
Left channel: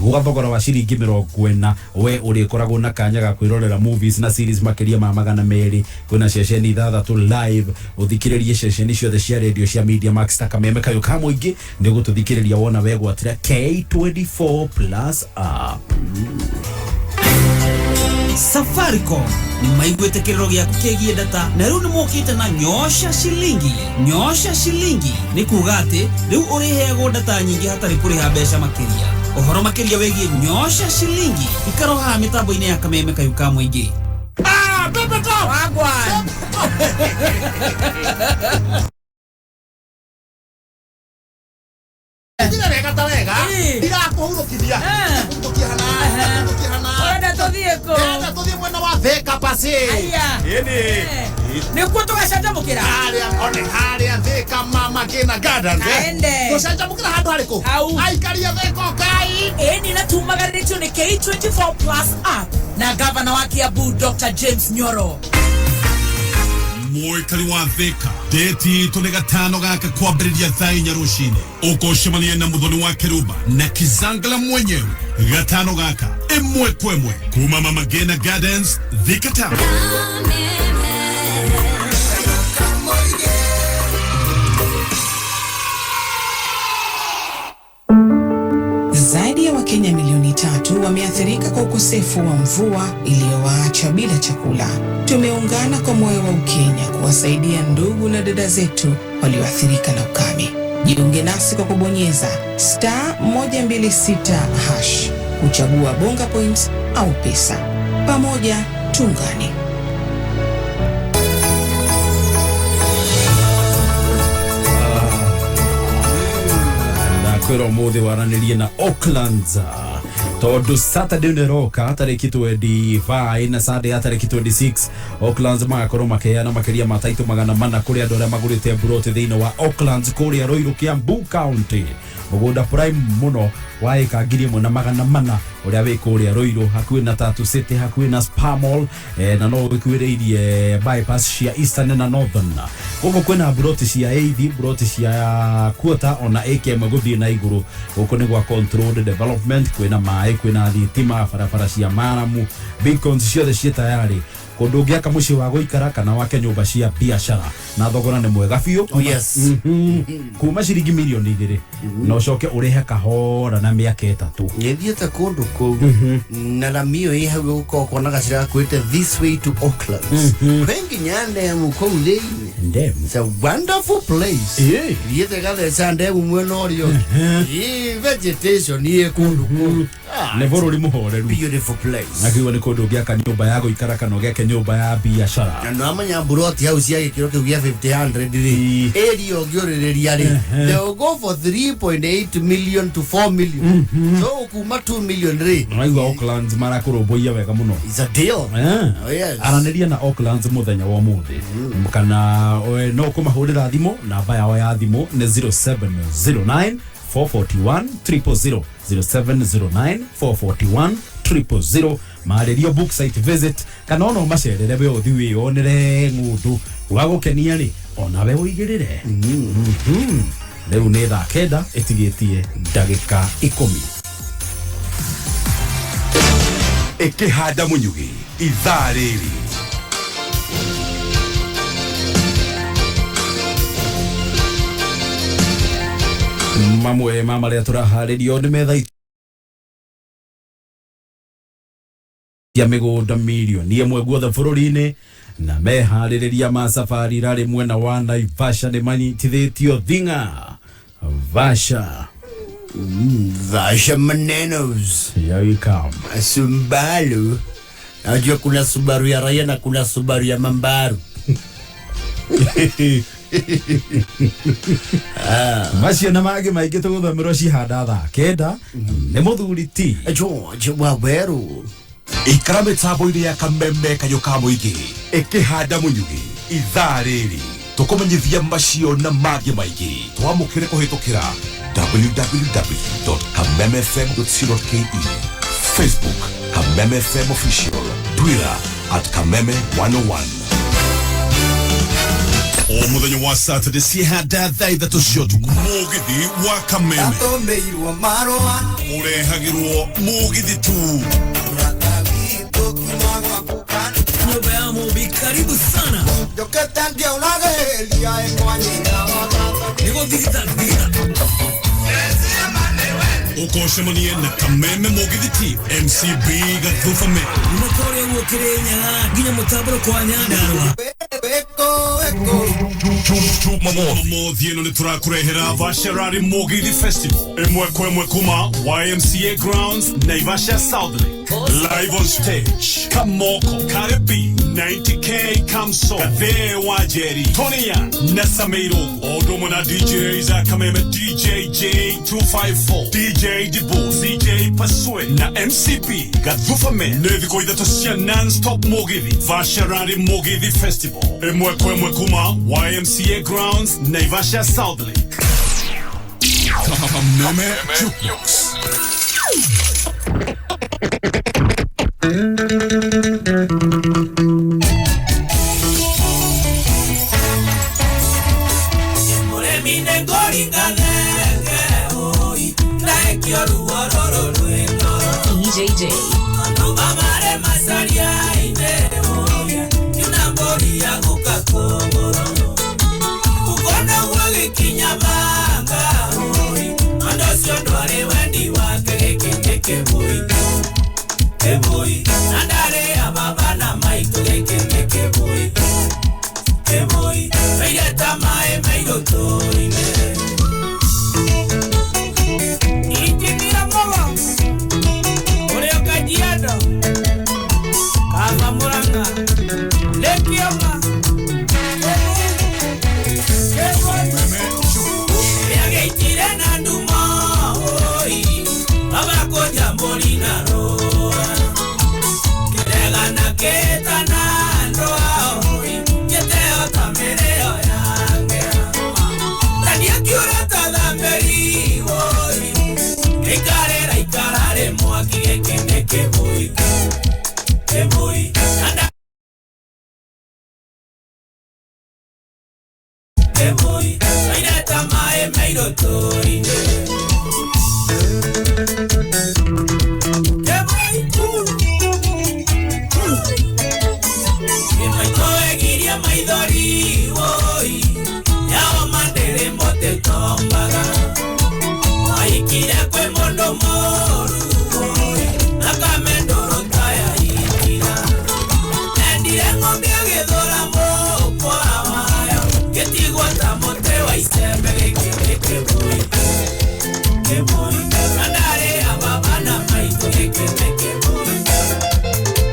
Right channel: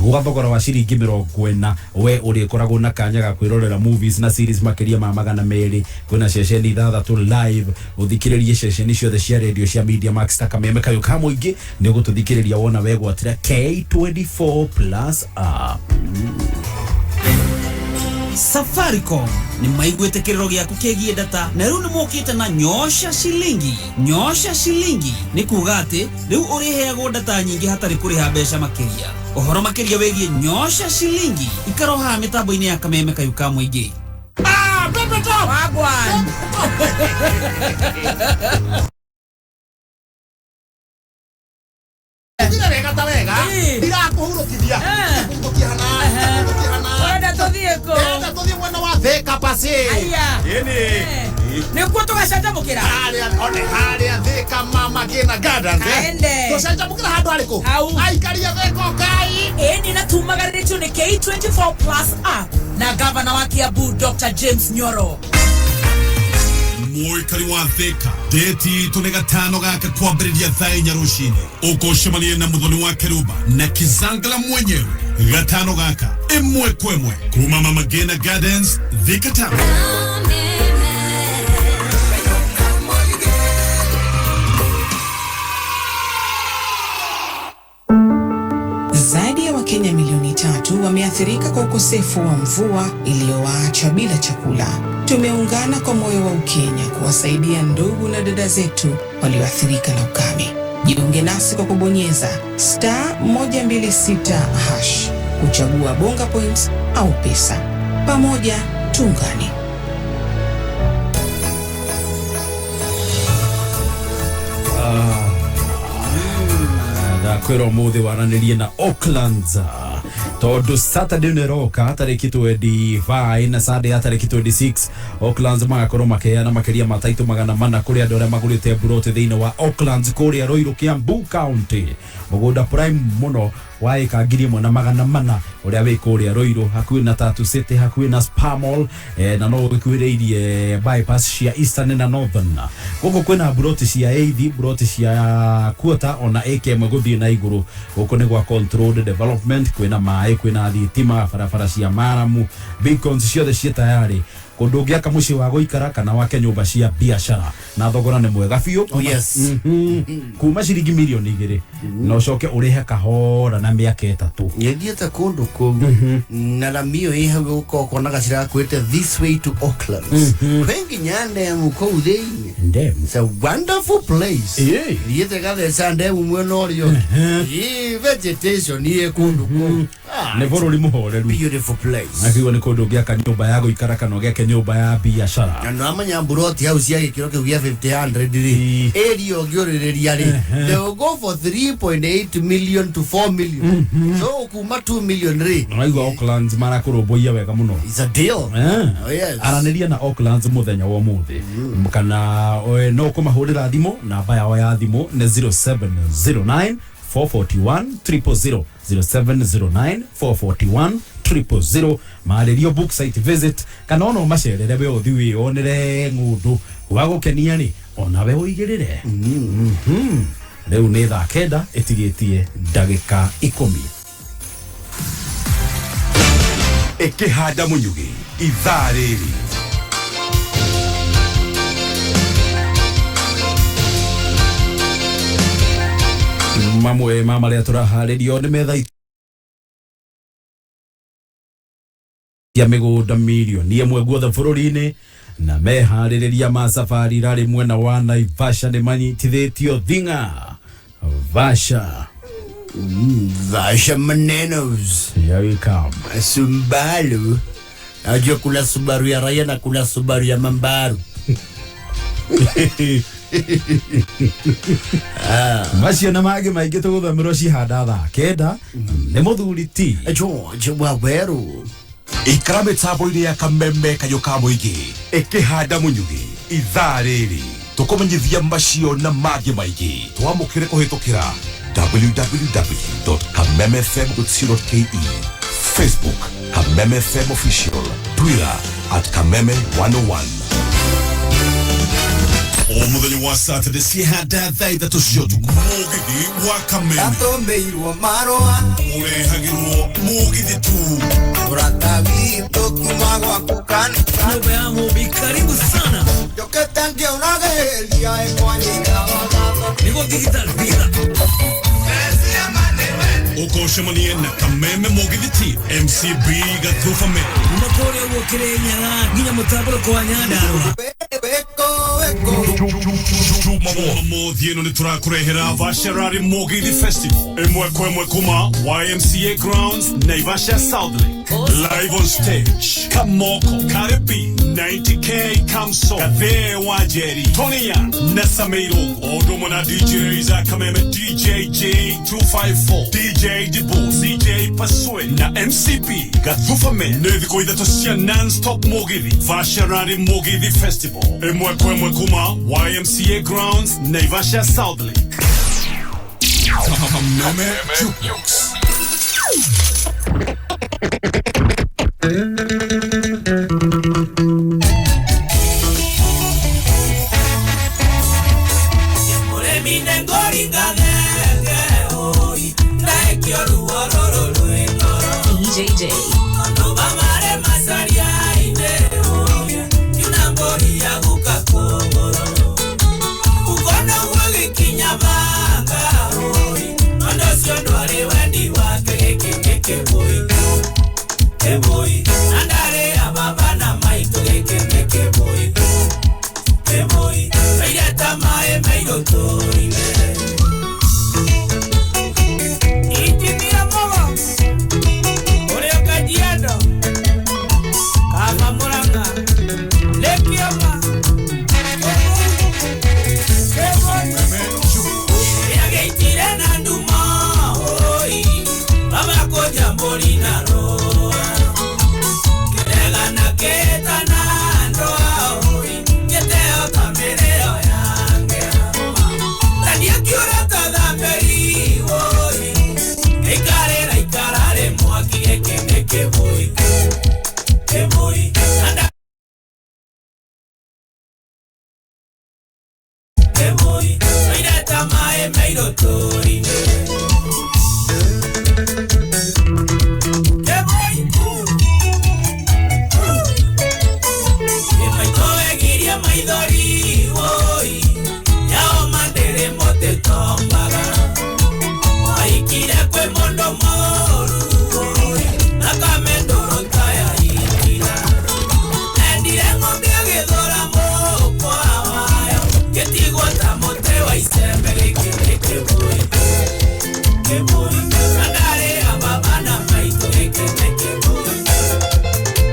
gũgathogora wa ciringi 40 we ũrĩkoragwo na kanya ga kwĩrorera movies na series makĩria ma 200. Kwĩna ceceni 6 live ũthikĩrĩrie ceceni ciothe cia radio cia Media Max ta Kameme Kayuka mũingĩ nĩ gũtũthikĩrĩria wona wegwatĩra K24 Plus app. Safaricom ni maiguĩte kĩrĩro gĩaku kĩgiĩ data na rĩu nĩ mokĩte na nyosha shilingi. Nyosha shilingi nĩ kuuga atĩ rĩu ũrĩheagwo data nyingĩ hatarĩ kũrĩha mbeca makĩria. Ũhoro makĩria wĩgiĩ nyosha shilingi ikaroha mĩtambo-inĩ ya Kameme Kayuka mũingĩ. Pepeta wagwan Wega wega ndirakuhurukithia Wenda tuthiĩ mwena wa Thika pasi ini nĩkuo tũgacanjamũkĩra harĩa Thika mama kina gardens tũcanjamũkĩra handũ harĩkũ aikaria Thika kai ĩni na tumagarĩtio nĩ K24 Plus app na gavana wa Kiambu Dr. James Nyoro. muikari wa Thika deti tune gatano gaka kwambĩrĩria thaa 4 rũcinĩ ũkũcemania na mũthoni wa Keruba na Kizangala mwenyewe gatano gaka ĩmwe kwa ĩmwe kuma Mama Ngina Gardens Thika Town. Zaidi ya Wakenya milioni 3 wameathirika kwa ukosefu wa mvua iliyowaacha bila chakula. Tumeungana kwa moyo wa Ukenya kuwasaidia ndugu na dada zetu walioathirika na ukame. Jiunge nasi kwa kubonyeza *126# kuchagua bonga points au pesa. Pamoja tuungane. Kwero muthi waranirie na Auckland tondu Saturday niroka tariki 25 na Sunday tariki 26 Auckland magakorwo makeana makiria mataitu magana mana kuri andu aria magurite buroti thiini wa Auckland kuria Roiro Kiambu County mugunda prime muno wa eka 1,400 uria wi kuria Roiro hakuhi na Tatu City hakuhi na Spa Mall na no gwikuiriirie bypass cia Eastern na Northern guko kwina buroti cia eithi buroti cia quarter ona AKM guthii na iguru guko ni gwa controlled development kwina mai kwina thitima barabara cia maramu beacons ciothe cia tayari kundu ngiaka muci wa guikara kana wake nyumba cia biashara na thogora ni mwega biu. Yes. Kuma ciringi milioni 2 no coke urihe kahora na miaka 3 yethiete kundu ku na ramio i hau uko kona gacira kwete this way to Auckland wengi nyande mu ko uthini ndem it's a wonderful place yete gale sande umweno rio vegetation ye kundu ku ne vorori muhoreru beautiful place nakiwa ni kundu ngiaka nyumba ya guikara kana ngiake nyumba ya biashara na no amanya buroti hau cia gikiro kiu gia 500 ri area ogyoririria ri they will go for 3.8 million to 4 million so kuma 2 million ri aiwa Auckland marakurumbuia wega muno it's a deal. Oh yes araniria na Auckland muthenya wa muthi kana no kumahurira thimu namba yao ya thimu ni 0709 441 000 0709 441 000 marerio book site visit kana ono macerere we othiwi onere ngundu wa gukenia ri ona we uigirire leo ni thaa 9 itigitie ndagika 10 ikihanda munyugi ithaa riri mamwe mamaria turaharirio ni metha ya migunda milioni imwe guothe bururi-ini na mehaririria ma safari rari mwena wa Naivasha ni manyitithitio Thinga Vasha Vasha manenos here we come Sumbalu najua kuna Subaru ya raia na kuna Subaru ya mambaru macio na magi maingi tuguthamiro cihanda thaa 9 ni muthuri ti George Waweru ikara mitambo-ini ya kameme kayuka muingi ikihanda munyugi ithaa riri tukumenyithia macio na magi maingi twamukire kuhitukira www.kamemefm.co.ke Facebook Kameme FM Official Twitter @Kameme101 o muthenya wa Saturday cihanda thaa 3 cia utuku mugithi wa Kameme atombeirwo marũa urehagirwo mugithi tu uratavi tokuma gwaku kana nyumba ya mubi karibu sana joketa ngĩonageria ĩkwanyira nĩguo digital visa ukoshemanie na Kameme mugithi ti MCB Gathaiya unakoria guokere nyaga nginya mutaburo kwa nyandarwa Mothieno ni turakurehera Vasharari Mugithi Festival imwe kwa imwe kuma YMCA Grounds Naivasha South Lake live on stage Kamoko Karibi 90K Kamso Gathaiya Wajeri Tony Young Nasamiro Odomo na DJs Kameme DJ J254 DJ Dibo CJ Paswe na MCB Gathaiya Neviko idhato cia non-stop Mugithi Vasharari Mugithi Festival imwe kwa imwe kuma YMCA Grounds Naivasha South Lake Kameme Jukebox Kemoi, Aireta Mae Maido Torine. Itimira Mola, Oreo Kajiado, Kama Moranga, Lekiama, Yagitire na Nduma, Oi, Baba Koja Molina Roa, Kedega na Keta na Ndoa, Oi, Keteo Tamereo Yange, Tania Kiureta da Meri, Oi, Ikarare Mwaki Ekene Keboi, Keboi, Anda Keboi, Aireta Mae Maido Torine. Maidori, oi, yao mandere mote tombaga. Aikira kwe mondo moru, oi, nakamendoro taya ikira. Endire ngombe agedora mopo awayo, ketigwa tamote wa isembe geke boi. Keboi, kandare ababana maito geke boi.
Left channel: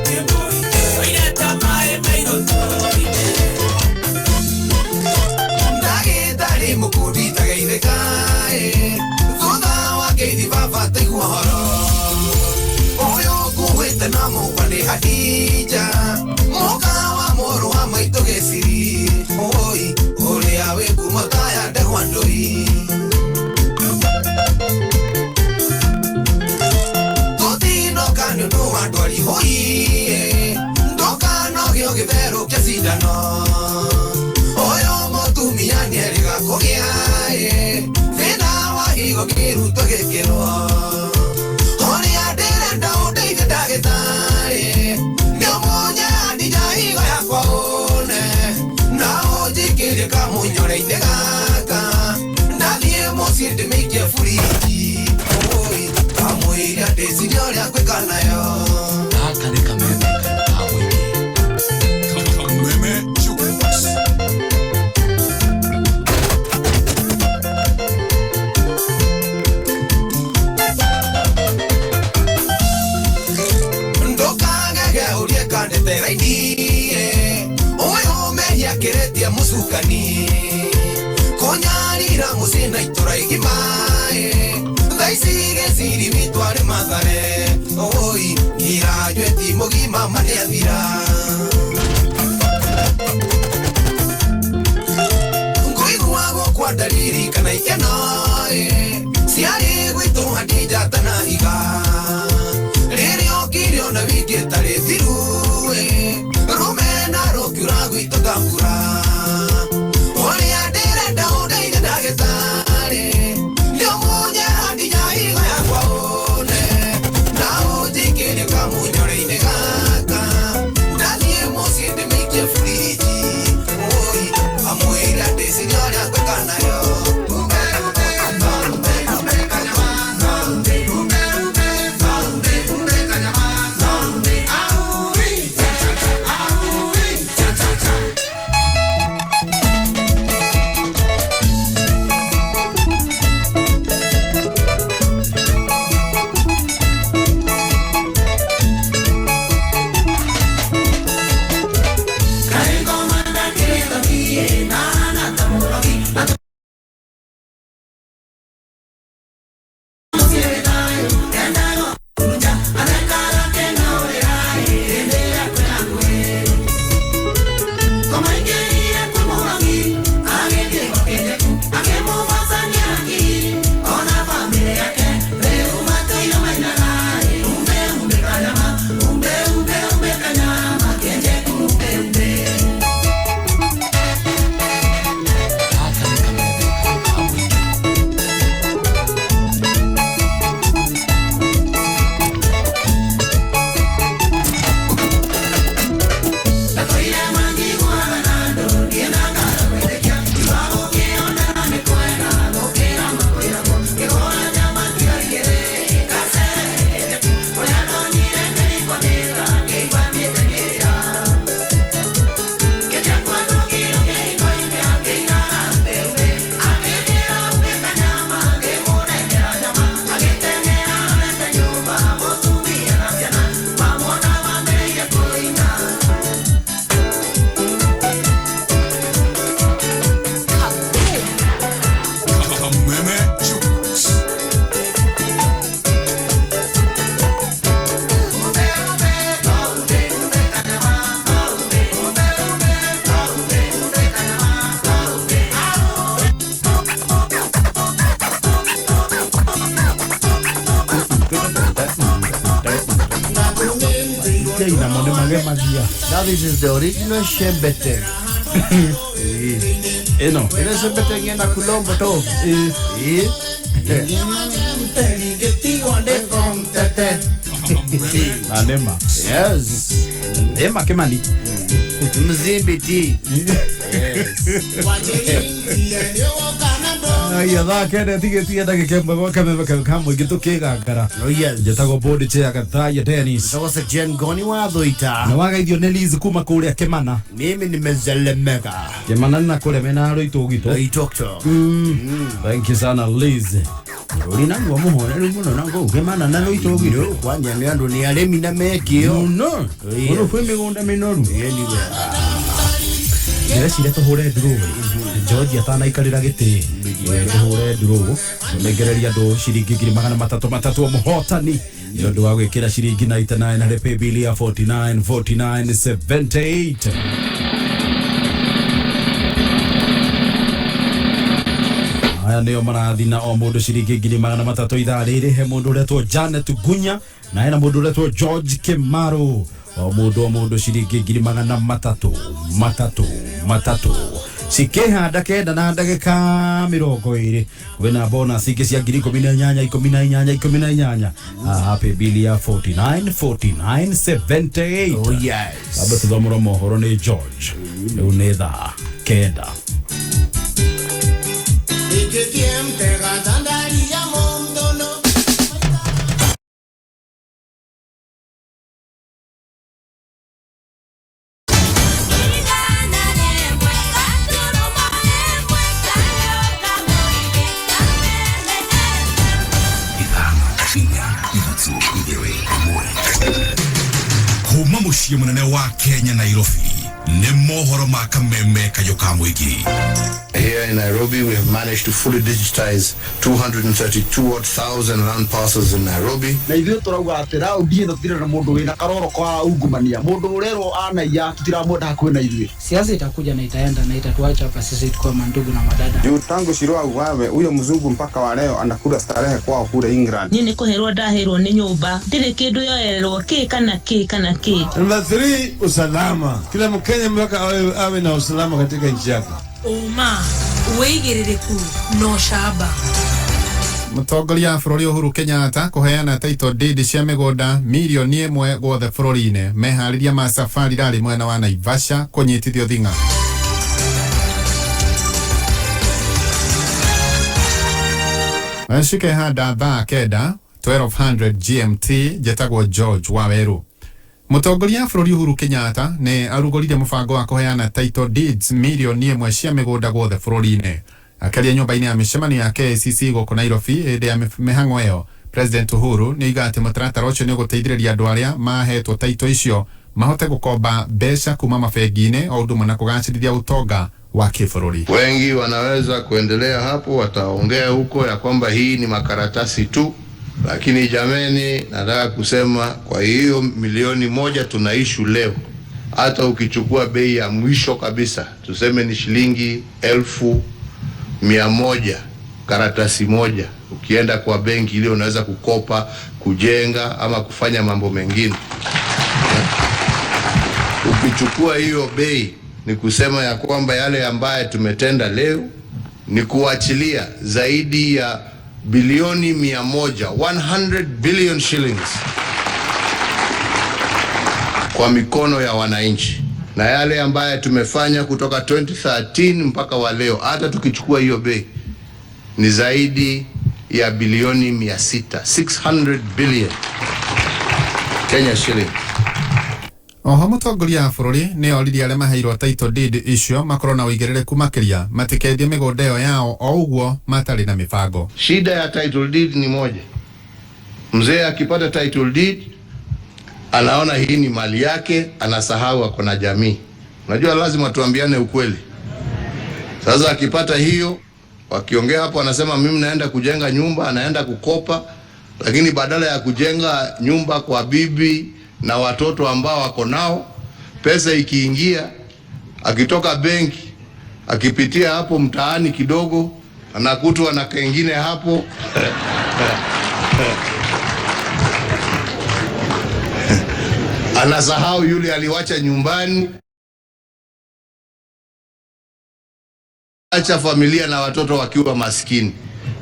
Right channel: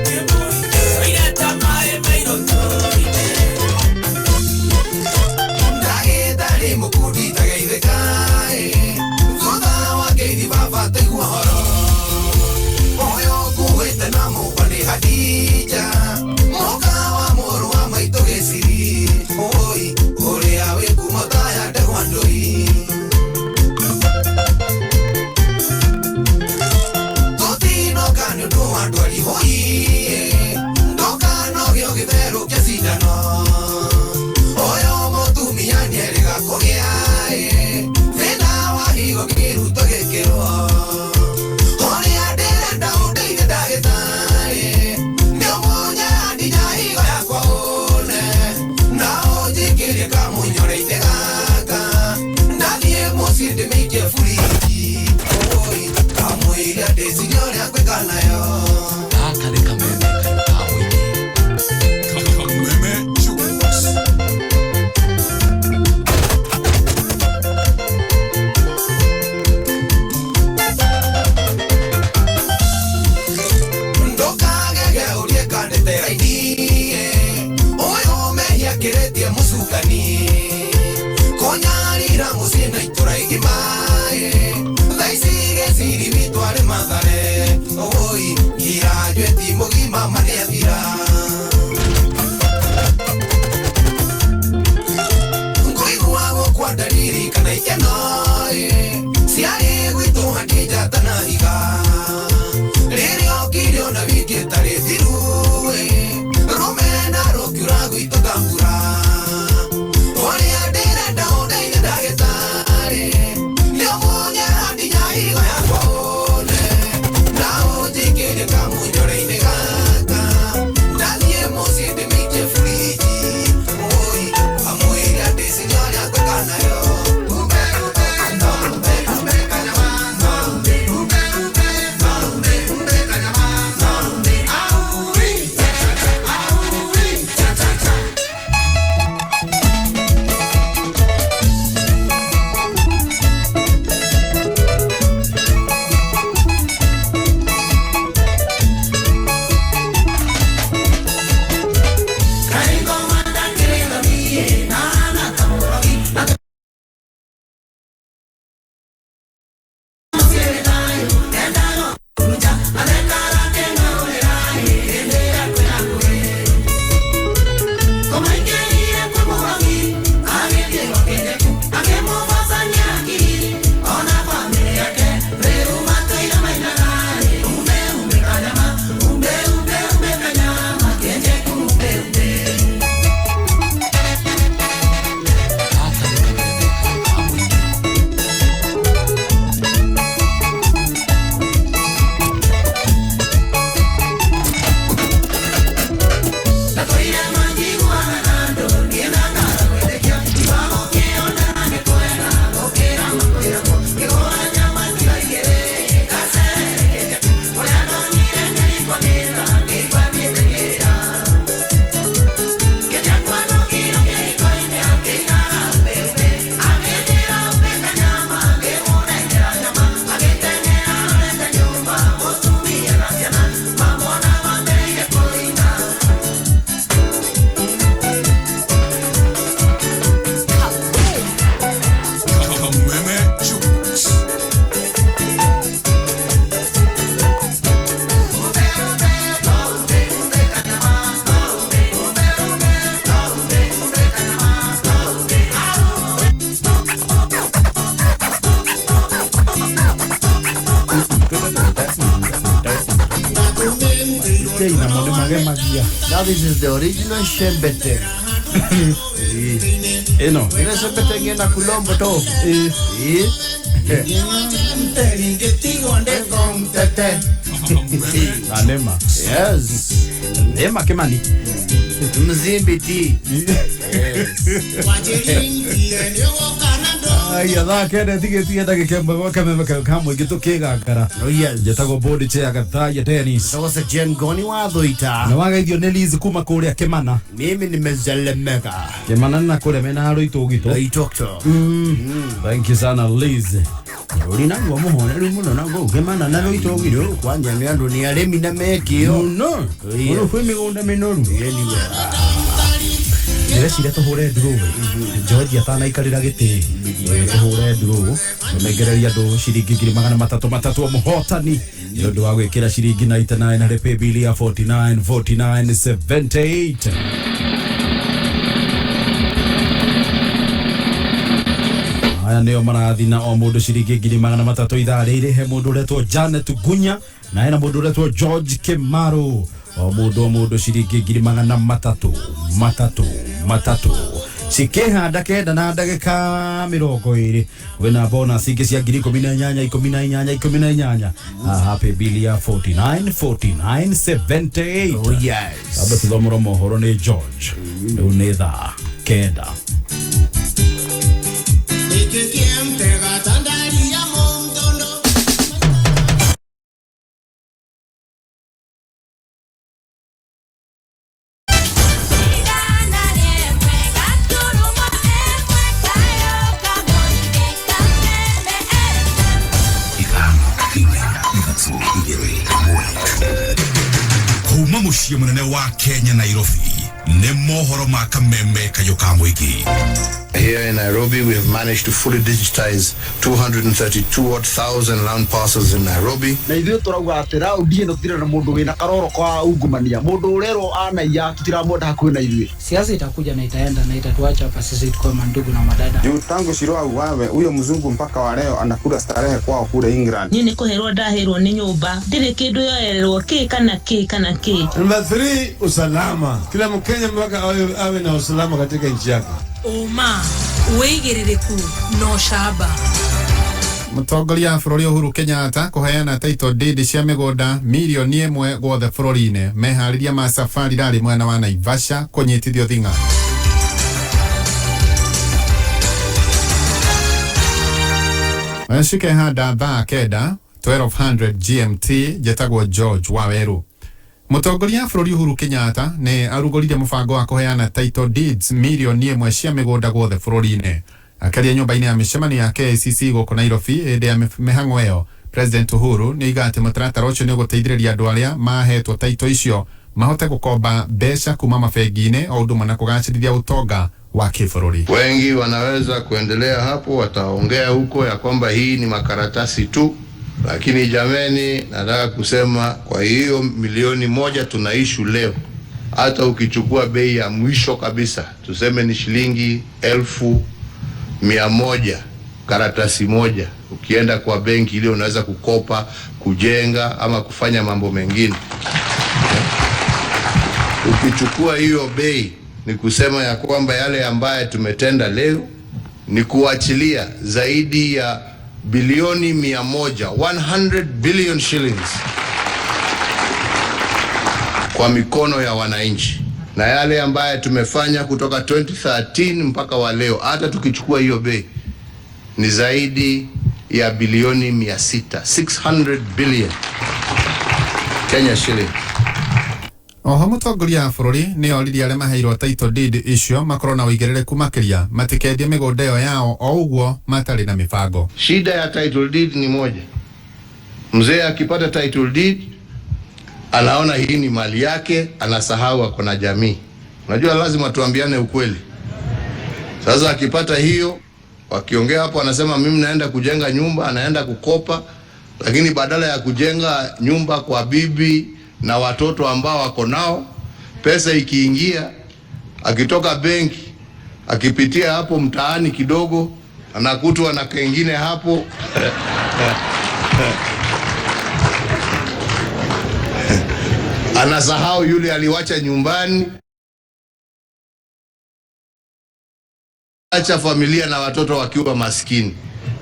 Keboi, oireta mae mairo tori. Mukudita gaide kai, Zoda wa gaidi baba te guahoro. Oyo kuwete na mukwane hadija, Moka wa moro wa maito gesiri. Oi, ore awe kumataya de wandoi. Toti no kanyo no wadwali hoi, Ndoka no gyo githero kiasidano. Oyo motumia nyeriga kogea Vena wa higo kiruto gekero Hori adere nda udeige dagetare Nio monya andija higo ya kwa one Na ojikiri kamu nyoreine gaka Nadie mosirde meike furiki Oi, kamu ilia desi nyore akwe kanayo Nakare kameme kamu iki Kameme chukumas musukani konyarira musina ituraigi mae thaicige ciri mitware mathare oi irajwe timogima maneathira nguiguagwo kwa ndariri kana ikeno ciarĩ gwitũ handijatana higa rĩrĩa okire ona wiki ĩtarĩ thiru rumena rũkiura gwitũ kambura Yo Now this is the original shembete. Eno. Ina shembete ngena kulombo to. Anema. Yes. Ema Kimani. Mzimbiti. Aya da kene tige da kemba kwa kama gitu kegakara. Oh yes. Jetago body chair Gathaiya tennis. That was a Ngoni Thuita. Na waga ithio nelizi kuma kuria Kimana. Mimi nimezelemeka. Kimana na kule mena ro itogito. Itokto. Thank you sana Liz. Uri nangu muhone ru muno nangu Kimana na ro itogito. Kwanja nyandu ni aremi na mekio. No. Ono fwe migunda minoru. Anyway. Ndĩreciria tũhũre ndurũ George atanaikarĩra gĩtĩ tũhũre ndurũ tũnengereria andũ ciringi 300 o mũhotani nĩ ũndũ wa gwĩkĩra ciringi 99 harĩ paybill ya 494978. Aya nĩo marathi na o mũndũ ciringi 300 ithaa rĩrĩ he mũndũ ũretwo Janet Gunya na hena mũndũ ũretwo George Kimaro. O mũndũ ciringi 300 cikĩhanda kenda na ndagĩka 20 kwĩna bonus ingĩ cia 18 happy bill ya 494978. Oh yes. Aba tuthomora mohoro nĩ George rĩu nĩ thaa kenda. Kuma muciĩ munene wa Kenya Nairobi nĩ mohoro ma kameme kayoka muigi. Here in Nairobi, we have managed to fully digitize 232,000 land parcels in Nairobi. Na ithuĩ tũrauga atĩ raundi ĩno tũtirĩ na mũndũ wĩna karoro kwa ungumania. Mũndũ ũrerwo anaiya tũtiramwenda hakuhĩ na ithuĩ. Siasa itakuja na itaenda na itatuacha hapa sisi tukiwa mandugu na madada. Juu tangu Shirua uwawe, huyo mzungu mpaka wa leo anakula starehe kwao kule England. Nini kuherwa daherwa ni nyumba. Ndire kindu yoererwo kana ki. Number 3, usalama. Kila Mkenya mpaka awe na usalama katika nchi yake. Uma uigirireku no shaba. Mũtongoria wa bũrũri Uhuru Kenyatta kũheana title deed cia mĩgũnda milioni 1 gwothe bũrũri-inĩ. Meharĩria ma safari rarĩ mwena wa Naivasha kũnyitithio thing'a. Cikĩhanda thaa kenda 1200 GMT jetagwo George Waweru. Mũtongoria wa bũrũri Uhuru Kenyatta nĩ arugũrire mũbango wa kũheana title deeds milioni 1 cia mĩgũnda gwothe bũrũri-inĩ. Akaria nyũmba-inĩ ya mĩcemanio ya KICC gũkũ Nairobi hĩndĩ ya mĩhang'o ĩyo. President Uhuru nĩ oiga atĩ mũtaratara ũcio nĩ ũgũteithĩrĩria andũ arĩa mahetwo title icio mahote gũkomba mbeca kuma mabengi-inĩ o ũndũ ũmwe na kũgacĩrithia utonga wa kĩbũrũri. Wengi wanaweza kuendelea hapo, wataongea huko ya kwamba hii ni makaratasi tu, lakini jameni, nataka kusema kwa hiyo milioni 1 tunaishu leo, hata ukichukua bei ya mwisho kabisa, tuseme ni shilingi 1,100 karatasi moja, ukienda kwa benki ile unaweza kukopa, kujenga ama kufanya mambo mengine. Ukichukua hiyo bei, ni kusema ya kwamba yale ambaye tumetenda leo ni kuachilia zaidi ya bilioni 100, 100 billion shillings kwa mikono ya wananchi. Na yale ambaye tumefanya kutoka 2013 mpaka wa leo, hata tukichukua hiyo bei, ni zaidi ya bilioni 600, 600 billion Kenya shillings. Oho mũtongoria wa bũrũri nĩ oririe arĩa maheirwo title deed icio makorwo na ũigĩrĩrĩku makĩria matikendie mĩgũnda ĩyo yao o ũguo matarĩ na mĩbango. Shida ya title deed ni moja. Mzee akipata title deed anaona hii ni mali yake, anasahau ako na jamii. Unajua lazima tuambiane ukweli. Sasa akipata hiyo, wakiongea hapo anasema mimi naenda kujenga nyumba, anaenda kukopa, lakini badala ya kujenga nyumba kwa bibi na watoto ambao wako nao, pesa ikiingia, akitoka benki, akipitia hapo mtaani kidogo, anakutwa na kengine hapo Anasahau yule aliwacha nyumbani, acha familia na watoto wakiwa maskini.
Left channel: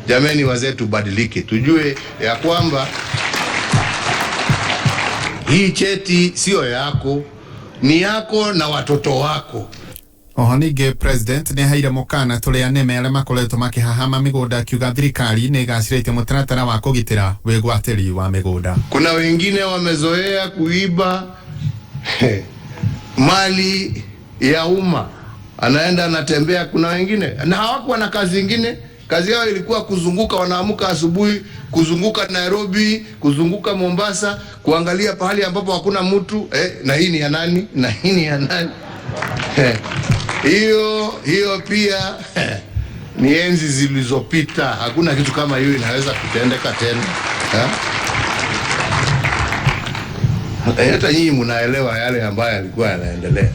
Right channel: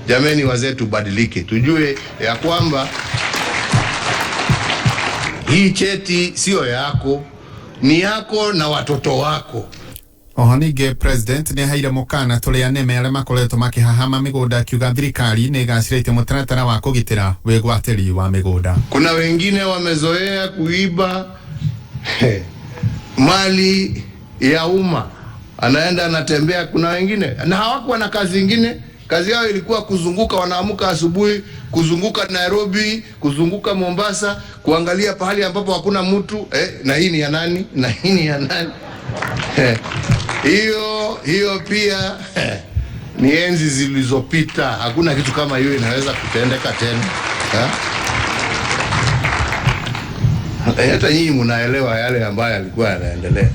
Jameni wazee, tubadilike, tujue ya kwamba hii cheti sio yako, ni yako na watoto wako. Ohanige president ni haira mukana tuliane mele makoleto makihahama migoda kiuga thirikari ni gacirite mutaratara wa kugitira wigwatiri wa migoda. Kuna wengine wamezoea kuiba mali ya umma, anaenda anatembea. Kuna wengine na hawakuwa na kazi nyingine, kazi yao ilikuwa kuzunguka, wanaamuka asubuhi kuzunguka Nairobi, kuzunguka Mombasa, kuangalia pahali ambapo hakuna mtu na hii ni ya nani, na hii ni ya nani. Hiyo pia ni enzi zilizopita. Hakuna kitu kama hiyo inaweza kutendeka tena. Hata nyinyi mnaelewa yale ambayo yalikuwa yanaendelea.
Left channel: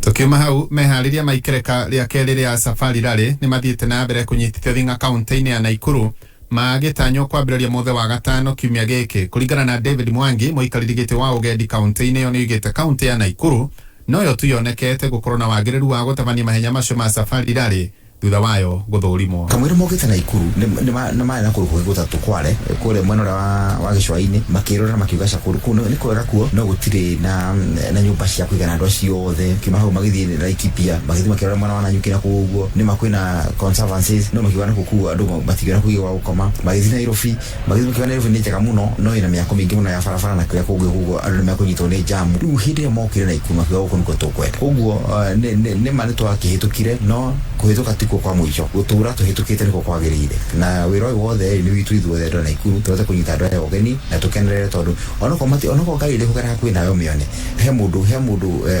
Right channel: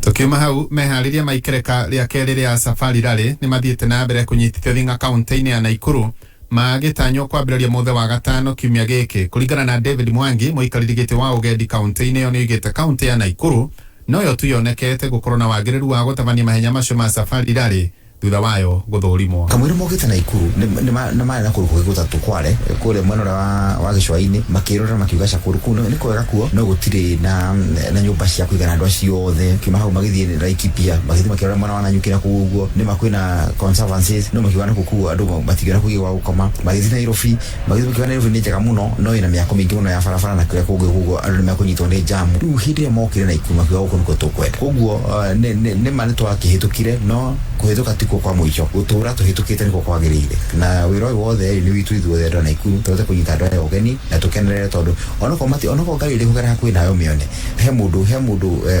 Tukiuma hau mehariria maikereka ria keri ria safari rally ni mathiite na mbere kunyitithia thinga kaunti-ini ya Naikuru magitanywo kwambĩrĩria muthe wa gatano kiumia gĩkĩ. Kũringana na David Mwangi, mũikarĩri gĩtĩ wa ũgendi kaunti-inĩ ĩyo, nĩoigĩte kaunti ya Naikuru noyo tu yonekete gũkorwo na wagĩrĩru wa gũtabania mahenya macio ma safari rally thutha wayo gũthũrimwo. Kamwĩra mogĩte Naikuru nĩ marĩ na kũrũkũ gũtatũ kware kũrĩa mwena wa gĩcũa-inĩ makĩrora makiuga cakũrũ kũu nĩ kwega kuo, no gũtirĩ na nyũmba cia kũigana andũ acio othe. Kiuma hau magĩthiĩ Laikipia magĩthiĩ makĩrora mwena wa Nanyuki na kũu ũguo nĩ makwĩna conservancies, no makiuga na kũu andũ matigana kũigĩ gwa gũkoma. Magĩthiĩ Nairobi makiuga Nairobi nĩ njega mũno, no ĩna mĩako mĩingĩ mũno ya barabara na kũrĩa kũu ũguo andũ nĩ makũnyitwo nĩ jamu. Rĩu hĩndĩ ĩrĩa mokire Naikuru makiuga gũkũ nĩkuo tũkwenda. Ũguo nĩ ma nĩ twakĩhĩtũkire, no kũhĩtũka tikuo kwa mũico, gũtũra tũhĩtũkĩte nĩkuo kwagĩrĩire. Na wĩra ũyũ wothe nĩ witũ ithuothe andũ a Naikuru tũhote kũnyita andũ aya ũgeni na tũkenerere, tondũ onokorwo ngari ĩrĩ kũgera hakuhĩ nayo mĩone, he mũndũ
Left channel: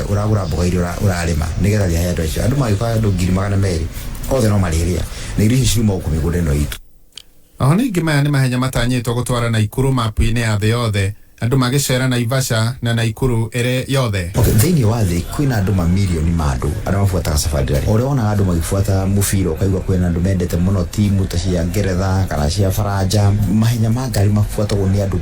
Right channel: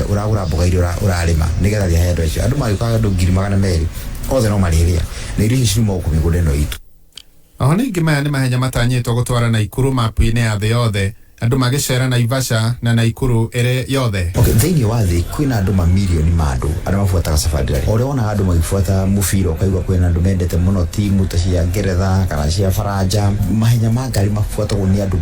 ũragũra mboga iria ũrarĩma nĩgetha thiĩ andũ acio. Andũ magĩũka andũ 200,000 othe no marĩrĩa na irio ici ciuma gũkũ mĩgũnda ĩno itũ. Oho ningĩ maya nĩ mahenya matanyĩtwo gũtwara Naikuru mapu-inĩ ya thĩ yothe, andũ magĩcera Naivasha na Naikuru ĩrĩ yothe. Thĩinĩ wa thĩ kwĩna andũ mamirioni ma andũ arĩa mabuataga safari rally. Ũrĩa wonaga andũ magĩbuata mũbira ũkaigua kwĩna andũ mendete mũno timu ta cia Ngeretha kana cia Faranja. Mahenya ma ngari mabuatagwo nĩ andũ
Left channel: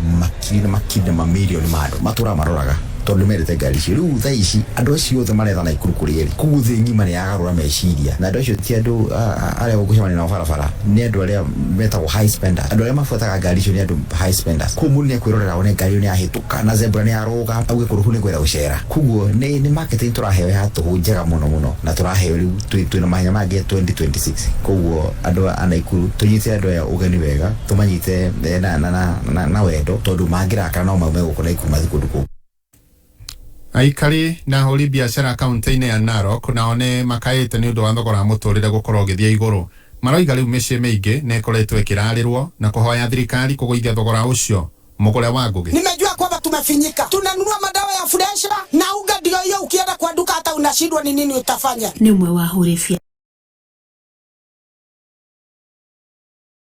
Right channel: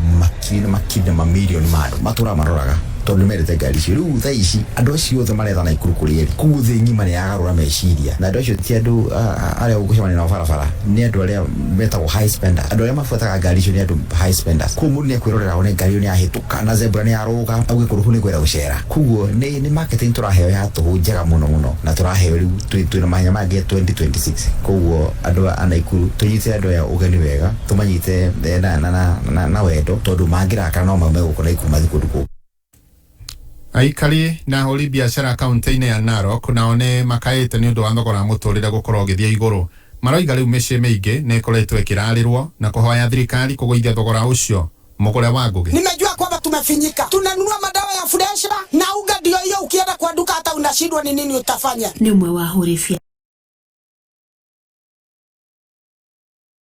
makiri na mamirioni ma andũ matũraga maroraga tondũ mendete ngari icio. Rĩu thaa ici andũ acio othe maretha Naikuru kũrĩa kũu thĩ ng'ima nĩ yagarũra meciria, na andũ acio ti andũ arĩa ũgũcemania nao barabara, nĩ andũ arĩa metagwo high spenders. Andũ arĩa mabuataga ngari icio nĩ andũ high spenders. Kũu mũndũ nĩ ekwĩrorera one ngari ĩyo nĩ yahĩtũka na zebra nĩ yarũga auge kũrũ kũu nĩ kwenda gũcera. Koguo nĩ marketing tũraheo ya tũhũ njega mũno na tũraheo rĩu twĩna mahenya mangĩ 2026. Koguo andũ a Naikuru tũnyite andũ aya ũgeni wega, tũmanyite na wendo, tondũ mangĩrakara no maume gũkũ Naikuru mathiĩ kũndũ kũu. Aikari na ahũri biacara kaunti-inĩ ya Narok nao nĩ makaĩte nĩ ũndũ wa thogora mũtũrĩre gũkorwo ũgĩthiĩ igũrũ. Maroiga rĩu mĩciĩ mĩingĩ nĩ ĩkoretwo ĩkĩrarĩrwo na kũhoya thirikari kũgũithia thogora ũcio. Mũgũre wa Ngugi: nimejua kwamba tumefinyika, tunanunua madawa ya fresha na unga, ndio hiyo ukienda kwa duka hata unashindwa ni nini utafanya. Ni umwe wa ahũri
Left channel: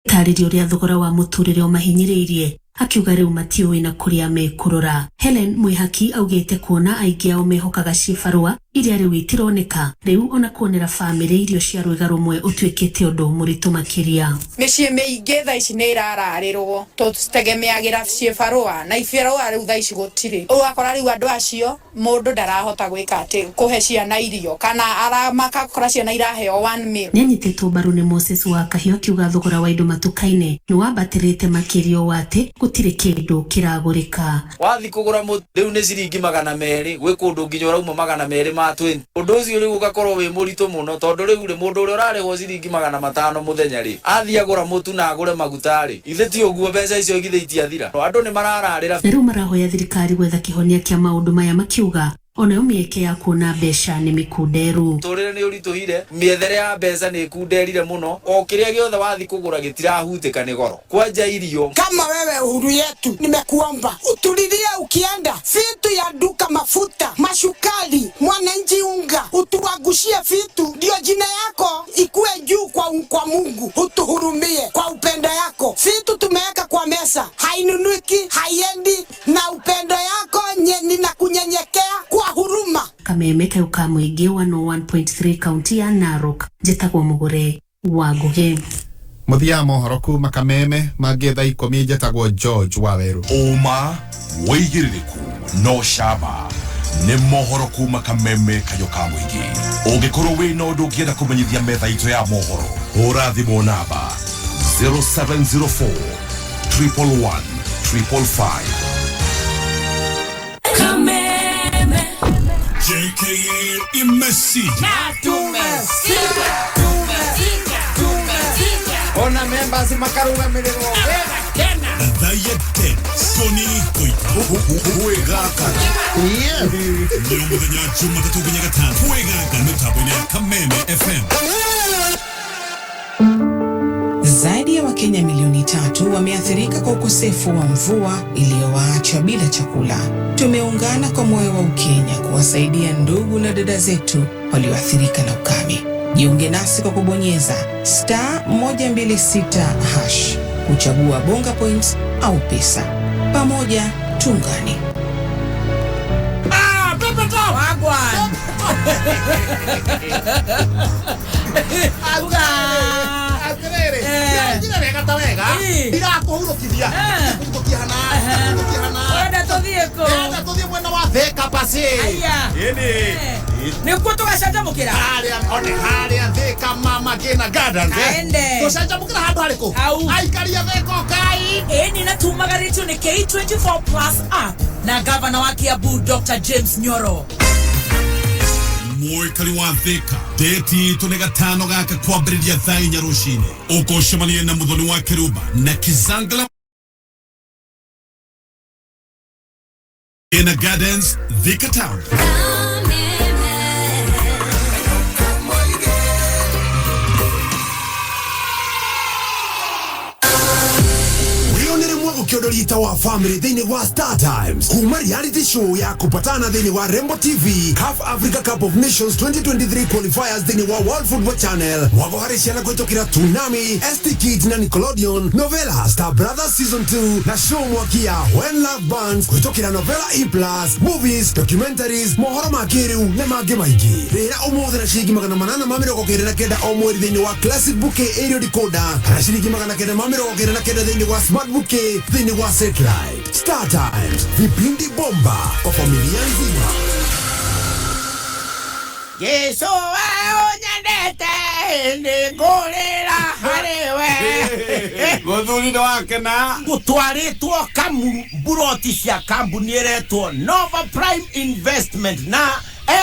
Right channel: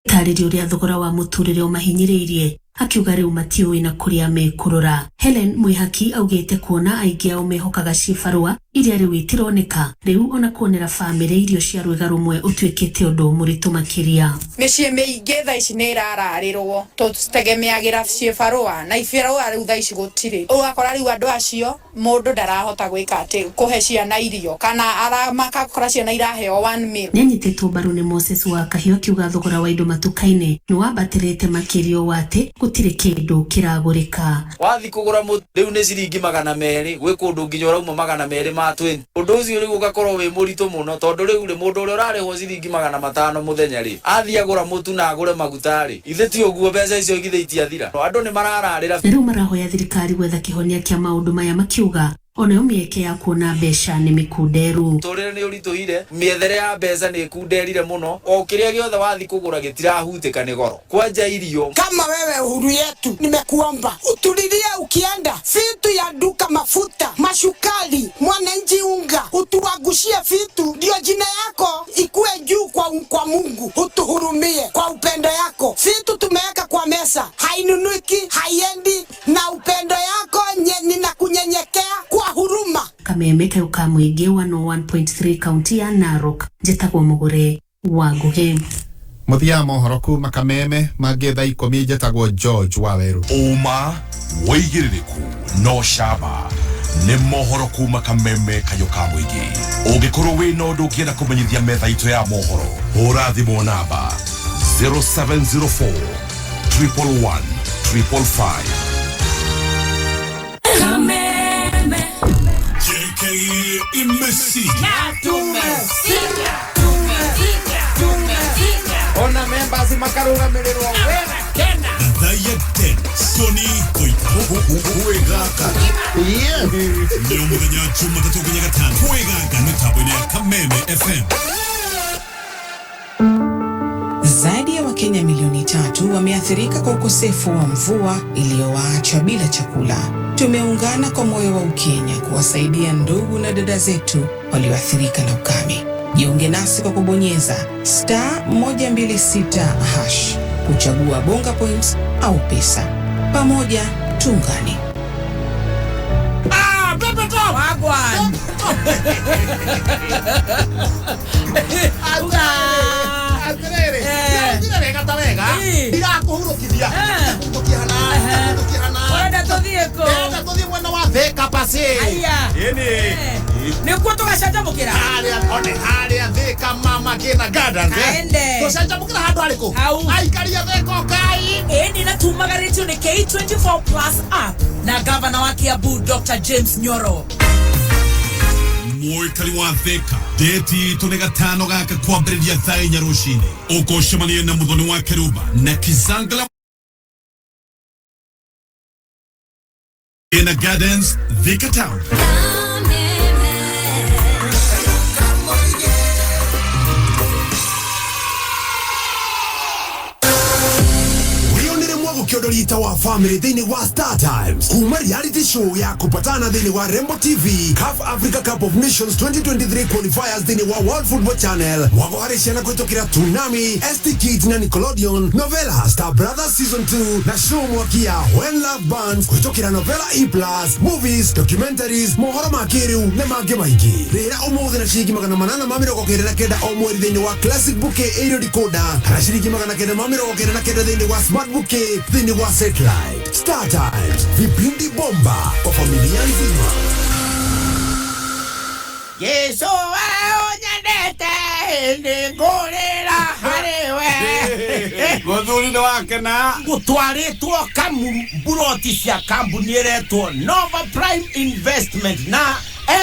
tarĩrio rĩa thogora wa mũtũrĩre ũmahinyĩrĩirie, akiuga rĩu matiũĩ na kũrĩa mekũrora. Helen Mwihaki augĩte kuona aingĩ ao mehokaga cibarũa iria rĩu itironeka, rĩu ona kuonera bamĩrĩ irio cia rwĩga rũmwe ũtuĩkĩte ũndũ mũritũ makĩria. Mĩciĩ mĩingĩ thaa ici nĩ irararĩrwo, tũtegemeagĩra cibarũa na ibarũa rĩu thaa ici gũtirĩ. Ũgakora rĩu andũ acio mũndũ ndarahota gwĩka atĩ kũhe ciana irio, kana makakora ciana iraheo 1 meal. Nĩanyitĩtwo mbaru nĩ Moses wa Kahio akiuga thogora wa indo matuka-inĩ nĩ wambatĩrĩte makĩria ũũ atĩ gũtirĩ kĩndũ kĩragũrĩka. Wathi kũgũra mũtu rĩu nĩ ciringi 200, gwĩ kũndũ nginya ũrauma 200 ma 20. Ũndũ ũcio rĩu ũgakorwo wĩ mũritũ mũno, tondũ rĩu mũndũ ũrĩa ũrarĩhwo ciringi 500 mũthenya rĩ athiĩ agũra mũtu na agũre maguta rĩ, ithe ti ũguo mbeca icio igithe itiathira. Andũ nĩ marararĩra. Rĩu marahoya thirikari gwetha kĩhonia kĩa maũndũ maya makiuga ona mĩeke ya kuona mbeca nĩ mĩkunderu. Tũrĩre nĩ ũritũhire, mĩethere ya mbeca nĩ kunderire mũno, o kĩrĩa gĩothe wathi kũgũra gĩtirahutĩka nĩ goro. Kwanja irio. Kama wewe uhuru yetu, nimekuomba utulilie ukienda vitu ya duka, mafuta, mashukari, mwananchi unga, utuagushie vitu ndio jina yako ikue juu kwa Mungu. Utuhurumie kwa upendo yako. Vitu tumeweka kwa mesa hainunuki, haiendi, na upendo yako ninakunyenyekea kwa huruma. Kameme kauka mũingĩ 101.3 kaunti ya Narok. Njĩtagwo Mũgũre wa Ngugi. Muthia mohoro kuma Kameme magetha 10 njatagwo George Waweru. Uma woigiririku no shaba nĩ mohoro kuma Kameme kayoka mũingĩ. Ũngĩkorwo wĩna ũndũ ũngĩenda kũmenyithia metha itũ ya mohoro, hũra thimũ namba 0704 111 555. Kameme JKA imesija Ona members makaruga milirwo tena Gathaiya Ngoni Thuita Leo muthenya Jumatatu nginya Gatano kweganga mitambo-inĩ ya Kameme FM. Zaidi ya Wakenya milioni 3 wameathirika kwa ukosefu wa mvua iliyowaacha bila chakula. Tumeungana kwa moyo wa Ukenya kuwasaidia ndugu na dada zetu walioathirika na ukame. Jiunge nasi kwa kubonyeza *126# kuchagua bonga points au pesa. Pamoja tuungane. Pepe Top Wagwan Agrere Ndira wega irakuhurukithia Enda tuthie mwena wa Thika pasi ini nikuo tugacanjamukira haria Thika mama kina gardens tugacanjamukira handu hariku aikaria Thika kai ini natumagaritio ni K24 Plus app na gavana wa Kiambu Dr. James Nyoro. Mwikari wa Thika deti tune gatano gaka kwambĩrĩria thaa 4 rũcinĩ. Ũkũcemania na mũthoni wa Keruba na Kizangala in the gardens Thika Town. Ukiodolita wa family dhini wa Star Times kuma reality show ya kupatana dhini wa Rembo TV CAF Africa Cup of Nations 2023 qualifiers dhini wa World Football Channel wagoharishana kwetokira Tsunami, ST Kids na Nickelodeon, Novella Star Brothers Season 2 na show mwakia When Love Bands kwetokira Novella E+, movies, documentaries, mohoro makiru na mage maigi. Rĩra ũmũthĩ na ciringi 899 o mweri dhini wa Classic Bouquet Aerial Decoder na ciringi 999 dhini wa Smart Bouquet dhini wa Satellite. Star Times, vipindi bomba kwa familia nzima. Yesu onyendete ndigurira hariwe Muthuri wake na gutwaritwo buroti cia kambuni iretwo Nova Prime Investment na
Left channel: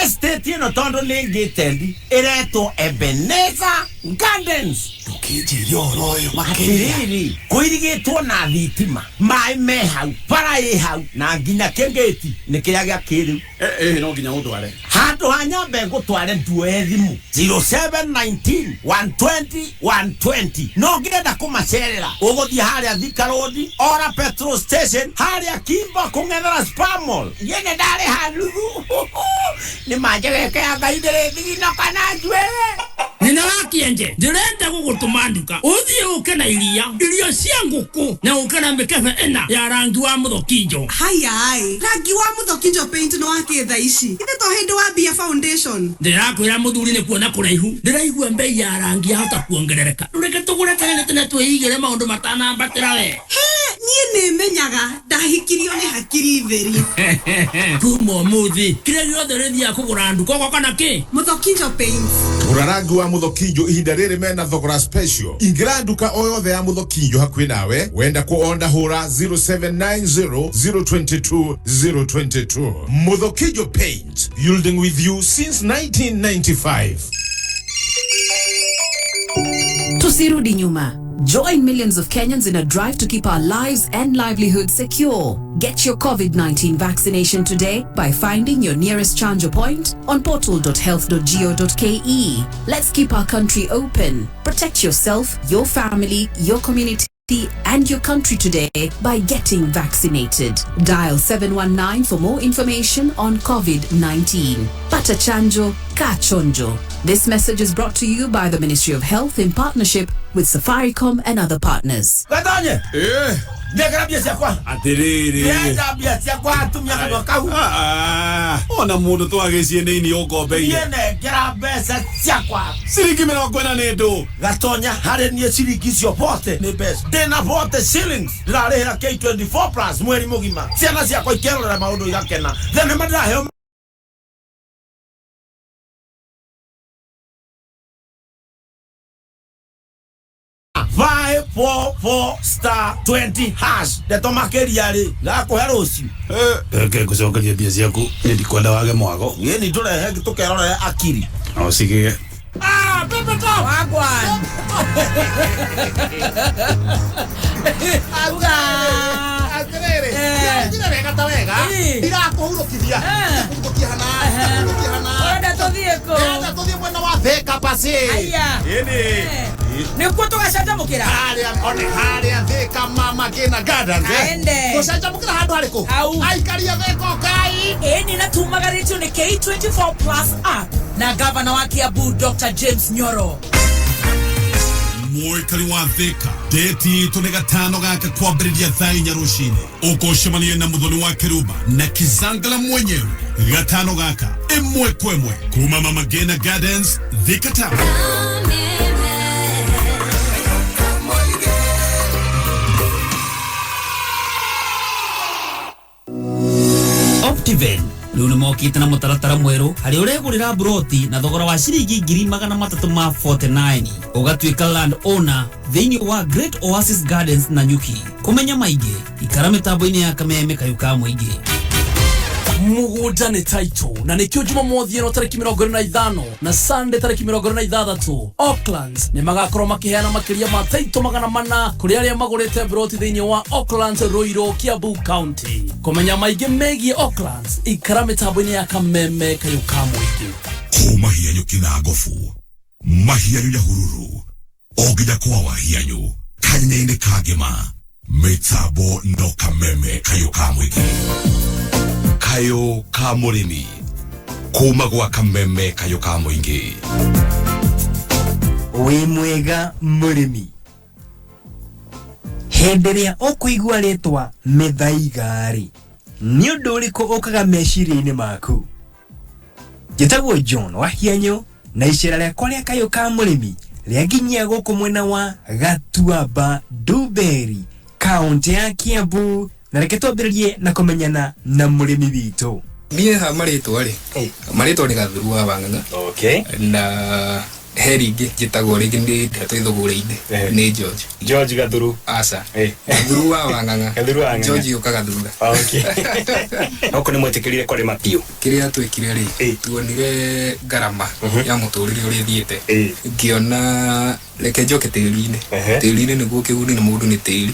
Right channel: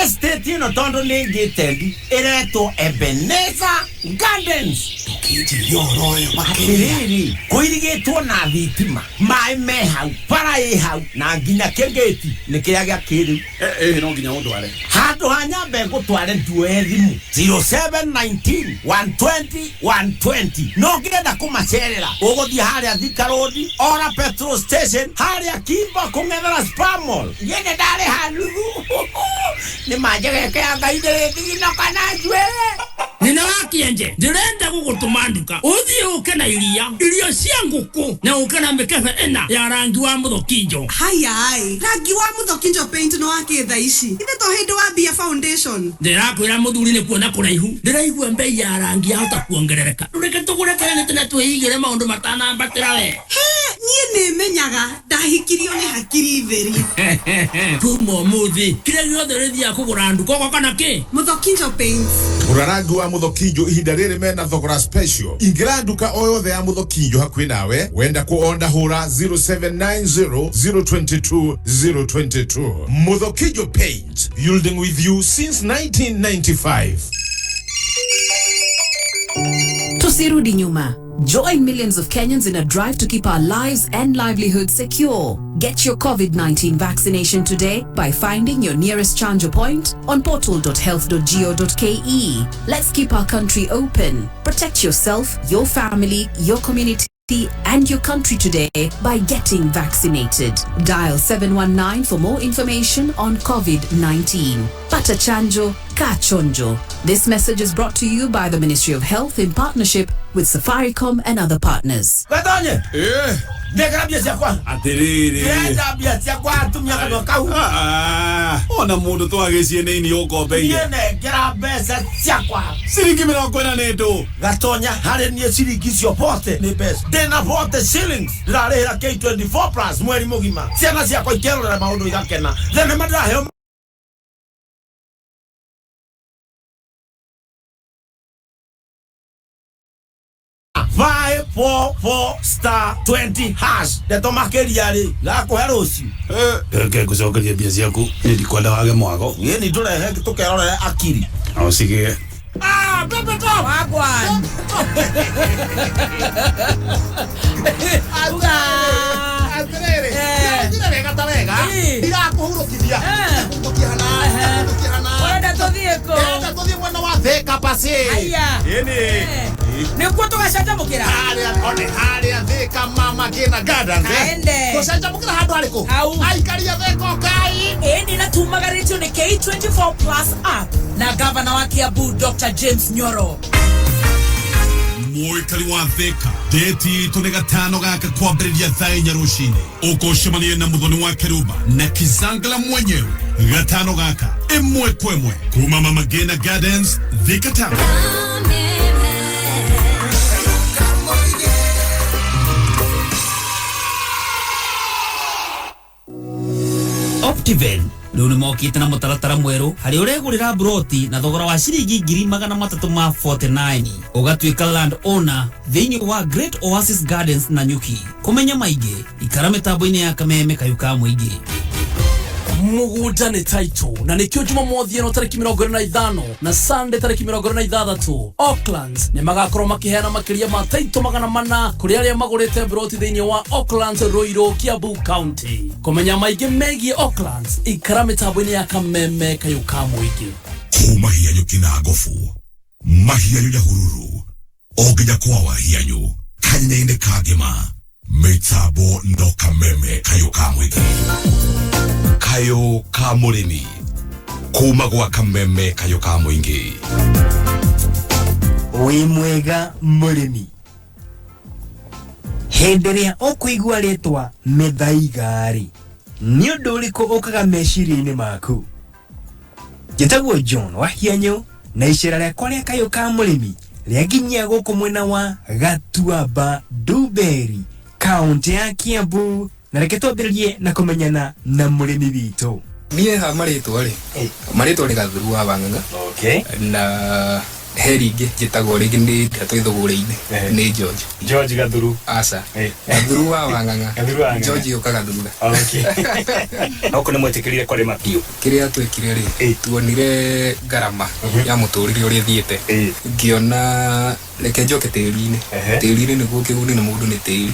estate ino tondo ningitendi iretwo Ebenezer Gardens. Tukiji yoroyo makiri kuirigitwo na thitima mai me hau para hau na nginya kengeti nikiaga kiriu no nginya utware handu hanyambe ngutware nduwe thimu 0719 120 120 no ngenda kumacerera uguthie haria Thika Road ora petrol station haria Kimba kungethera Spamol yene ndare hanuthu ni majege ya gaidere thina kana njwe nina wakienje ndirenda gugutumanduka uthie uke na irio cia nguku na uke na mikefe ena ya rangi wa muthokinjo. Haya rangi wa muthokinjo paint no akitha ici ithe to hindi wa Bia Foundation. Ndirakwira muthuri ni kuona kuraihu ndiraigua mbei ya rangi hata kuongerereka reke tugure tene tene twigire maundu matanambatira we nie nimenyaga ndahikirio ni hakiri theri kuma muthi kire giothe rithia kugura nduko kwa kana ki muthokinjo paint Urarangi wa muthokinjo ihinda riri mena thogora special. Ingira nduka o yothe ya muthokinjo hakuhi nawe wenda kuonda hura 0790 022 022. Muthokinjo Paint, building with you since 1995. Tusirudi nyuma. Join millions of Kenyans in a drive to keep our lives and livelihoods secure. Get your COVID-19 vaccination today by finding your nearest chanjo point on portal.health.go.ke. Let's keep our country open. Protect yourself, your family, your community, and your country today by getting vaccinated. Dial 719 for more information on COVID-19. Pata chanjo, ka chonjo. This message is brought to you by the Ministry of Health in partnership with Safaricom and other partners. Gathaiya Negrabia siakwa atiriri negrabia kwa tumia kama kau ona mundu twagecie nini ukombeie yene grabesa siakwa Ciringi 40 nĩ ndũ. Gatonya harĩ niĩ ciringi cio bote nĩ mbeca. Ndĩna bote shillings ndĩrarĩhĩra K24 plus mweri mũgima. Ciana ciakwa ikerorera maũndũ igakena. Thenema ndĩraheo *544*20# ndeto makeria ri gakuhe rucio Reke ngucokerie mbia ciaku nĩ ndikwenda wage mwago. ni turehe tukerorere akiri O cigie. Pepe Top Wagwan. Atirere wega ta wega irakuhurukithia kuhurukihana Ora tuthie ko. enda tuthie mwena wa Thika pasi Aya. ini Nikuo tugacanjamukira. Haria Thika mama kina gardens Aende. tugacanjamukira handu hariku aikaria Thika kai Eni na tumagaritio ni K24 plus app na gavana wa Kiambu Dr. James Nyoro. Mwikari wa Thika deti itu nĩ gatano gaka kwambĩrĩria thaa 4 rũcinĩ. Ũkũcemania na mũthoni wa Keruba na Kizangala mwenyewe. Gatano gaka ĩmwe kwa ĩmwe kuma Mama Ngina Gardens Thika Town. Optiven rĩu nĩ mokĩte na mũtaratara mwerũ harĩ ũregũrĩra broti na thogora wa ciringi 349 ũgatuĩka land owner thĩinĩ wa Great Oasis Gardens na Nyuki. Kũmenya maingĩ ikara mĩtambo-inĩ ya Kameme kayuka mũingĩ. Mugunda ni title na nikio Jumamothi eno tariki 25 na Sunday tariki 26 Aucklands ni magakorwo makiheana makiria ma title 400 kuri aria magurite broti thĩinĩ wa Aucklands Ruiru Kiambu County. Kumenya maingĩ megie Aucklands ikara mitambo-inĩ ya Kameme kayuka mũingĩ. Kuma hianyu kina ngofu mahianyu ya hururu oginya kwa wahianyu kanyaine kagema mitambo no Kameme kayuka mũingĩ. Kayo ka mũrĩmi kuma gwa Kameme kayo ka mũingĩ. Wĩ mwega mũrĩmi, hĩndĩ ĩrĩa ũkũigua rĩtwa Gathaiya rĩ, nĩ ũndũ ũrĩkũ ũkaga meciria-inĩ maku? Njĩtagwo John wa Hianyu na icera rĩakwa rĩa kayo ka mũrĩmi rĩanginyia gũkũ mwena wa Gatuamba Duberi, kaunti ya Kiambu, na reke twambĩrĩrie na kũmenyana na mũrĩmi witũ. Niĩ ha marĩtwa rĩ, marĩtwa nĩ Gathuru wa Wanganga. Okay. Na he rĩngĩ njĩtagwo rĩngĩ nĩ ndeto ithũgũrĩ-inĩ nĩ George Gathuru. Aca Gathuru wa Wanganga. George ũkaga thutha. Okay. Oko nĩ mwĩtĩkĩrire kũrĩma biũ. Kĩrĩa twĩkire rĩ, tuonire ngarama ya mũtũrĩre ũrĩa thiĩte, ngĩona reke njoke tĩri-inĩ. Tĩri-inĩ nĩguo kĩguni na mũndũ nĩ tĩri,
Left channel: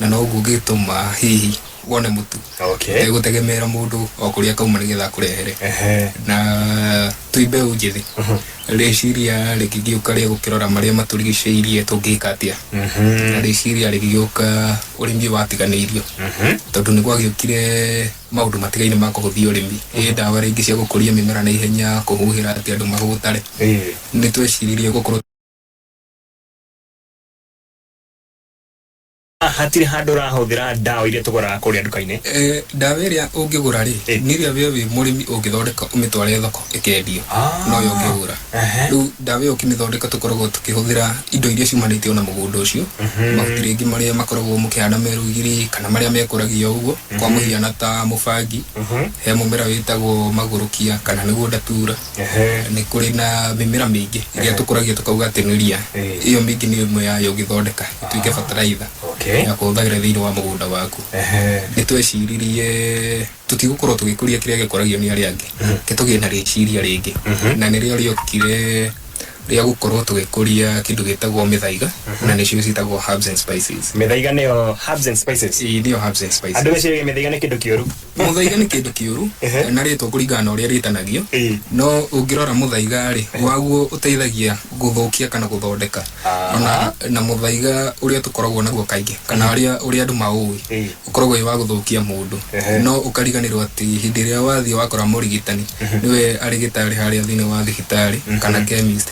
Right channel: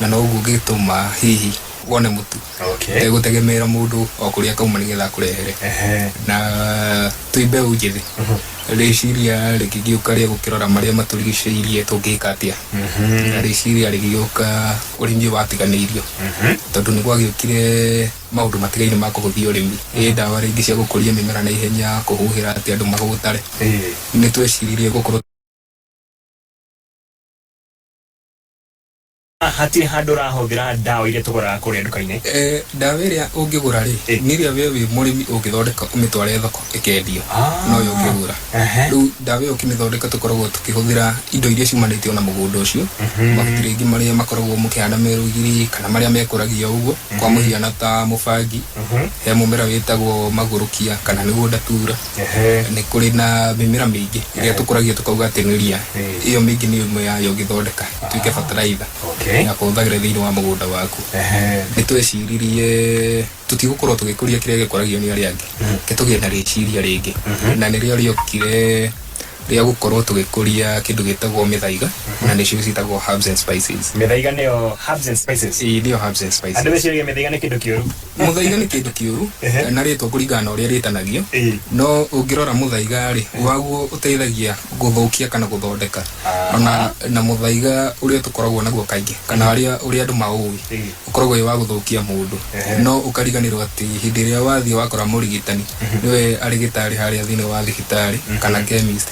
na noguo ũngĩtũma hihi wone mũtu. Tegũtegemeera mũndũ o kũrĩa kauma nĩgetha kũrehere. Na twĩ mbeũ njĩthĩ rĩciria rĩkĩgĩũka rĩa gũkĩrora marĩa matũrigicĩirie tũngĩka atĩa. Na rĩciria rĩgĩgĩũka ũrĩmi watiganĩirio, tondũ nĩ gwagĩũkire maũndũ matigaine ma kũhũthia ũrĩmi. Ndawa rĩngĩ cia gũkũria mĩmera na ihenya, kũhuhĩra atĩ andũ magũtare. Nĩ tweciririe gũkorwo hatirĩ handũ ũrahũthĩra ndawa iria tũgũraga kũrĩa nduka-inĩ. Ndawa ĩrĩa ũngĩgũra rĩ, nĩ ĩrĩa we wĩ mũrĩmi ũngĩthondeka ũmĩtware thoko ĩkendio, no yo ũngĩgũra. Rĩu ndawa ĩyo ũkĩmĩthondeka tũkoragwo tũkĩhũthĩra indo iria ciumanĩte na mũgũnda ũcio, mahuti rĩngĩ marĩa makoragwo mũkĩhanda merũgiri kana marĩa mekũragio ũguo, kwa mũhiano ta mũbangi, he mũmera wĩtagwo magũrũkia kana nĩguo ndatura. Nĩ kũrĩ na mĩmera mĩingĩ ĩrĩa tũkũragia tũkauga atĩ nĩ ria, ĩyo mĩingĩ nĩ ĩmwe yayo ũngĩthondeka ĩtuĩke bataraitha ya kũhũthagĩra thĩinĩ wa mũgũnda waku. Nĩ tweciririe tutigũkorwo tũgĩkũria kĩrĩa gĩkũragio nĩ arĩa angĩ, ke tũgĩe na rĩciria rĩngĩ, na nĩrĩo rĩokire rĩa gũkorwo tũgĩkũria kĩndũ gĩtagwo mĩthaiga, na nĩcio citagwo herbs and spices. Mĩthaiga nĩyo herbs and spices. Nĩyo herbs and spices. Andũ meciria mĩthaiga nĩ kĩndũ kĩũru. Mũthaiga nĩ kĩndũ kĩũru na rĩtwa kũringana na ũrĩa rĩtanagio, no ũngĩrora mũthaiga rĩ, waguo ũteithagia gũthũkia kana gũthondeka. Ona na mũthaiga ũrĩa tũkoragwo naguo kaingĩ kana ũrĩa andũ maũĩ ũkoragwo wĩ wa gũthũkia mũndũ, no ũkariganĩrwo atĩ hĩndĩ ĩrĩa wathiĩ wakora mũrigitani nĩwe arigitari harĩa thĩinĩ wa thibitarĩ kana chemist,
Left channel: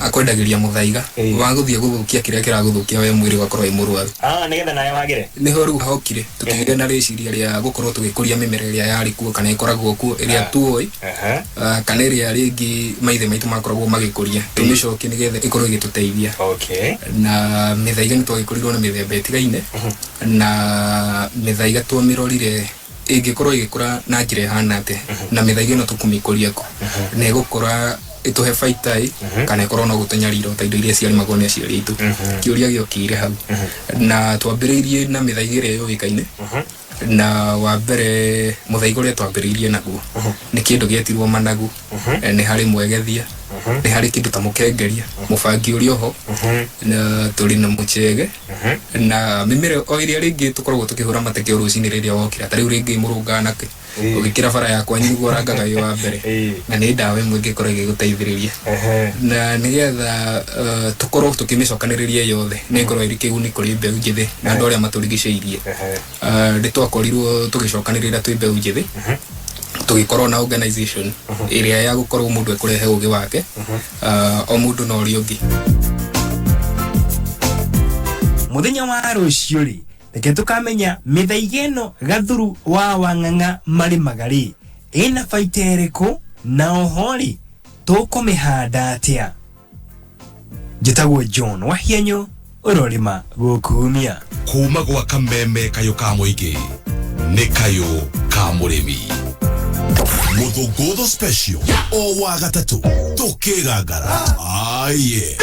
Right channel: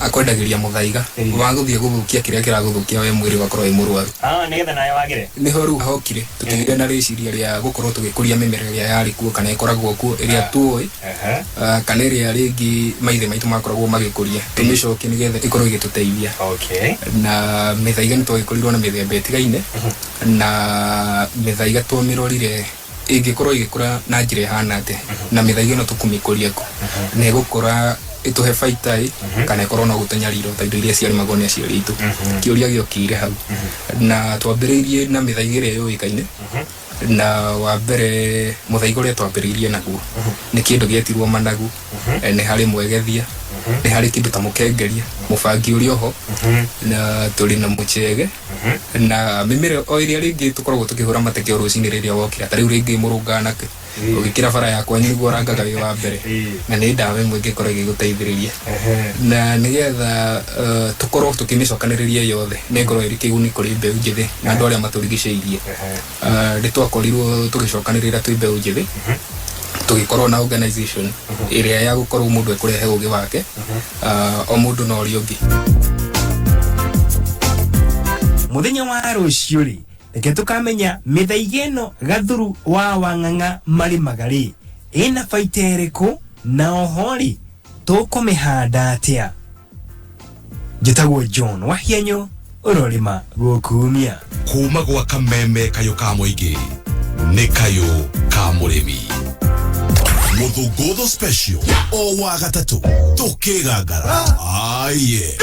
akwendagiria muthaiga waguthie guthukia kiria kiraguthukia we mwiri wakorwo wi murwaru nigetha nayo wagire niho riu hokire tutigire na riciria ria gukorwo tugikuria mimera iria yari kuo kana ikoragwo kuo iria tuoi kana iria ringi maithe maitu makoragwo magikuria tumicoki nigetha ikorwo igituteithia na mithaiga ni twagikorirwo na mithemba itigaine na mithaiga twamirorire ingikorwo igikura na njira ihana ate na mithaiga no tukumikuria ku na igukora ituhe faitai kana ikorwo no gutunyarira ta indo iria ciari magone aciari itu kiuria giokire hau na twambiriirie na mithaiga iria yoikaine na wa mbere muthaiga uria twambiriirie naguo ni kindu gietirwo managu ni hari mwegethia ni hari kindu ta mukengeria mubangi uria ho na turi na muchege na mimere o iria ringi tukoragwo tukihura mateke rucini riria wokira tari ringi murungana ke ugikira bara yakwa nyiguo orangaga yo wa mbere na ni ndawe mwingi korwo igiguteithiriria na nigetha tukorwo tukimicokaniriria yothe ni ngorwo iri kiguni kuri mbeu njithi na andu aria maturigiceirie ritwakorirwo tugicokanirira twi mbeu njithi tugikorwo na organization iria ya gukorwo mundu ekurehe ugi wake o mundu no riungi muthenya wa rucio ri reke tukamenya mithaiga ino gathuru wa wang'ang'a mari magari ina baita iriku na ohori tukumihanda atia njitagwo John Wahianyo urorima gukumia kuma gwa kameme kayo ka muingi ni kayo ka murimi Muthunguthi special o wa gatatu tukigangara aye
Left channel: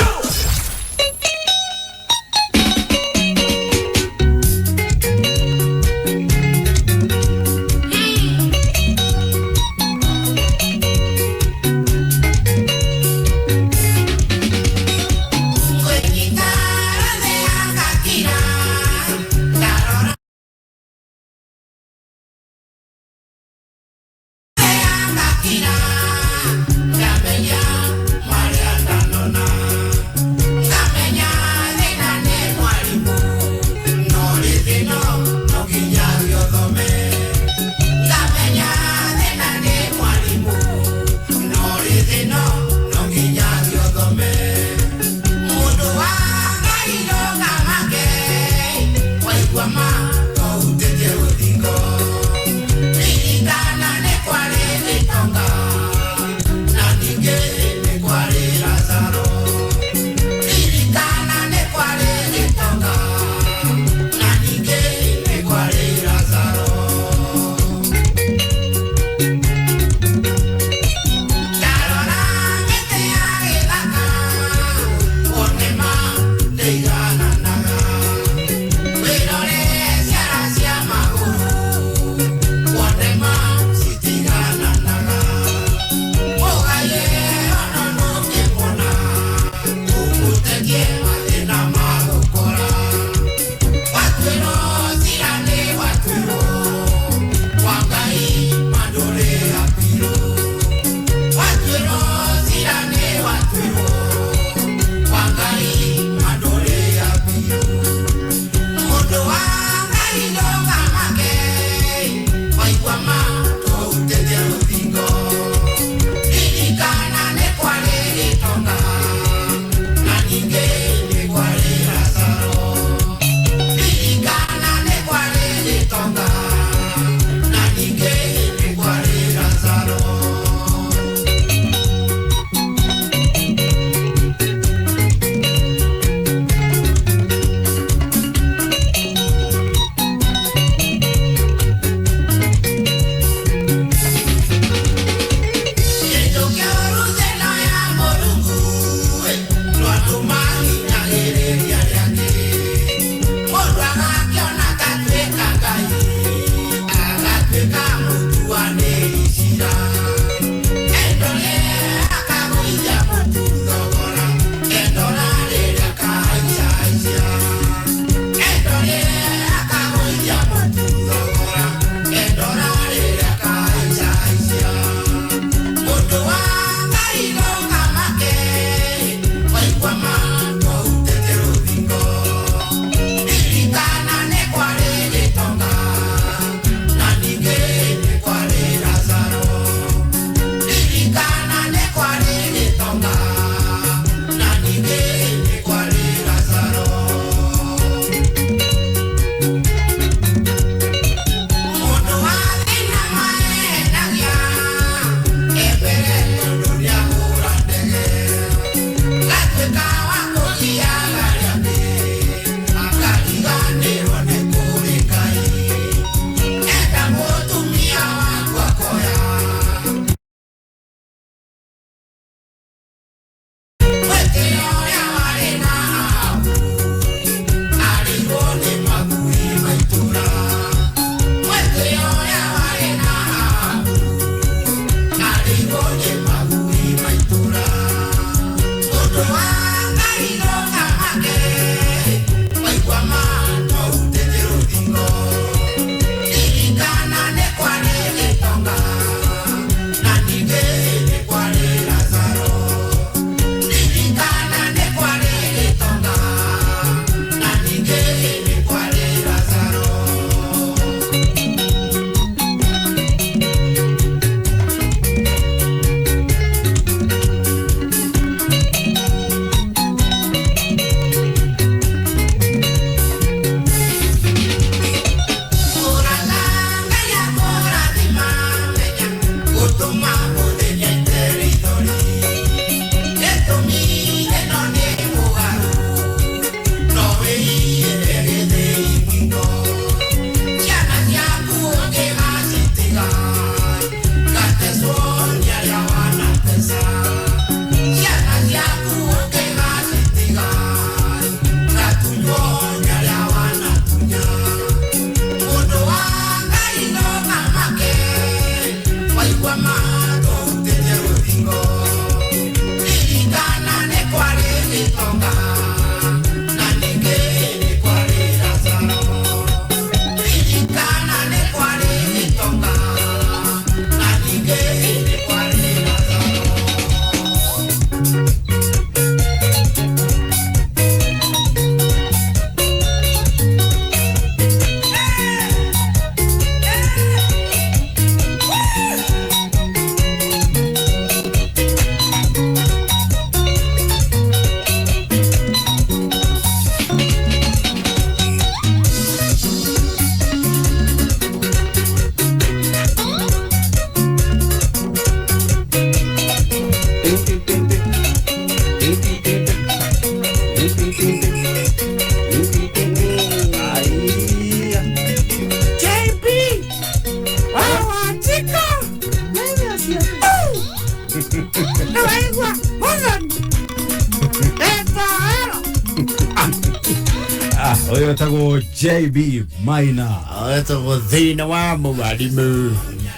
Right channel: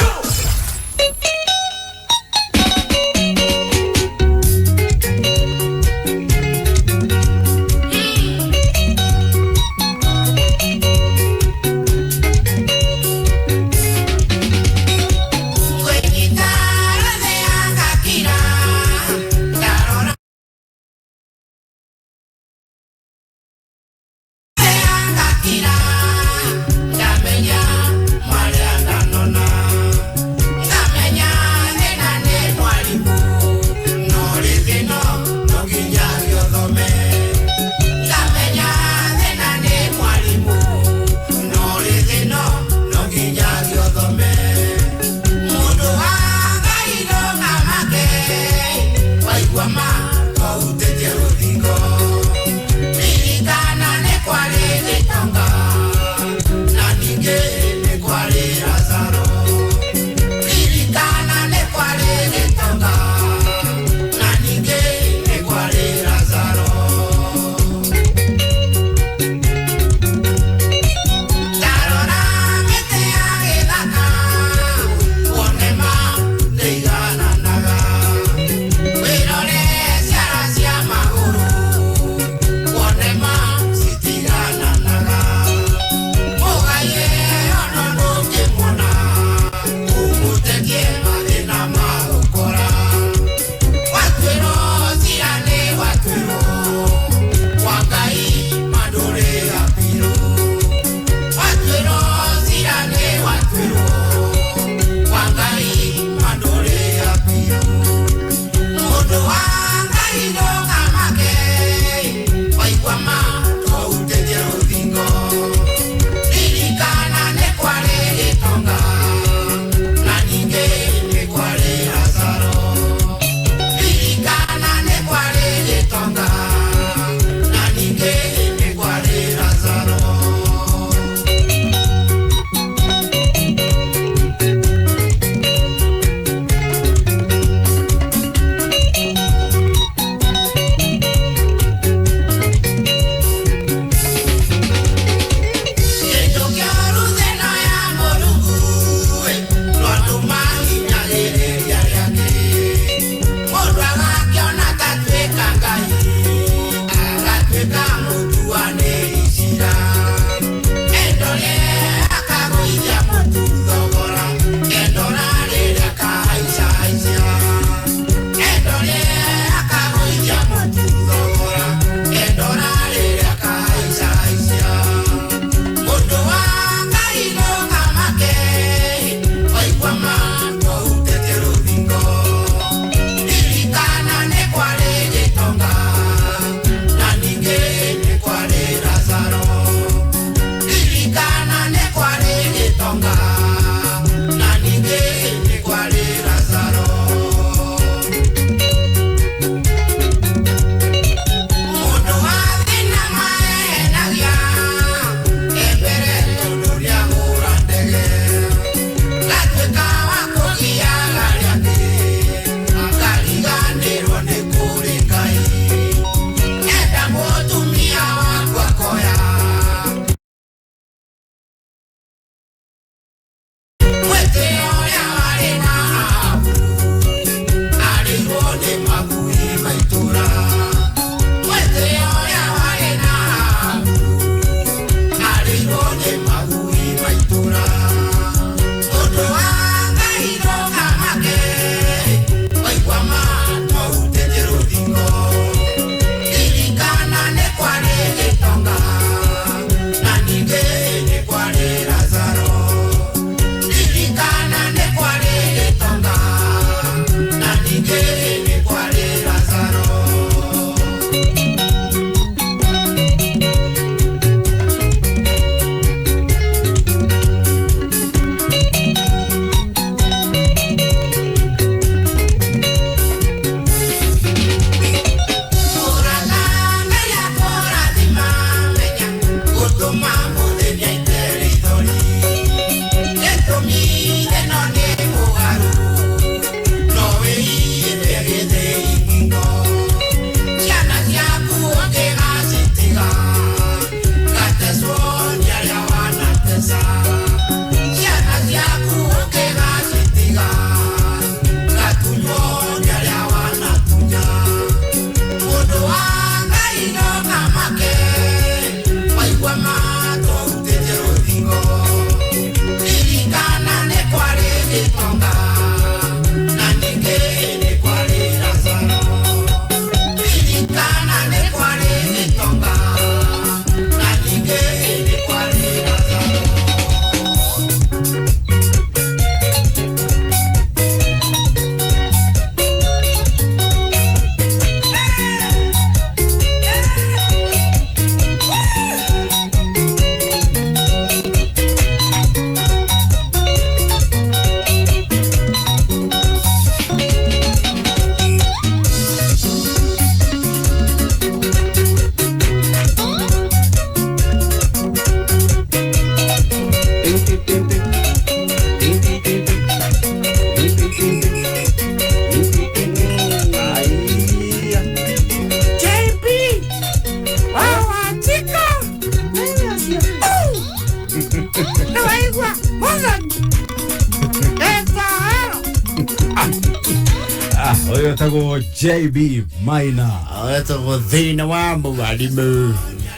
Oyo tago JB Maina. Oyo tago thina wa mwalimu.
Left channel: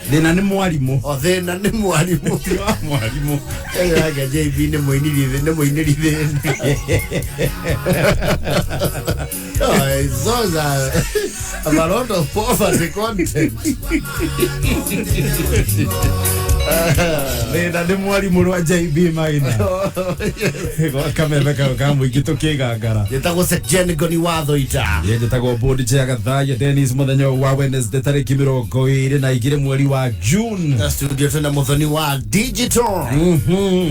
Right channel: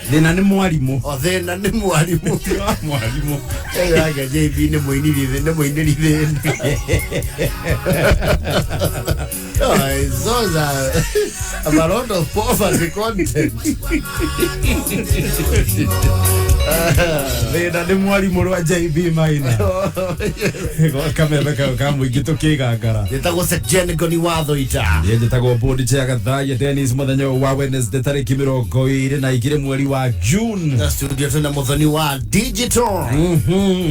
Thina ni mwalimu. O thina ni mwalimu. Mwalimu. Aga JB ni muiniri. Oh, those are a lot of poverty content. Thina ni mwalimu wa JB Maina. Kamera kamu igitokigangara. Yetago Sejen Ngoni Thuita. Yetago bodi cha Gathaiya Dennis muthenya wa Wednesday tariki 22 mweri wa June. Na studio tuna muthoni wa digital.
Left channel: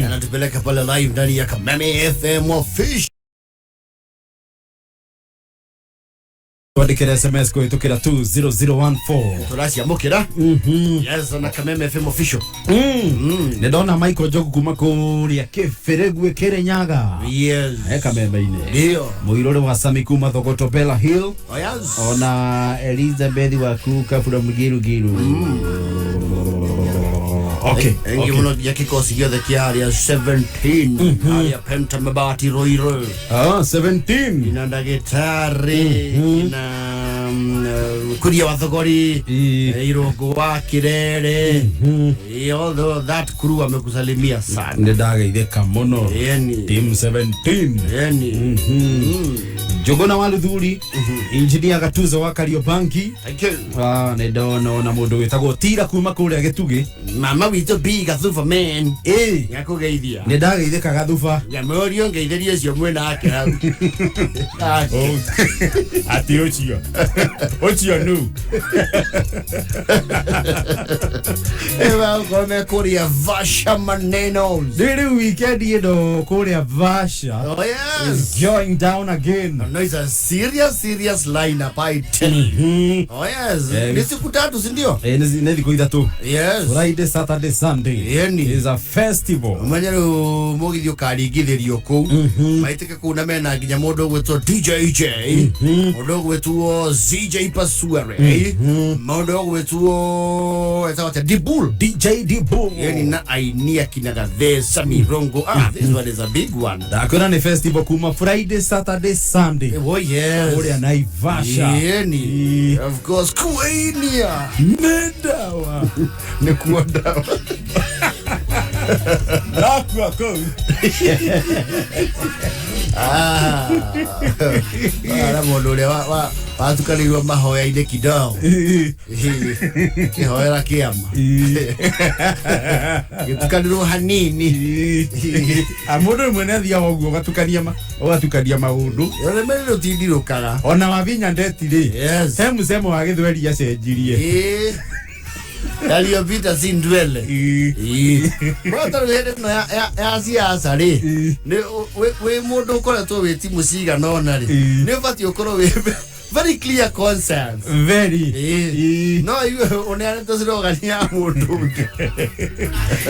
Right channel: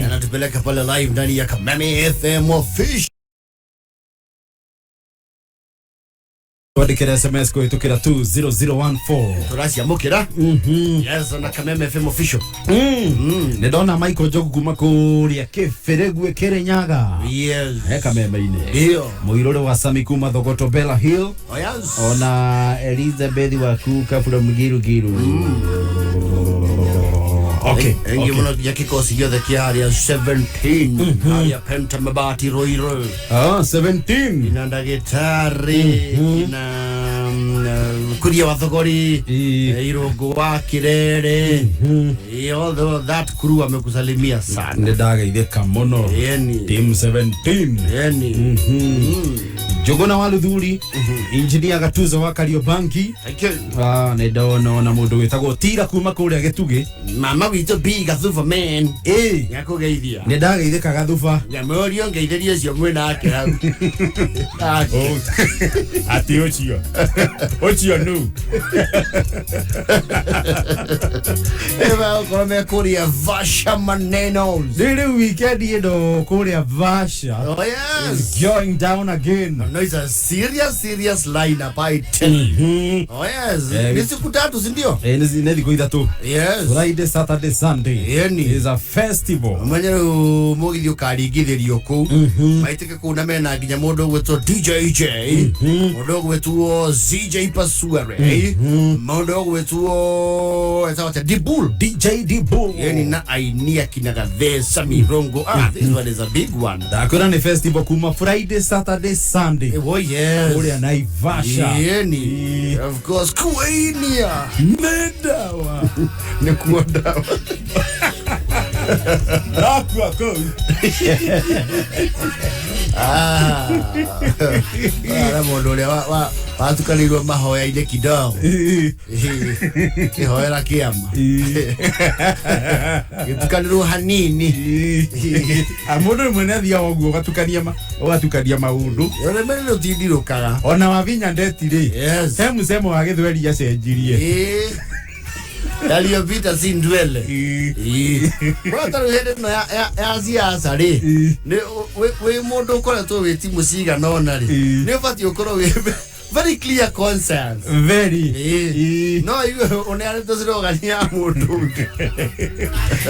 Anatupeleka pale live ndani ya Kameme FM official. Tuandikira SMS kuitukira 20014. Turasi amukira. Yes, na Kameme FM official. Ndona Michael Jogu kuma kuria Kiferegwe Kirinyaga. Yes. Kameme ine. Ndio. Muirore wa Sami kuma Thogoto Bella Hill. Oh yes. Ona Elizabeth wa Kuka from Giru. Okay. Engi muno ya kikosi gyothe kia area 17. Area Penta Mabati Roiro. 17. Ina ndagitari. Ina kuria wa Thogori. Irogo wa Kirere. Although that crew amekusalimia sana. Ndageitheka muno. Team 17. Jogona wa Luthuri. Engineer Gatuzo wa Kariobanki. Thank you. Ndona na mundu witagwo Tira kuma kuria Gitugi. Mama wito biga thufa man. Yakugeithia. Ndageitheka gathufa. Nyamorio ngeithirie cio mwena ake hau. Ati ochio nu. Ewa kome kuria Vasha maneno. Dili weekend yedo kuria Vasha. Oh yes. Is going down again. No, it's a serious lineup I tell you. Oh yes. Ni siku tatu si ndio? Ni siku tatu. Yes. Friday, Saturday, Sunday. It's a festival. Manyero mogithio karigithirio ku. Maitike kuna mena nginya mundu gwetwo DJ mundu gwetwo CJ Pasuare. Mundu gwetwo etawata Dibul. DJ Dibul. Yani na ainia kinagathe mirongo. This one is a big one. Dakora ni festival kuma Friday, Saturday, Sunday. Oh yes. Kuria Naivasha. Yani. Of course Queenia. Medawa. Ni kuondawa. Aqua Ara mundu uria watukanirwo mahoya-inĩ kidogo kihoera kiama gitukanirwo hanini mundu mwe nathia oguo gatukania maundu yore mene utindirukaga ona wavinya ndetiri he musemo wa githweri acenjirie yaliyopita si ndwele bota rwende no ya siasa ri ni we mundu ukoretwo wi timu ciga nona ri ni bati ukorwo wi very clear concerns very no you onere to zirogania mundu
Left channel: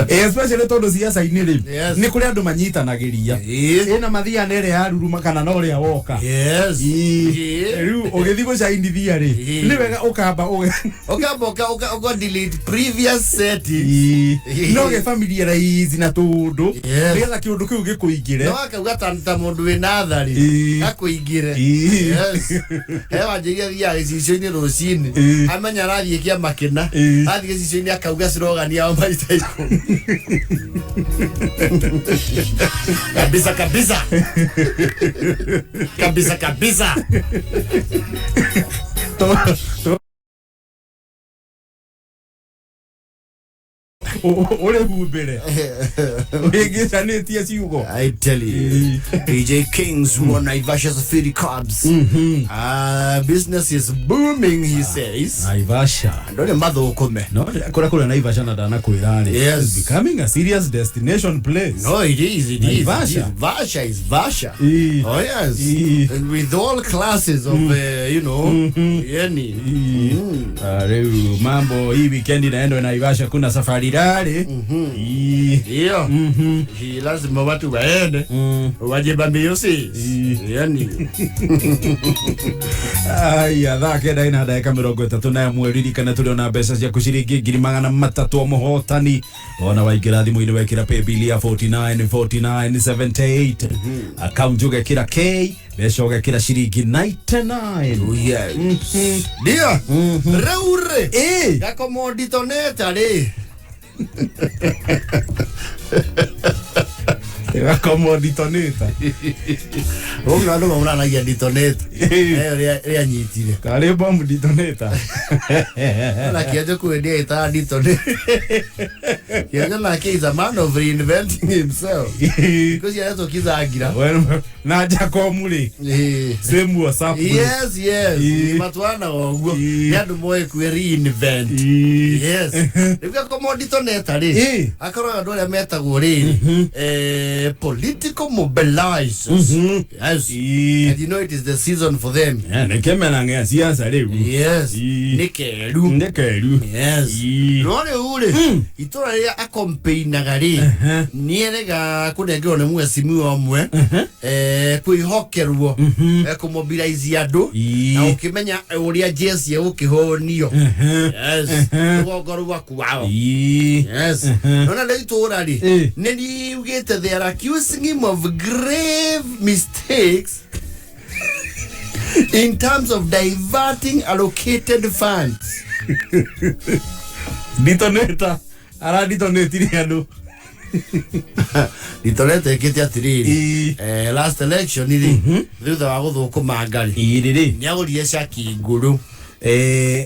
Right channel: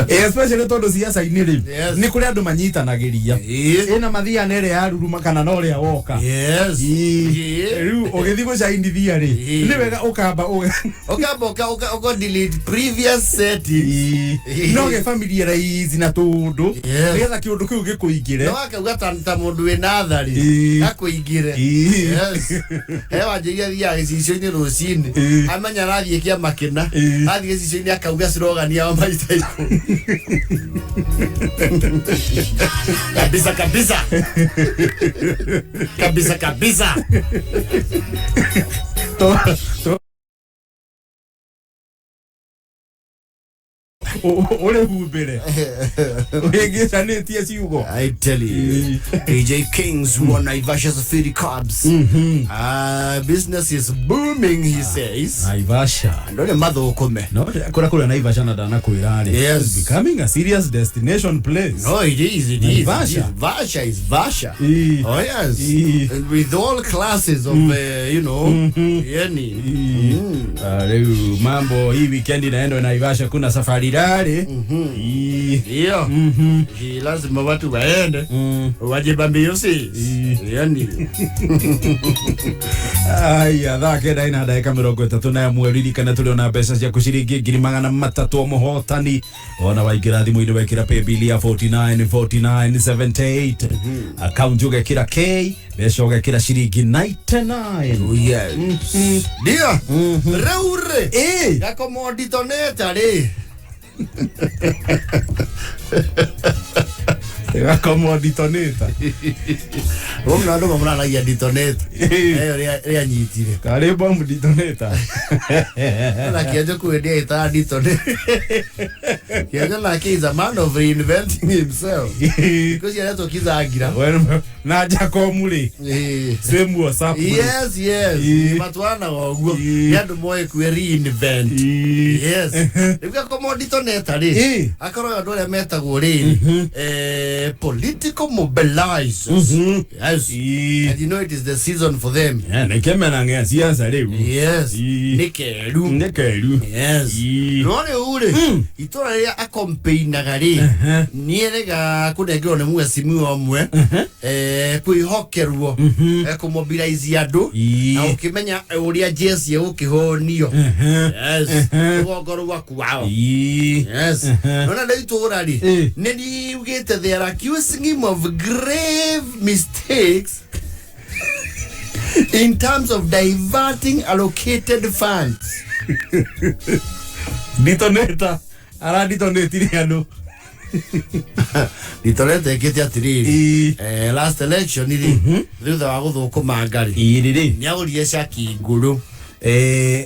especially tondu siasa iniri ni kuri andu manyitanagiria ina mathia nere yaruruma kana no ria woka riu ugithi gucainithia ri ni wega ukamba delete previous setting no ge familiarize na tundu riga kiundu kiu gikuingire no akauga ta mundu we nathari akuingire yes hewa jiria gicicio-ini rucini amenya arathie kia makina athie gicicio-ini akauga slogani ya maita iko kabisa Ole humbere ugicanĩtie ciugo. I tell you DJ Kings won Naivasha's 30 cubs. Business is booming, he says. Naivasha ndone mathukume no kura Naivasha na dana kwira ri. Yes, becoming a serious destination place. No, it is Naivasha. Vasha is Vasha. Oh yes. And with all classes of you know yani mambo hii weekend inaenda Naivasha kuna safari rari Ndio. Lazima watu waende. Wajibambie usi. Yani. Aya, thake daina dakika 30 na mweri kana tuliona mbeca cia kuciringi 300 muhotani ona waingira thimu-ini wekira paybill ya 494978 account ugekira K mbeca ugekira ciringi 99. Yes. Ndio. Reure. Gakomoditoneta ri. Gakomoditoneta. Onga ndo mwana ya ditoneta. Ya nyitire. Kare bomb ditoneta. Na kiaje kuendia ita ditoneta. Kiaje na he is a man of reinventing himself. Because he has to kiza agira. Bueno, na Jakomuli. Same WhatsApp. Yes. Matwana oguo. Yandu moye ku reinvent. Yes. Nika komoditoneta ri. Akoro ndo le metagwo ri. Political mobilizers. Yes. And you know it is the season for them. Nekemenanga siasa leo. Yes. Nekeru. Yes. None ure. Itora ya akompaina gari. Nierega kunegero ne mwesi mwe. Kuihokerwo. Kumobilize andu. Na ukimenya uria Jesse ukihonio. Yes. Ogoro waku wao. Yes. Nona le itora ri. Nedi ugete they are accusing him of grave mistakes in terms of diverting allocated funds. Ditoneta. Ara ditonetiri andu. Ditoneta ekete atiriri. Last election ili. Thutha wa guthukuma ngari. Iriri. Ni agurire Shaki nguru.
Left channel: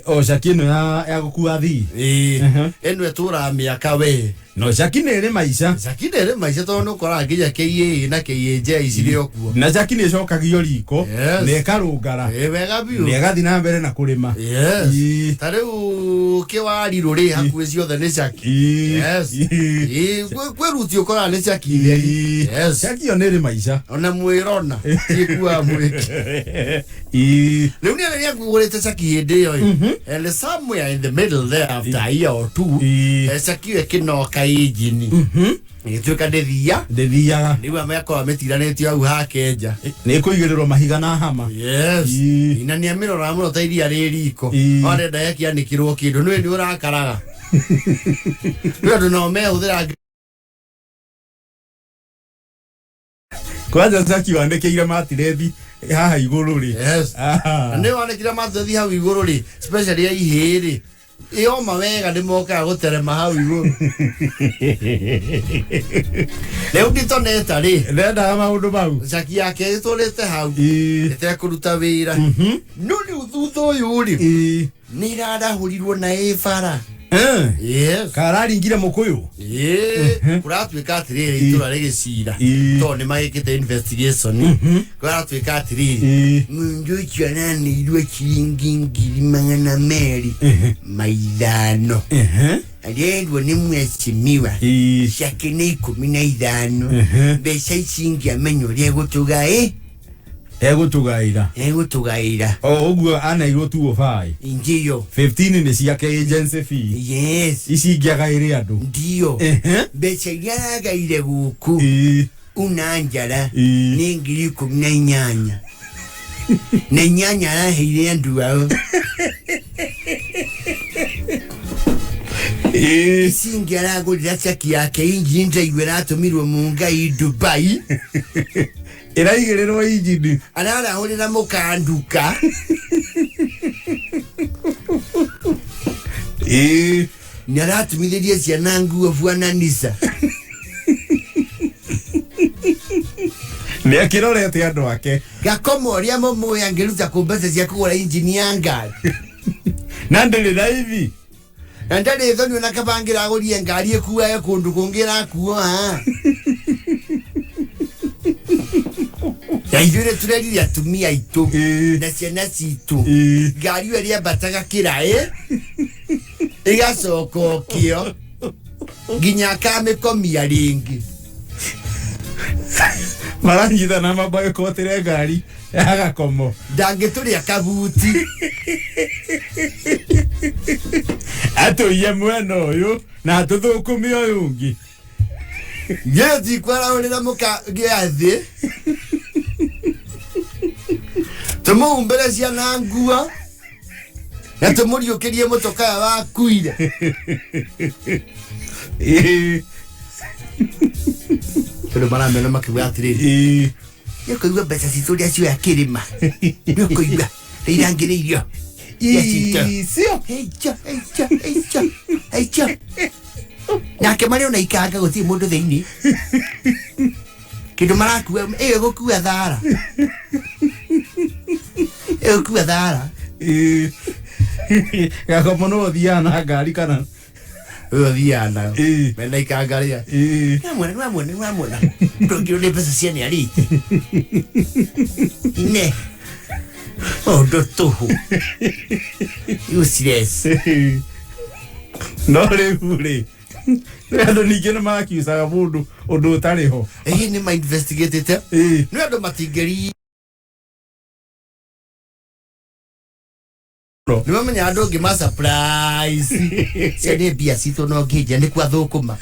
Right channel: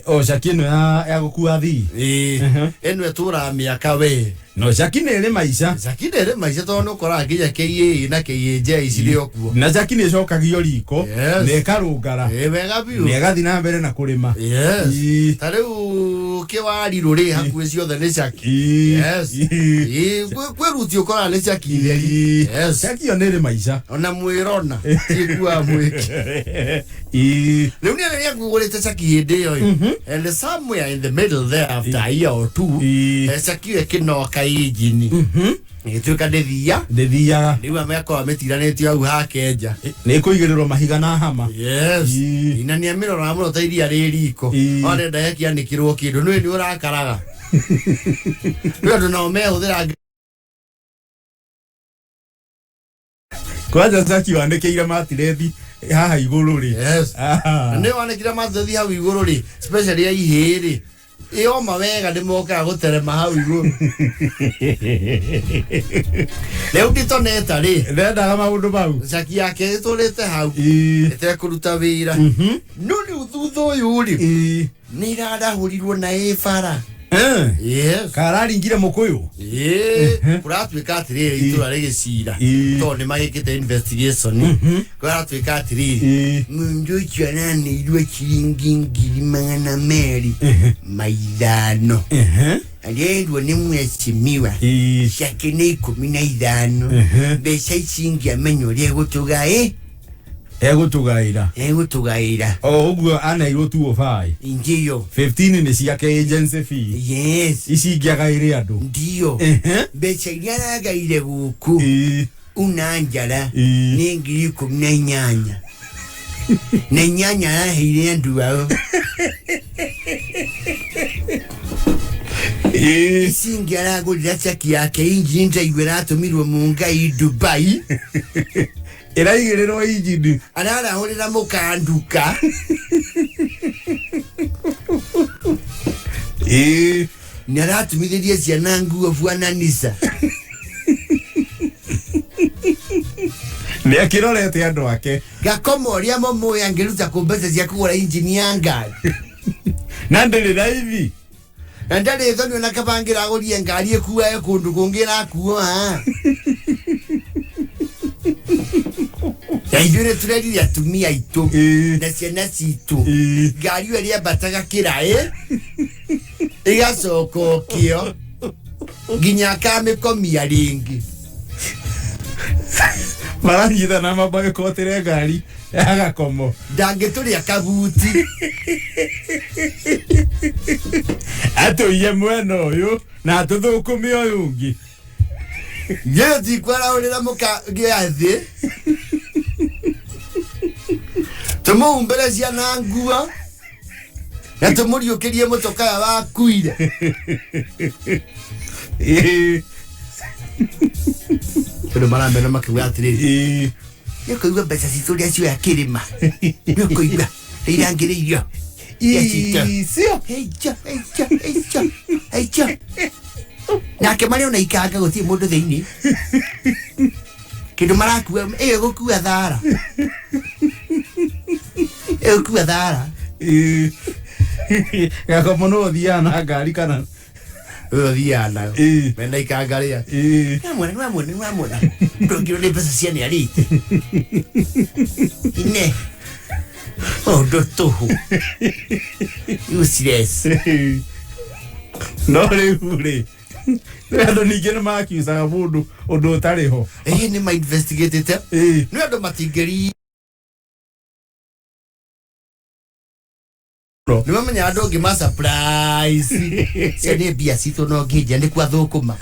O Shaki no ya gukua thi. Eno etura miaka we. No Shaki nere maisha. Shaki nere maisha to no kora ngija KA na KAJ iciri okuo. Na Shaki ni cokagio riko. Ne karungara. Wega biu. Ne gathi na mbere na kurima. Yes. Tariu kiwari ruri hakuwe ciothe ni Shaki. Yes. Kweruti ukora ni Shaki leri. Yes. Shaki yo nere maisha. Ona mwirona. Tikua mwiki. Leo ni ya kugorete Shaki hinde yo. And somewhere in the middle there after a year or two, Shaki ekinoka ijini. Nituka ndethia niwe ameko ametiranetio au hakenja ni kuigirirwo mahiga na hama. Yes. Ina ni amirora muno tairia ririko ore ndayaki anikirwo kindu ni urakaraga we ndo no me uthira kwaja Shaki wandekeire matirethi haha iguru ri. Yes. Ne wanekira matirethi hau iguru ri especially ya ihiri iyo mawega ndimoka guterema hau iguru. Leo ditoneta ri ndenda maundu mau Shaki yake itorete hau ete kuruta wira nuni uthutho uyu ri ni rada hurirwo na efara. Yes. Kararingire mukuyu. Kuratwika atiriri itura rigicira. To ni magikite investigation. Kuratwika atiriri. Mundu icyana ni irwe kiringi 200 maidano. Agendo ni mweshimiwa. Shaki ni 15. Besha icingi amenyo riegutuga Egutugaira. Uguo ana iro 205. Ndio. 15 ni ciake agency fee. Yes. Ici ngiagaire andu. Ndio. Becha iria nagaire guku. Unanjara ni 18. Na nyanya araheire andu ao. Icingi aragurira Shaki yake inji ndaigwira atumirwo mungai Dubai. Iraigirirwo injini ararahurira mukanduka. Ni aratumithirie ciana nguo bwananisa. Ni akirorete andu ake gakomoria momoya ngiruta kumbete cia kugura injini ya ngari na ndiri raithi na ndari thoni na kabangira agurie ngari ekuaye kundu kungira kuo Yaijure tureri ya tumia itu na ciana citu ngari iyo ria bataga kirae igasoko kio ginya kamĩkomia ringi maranyitha na mabaye kotire ngari agakomo ndangĩtũrĩa kabuti atũiye mwena ũyũ na tũthũkũme ũyũ ũngĩ Yeti kwara urira muka giathi. Tomo umbere cia na ngua. Na tumuriukirie mutoka wa kuire. Pero mara mena makiwa atiriri. Yekuigua mbeca citu ria cio ya kirima. Yekuigua irangiririo. Sio. Heicha. Na kemari ona ikanga guti mundu thiini. Kindu marakuwa gukua thara. Gukua thara. Gako mono thiana ngari kana. Thiana. Mena ikanga ria. Namwona. Ndongiro ni pesa cia ni ari. Ine. Oh, dotoho. Useless. No ule. Ndo nigena makiusaga mundu undu utariho. Ni ma investigate te. No ndo matingeri. Ni mamenya ndo ngima surprise. Cia bia cito no ngija ni kwa thukuma.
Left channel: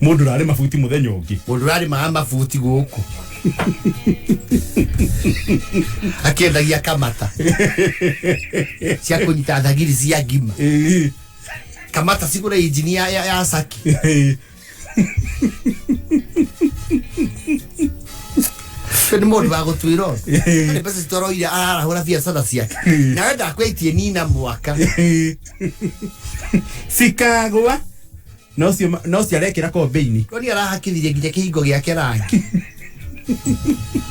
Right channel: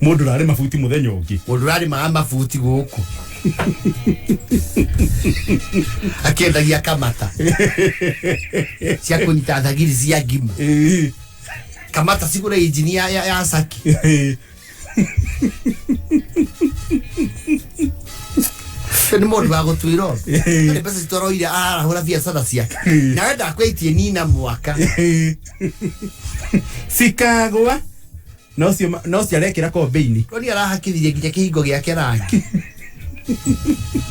Mundu rari mafuti muthenya ungi. Mundu rari mafuti guku. Akiendagia kamata. Cia kunyita thagiri cia ngima. Kamata sigura engineer ya Saki. Ni mundu wa gutwiro. Ni pesa citoroire arahura biacara ciake. Na wenda kwetie nina mwaka. Sikagwa. No cia rekira kombeini. Koni arahakithirie nginya kihingo giake rangi.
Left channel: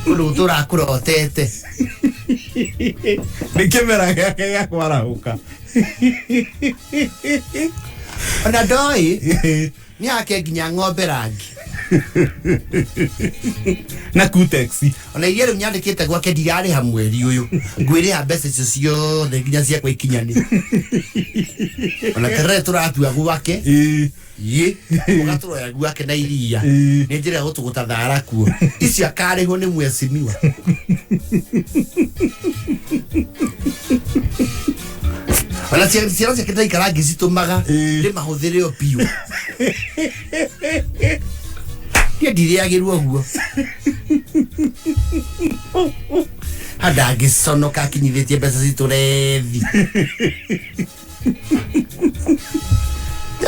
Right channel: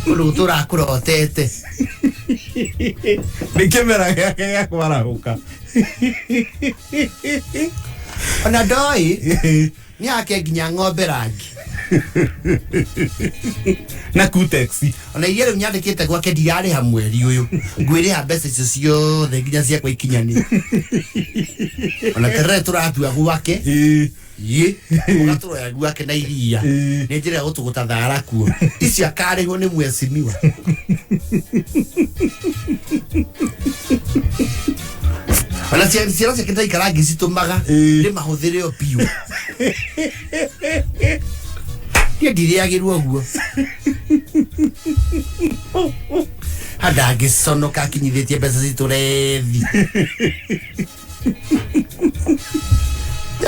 Urutura kurotete. Nikemera yake ya kwarahuka. Ona doi ni ake nginya ng'ombe rangi. Na kutexi. Ona yere nyandikite gwake ndiari ha mweri uyu. Ngwire ha mbeca icio ciothe nginya cia kwa ikinyani. Ona tere turatua gwake. Ye, ugatoro ya gwake na iria. Ni njira gutuguta thara kuo. Icio akariho ni mwesimiwa. Ona ciana cia kita ikarangi citumaga ni mahuthire o piu. Ndiriagirwo guo. Hada giconoka kinyithitie mbeca citurethi.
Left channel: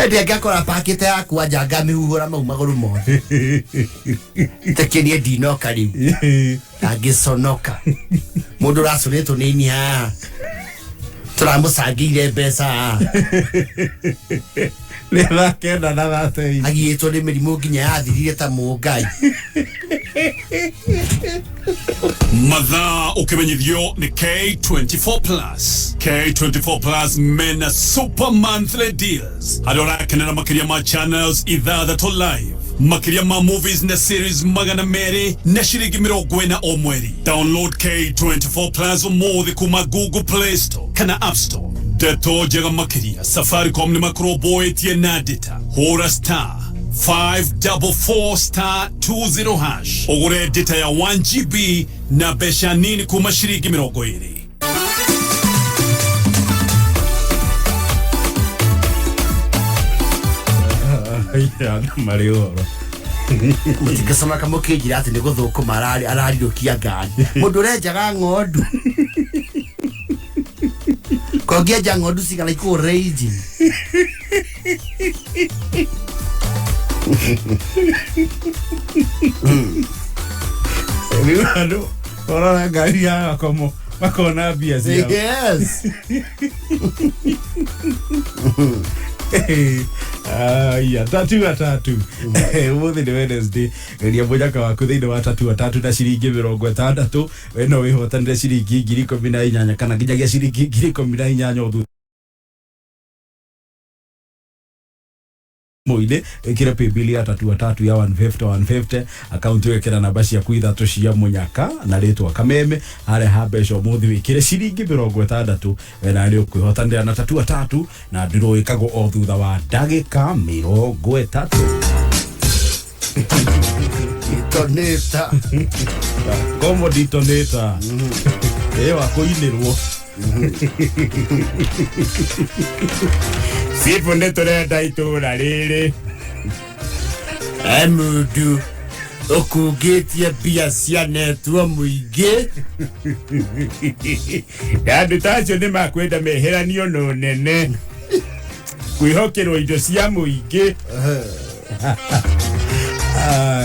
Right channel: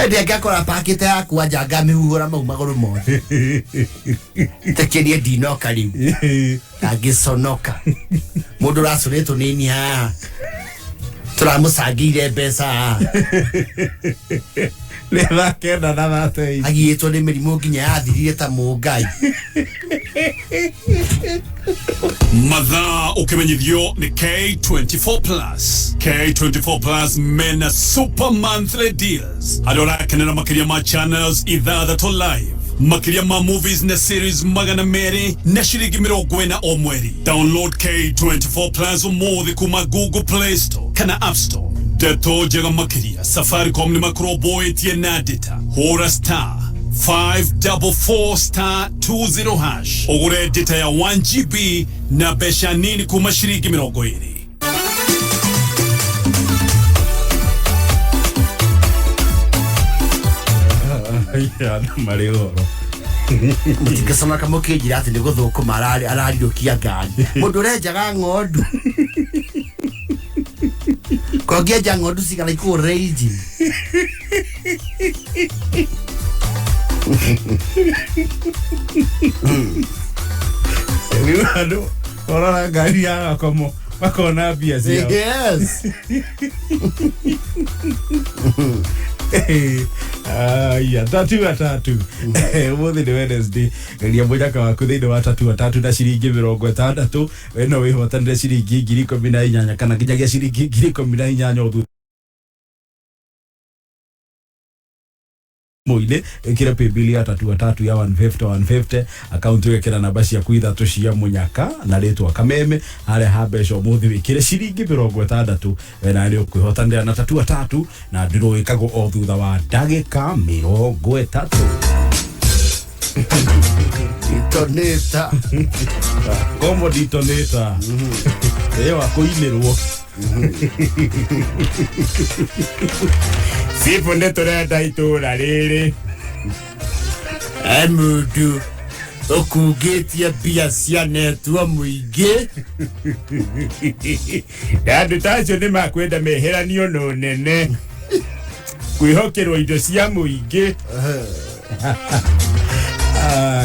Ndi ngakora pakete yakwa njanga mihuhura mau maguru mothe. Tekenie ndinoka riu. Agiconoka. Mundu racuritwo ni ni ha. Turamucangire mbeca. Lela kenda na thate. Agiyetwo ni mirimu nginya yathirire ta mungai. Mathaa ukimenyithio ni K24 Plus. K24 Plus mena super monthly deals. Adorakenera makiria ma channels ithathatũ live. Makiria ma movies na series magana meri na shiringi 40 o mweri. Download K24 Plus umuthi kuma Google Play Store kana App Store. Deto jega makiria Safaricom ni makroboetie na data. Hora star 544*20 hash. Ogure data ya 1 GB na besha nini kuma shiringi 20. Ya Mario. Mutikasoma kama kigira ati ni guthukuma ararirukia ngari. Mundu renjaga ng'ondu. Kogia jangodu sigala iko rage. Viu ora gari ya como makona bia cia. Yes. Ya tatu atatu. Umuthi ni Wednesday. Ngiria mujaka waku thiini wa tatu atatu na ciringi 60. Weno wihotanire ciringi 18 kana nginyagia ciringi 18 uthu. Moide ekira paybill ya tatu atatu ya 150 account wekera namba cia kuithatu cia munyaka na ritwa kameme hare habesho muthi wikire ciringi 60 wena ari ukwihotanira na tatu atatu na ndiro ikago o thutha wa ndagika 30. Detoneta. Como detoneta. Ewa kuilirwo. Sipo ndetorenda itura riri. Amudu okugetia bia cia netwa muige Andu tacio ni makwenda meheranio no nene kwihokerwo indo cia muige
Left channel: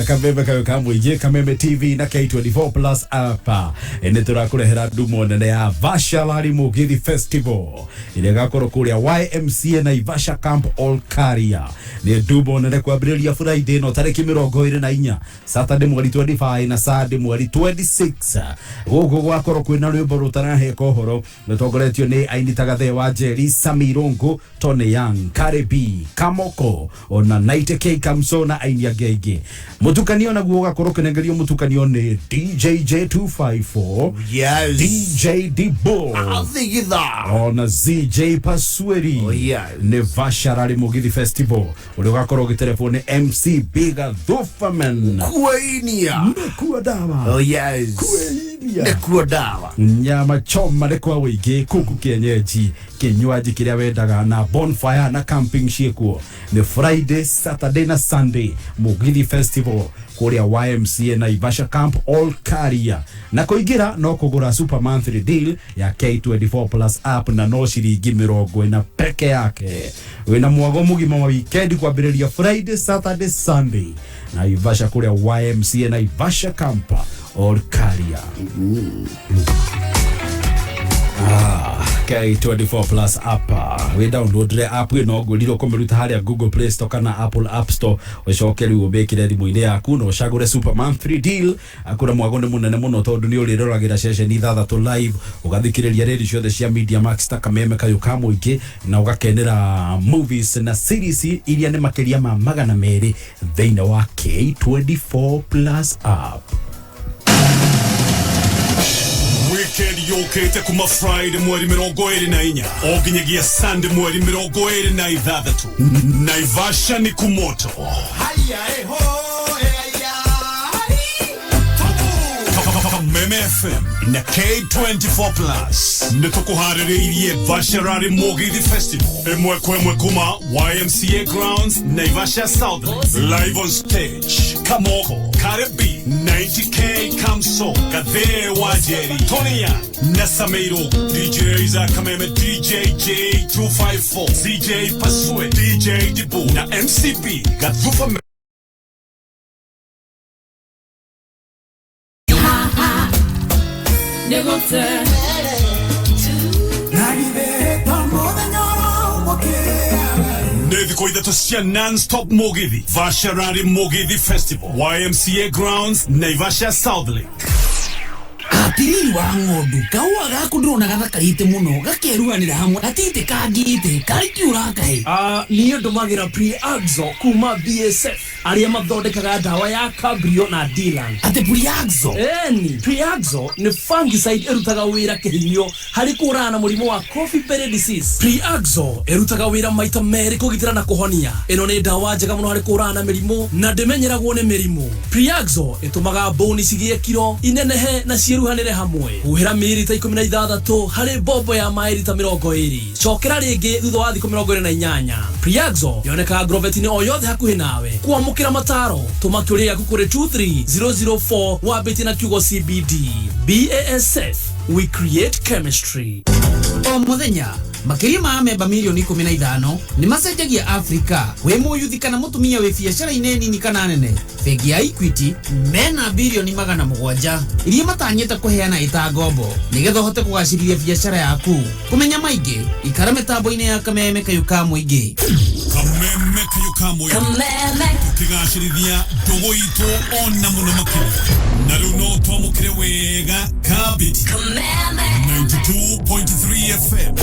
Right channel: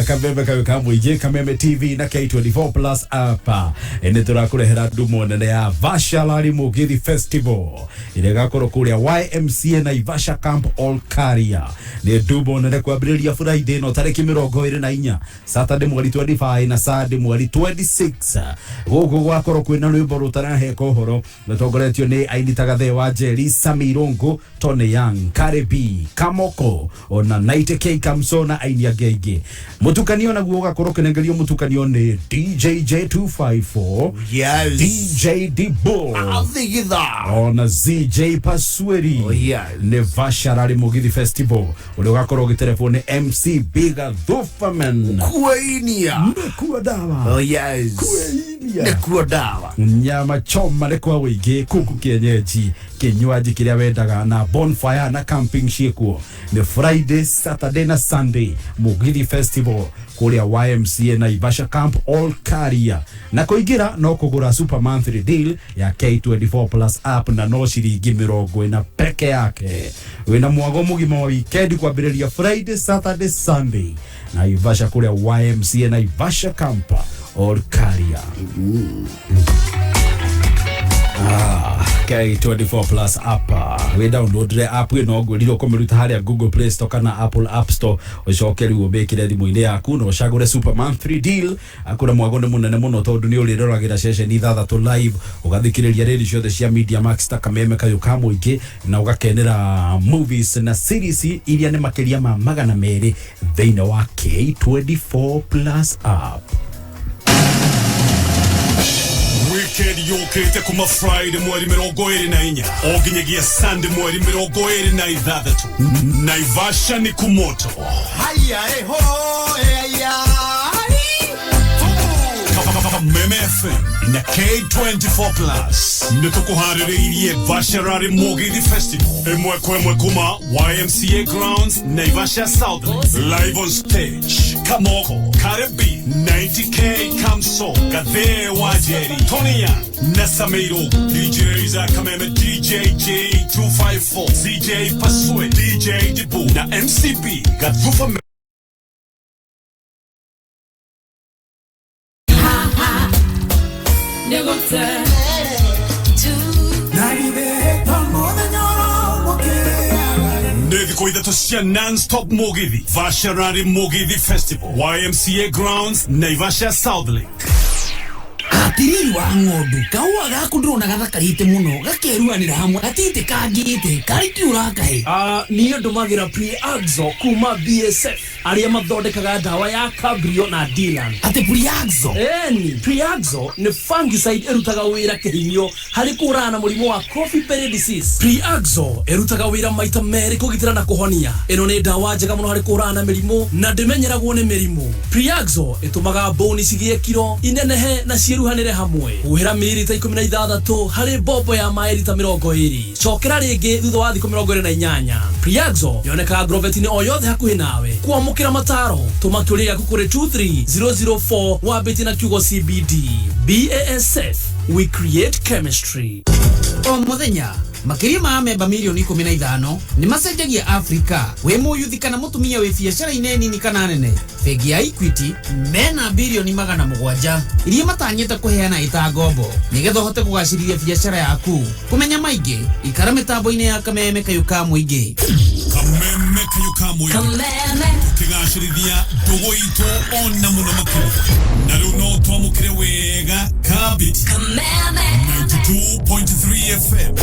Kameme kayo kamwije Kameme TV na K24 Plus apa ene turakurehera ndumo nene ya Vasha Lari Mugithi Festival ile gakoro kuria YMCA na Ivasha Camp All Career ni ndumo nene kwambiriria Friday no tariki 24 Saturday mweri 25 na Sunday mweri 26 gogo gwakoro kwina rwimbo rutarahe kohoro rutongoretio ni ainita Gathaiya Jerry Samirongo Tony Young Karebi Kamoko ona Night K Kamsona ainia gege mutukanio na guoga korokenengerio mutukanio ni DJ J254 yes DJ Dibo Athigitha ona ZJ Pasweri ni Vasha Lari Mugithi Festival ule gakoro gitelefone MC Biga Thufaman Kuainia kuwa dawa yes Kuainia kuwa dawa nyama choma lekwa wige kuku kienyeji kinywaji kiria wendaga na bonfire na camping shekuo ni Friday Saturday na Sunday Mugithi Festival kuria YMCA na Ivasha Camp All Career na kuingira no kugura super monthly deal ya K24 Plus app na no shiringi 40 peke yake wina mwago mugima wa weekend kwambiriria Friday Saturday Sunday na Ivasha kuria YMCA na Ivasha Camp All Career K24 Plus app we download the app no gwiriro komeruta haria Google Play Store kana Apple App Store ucokeri ubekire thimu-ini yaku no cagure super monthly deal akura mwagonde munene muno tondu ni uririragira session ithathatu live ugathikiriria radio ciothe cia Media Max ta Kameme kayo kamwingi na ugakenera movies na series iria ni makiria ma 200 thiini wa K24 Plus app. Weekend yokete kuma Friday mweri 24 oginyegia Sunday mweri 26 Naivasha ni kumoto haya ho Kameme FM na K24 Plus nitukuhaririirie Vasha Lari Mugithi Festival emwe kuma YMCA Grounds Naivasha South live on stage Kamoko Karebi 90K Kamso Gathaiya Jerry Tony Young na Samirongo DJs Kameme DJ J254 CJ Paswe DJ Dibu na MCB Gathaiya Nevi koidatu cia non-stop Mugithi Vasha Lari Mugithi Festival YMCA Grounds Naivasha South Lake Atiriri wa ng'ondu kaua gaku ndrona gathakarite muno gakeruanira hamwe atite kangite karikiura kahe niyo ndumagira Pre-Axo kuma BSF aria mathondekaga dawa ya Cabrio na Dylan ate Pre-Axo ni Pre-Axo ni fungicide erutaga wira kihinyo hari kurana murimo wa coffee berry disease Pre-Axo erutaga wira maita meri kugitira na kuhonia eno ni dawa njega muno hari kurana mirimo na ndimenyeragwo ni mirimo Pre-Axo itumaga bone cigie kiro inenehe na ciruhanire hamwe uhira mililita 16 hari bobo ya mailita 20 cokera ringi thutha wa thikũ 28 Pre-Axo yoneka grovetini o yothe hakuhi nawe kuamukira mataro tumakiuria kukure 23004 wa betina kiugo CBD BASF we create chemistry o muthenya makiria ma memba milioni 15 ni macenjagia Afrika we muyuthi kana mutumia we biacara ineni kana nene Bengi ya Equity mena bilioni 700 iria matanyete kuheana ita ngombo nigetha hote kugacirithia biacara yaku kumenya maingi ikara mitambo-ini ya Kameme kayo kamwingi Kameme kayo kamwingi tukigacirithia ndugu itu ona muno makiria na riu no twamukire wega kabiti 92.3 FM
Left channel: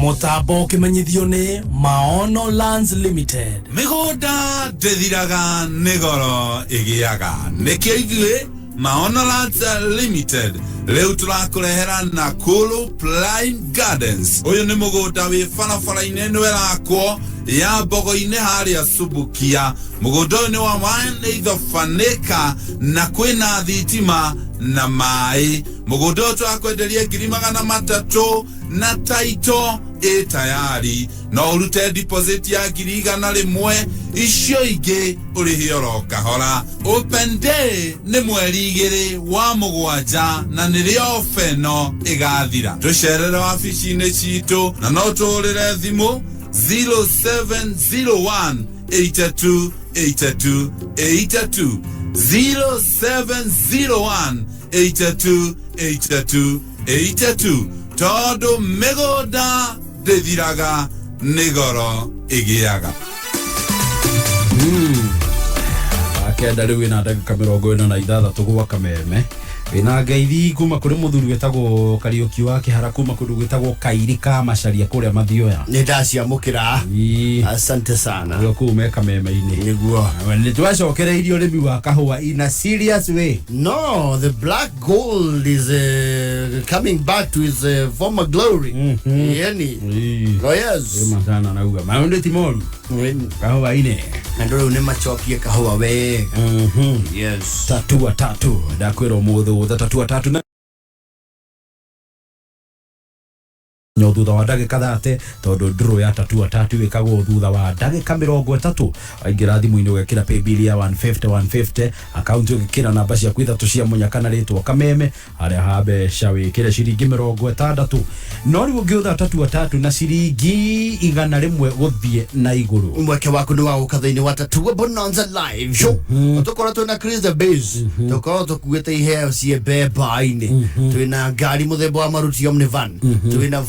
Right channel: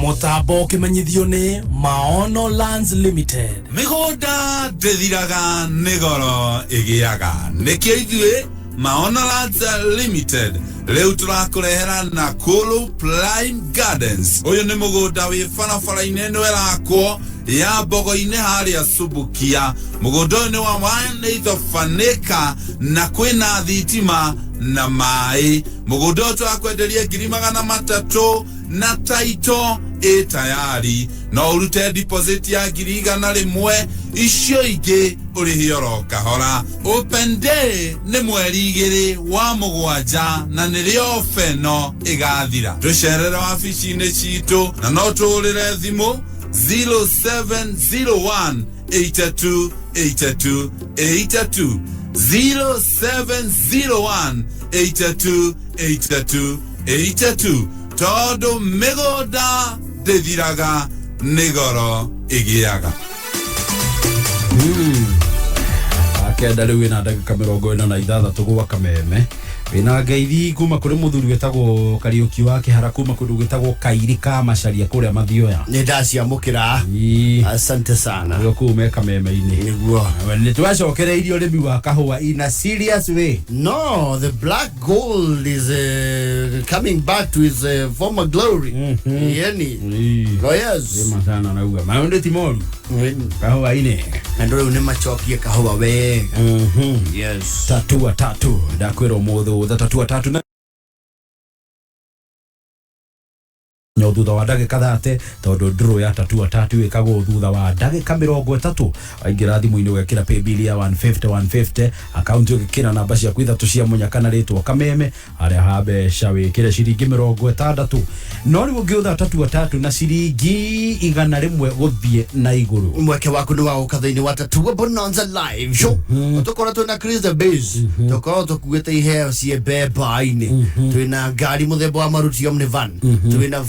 mutambo kimenyithio ni Maono Lands Limited migunda ndithiraga nigoro igiaga nikio ithuĩ Maono Lands Limited riu turakurehera Nakuru Prime Gardens uyu ni mugunda wi barabara-ini nĩ werakwo ya mbogo-inĩ harĩa Subukia. Mũgũnda-inĩ wa maĩ nĩ ithobanĩka na kwĩna thitima na maĩ. Mũgũnda ũcio wakwenderia 300,000 na taito tayari. No urute deposit ya 100,000 icio ingĩ ũrĩhe oro kahora. Open day nĩ mweri 2 wa Mũgwanja na nĩrĩo feno ĩgathira. Tũcerere wabici-inĩ citũ na no tũũrĩre thimũ 0701 82 82 82 0701 82 82 82 Todo mĩgũnda ndĩthiraga nĩ goro ĩgĩaga. Akenda rĩu ĩna ndagĩka 46 gwa Kameme. Wĩna ngeithi kuma kũrĩ mũthuri wĩtagwo Kariũki wa Kĩhara kuma kũndũ gwĩtagwo Kairika Macharia kũrĩa Mathioya. Nĩ ndaciamũkĩra. Asante sana. Rĩo kuma Kameme-inĩ. Nĩguo. Nĩ twacokereirio ũrĩmi wa kahũa in a serious way. No, the black gold is coming back to its former glory. Yani. Oh yes. Ema sana nauga. Maũndũ ti moru. Kahũa-inĩ. Na ndũrĩ nĩ macokie kahũa we. Yes. Tatua tatu. Ndakwĩra ũmũthĩ tatua tatu na nyo thutha wa ndagĩka 30 tondũ draw ya tatua tatu ĩkagwo thutha wa ndagĩka 30. Aingĩra thimũ-inĩ wekĩra pay bill ya 150 account ũgĩkĩra namba ciaku 3 cia mũnyaka na rĩtwa Kameme harĩa ha mbeca wĩkĩre ciringi 60. No rĩu ũngĩũtha tatua tatu na ciringi 100 gũthiĩ na igũrũ. Mweke waku nĩ wagũka thĩinĩ wa Tatua Bonanza live show. Tũkorwo twĩna Chris the Bass. Tũkorwo tũkuĩte iheo ciĩ mbemba-inĩ. Twĩna ngari mũthemba wa Maruti Omnivan. Twĩna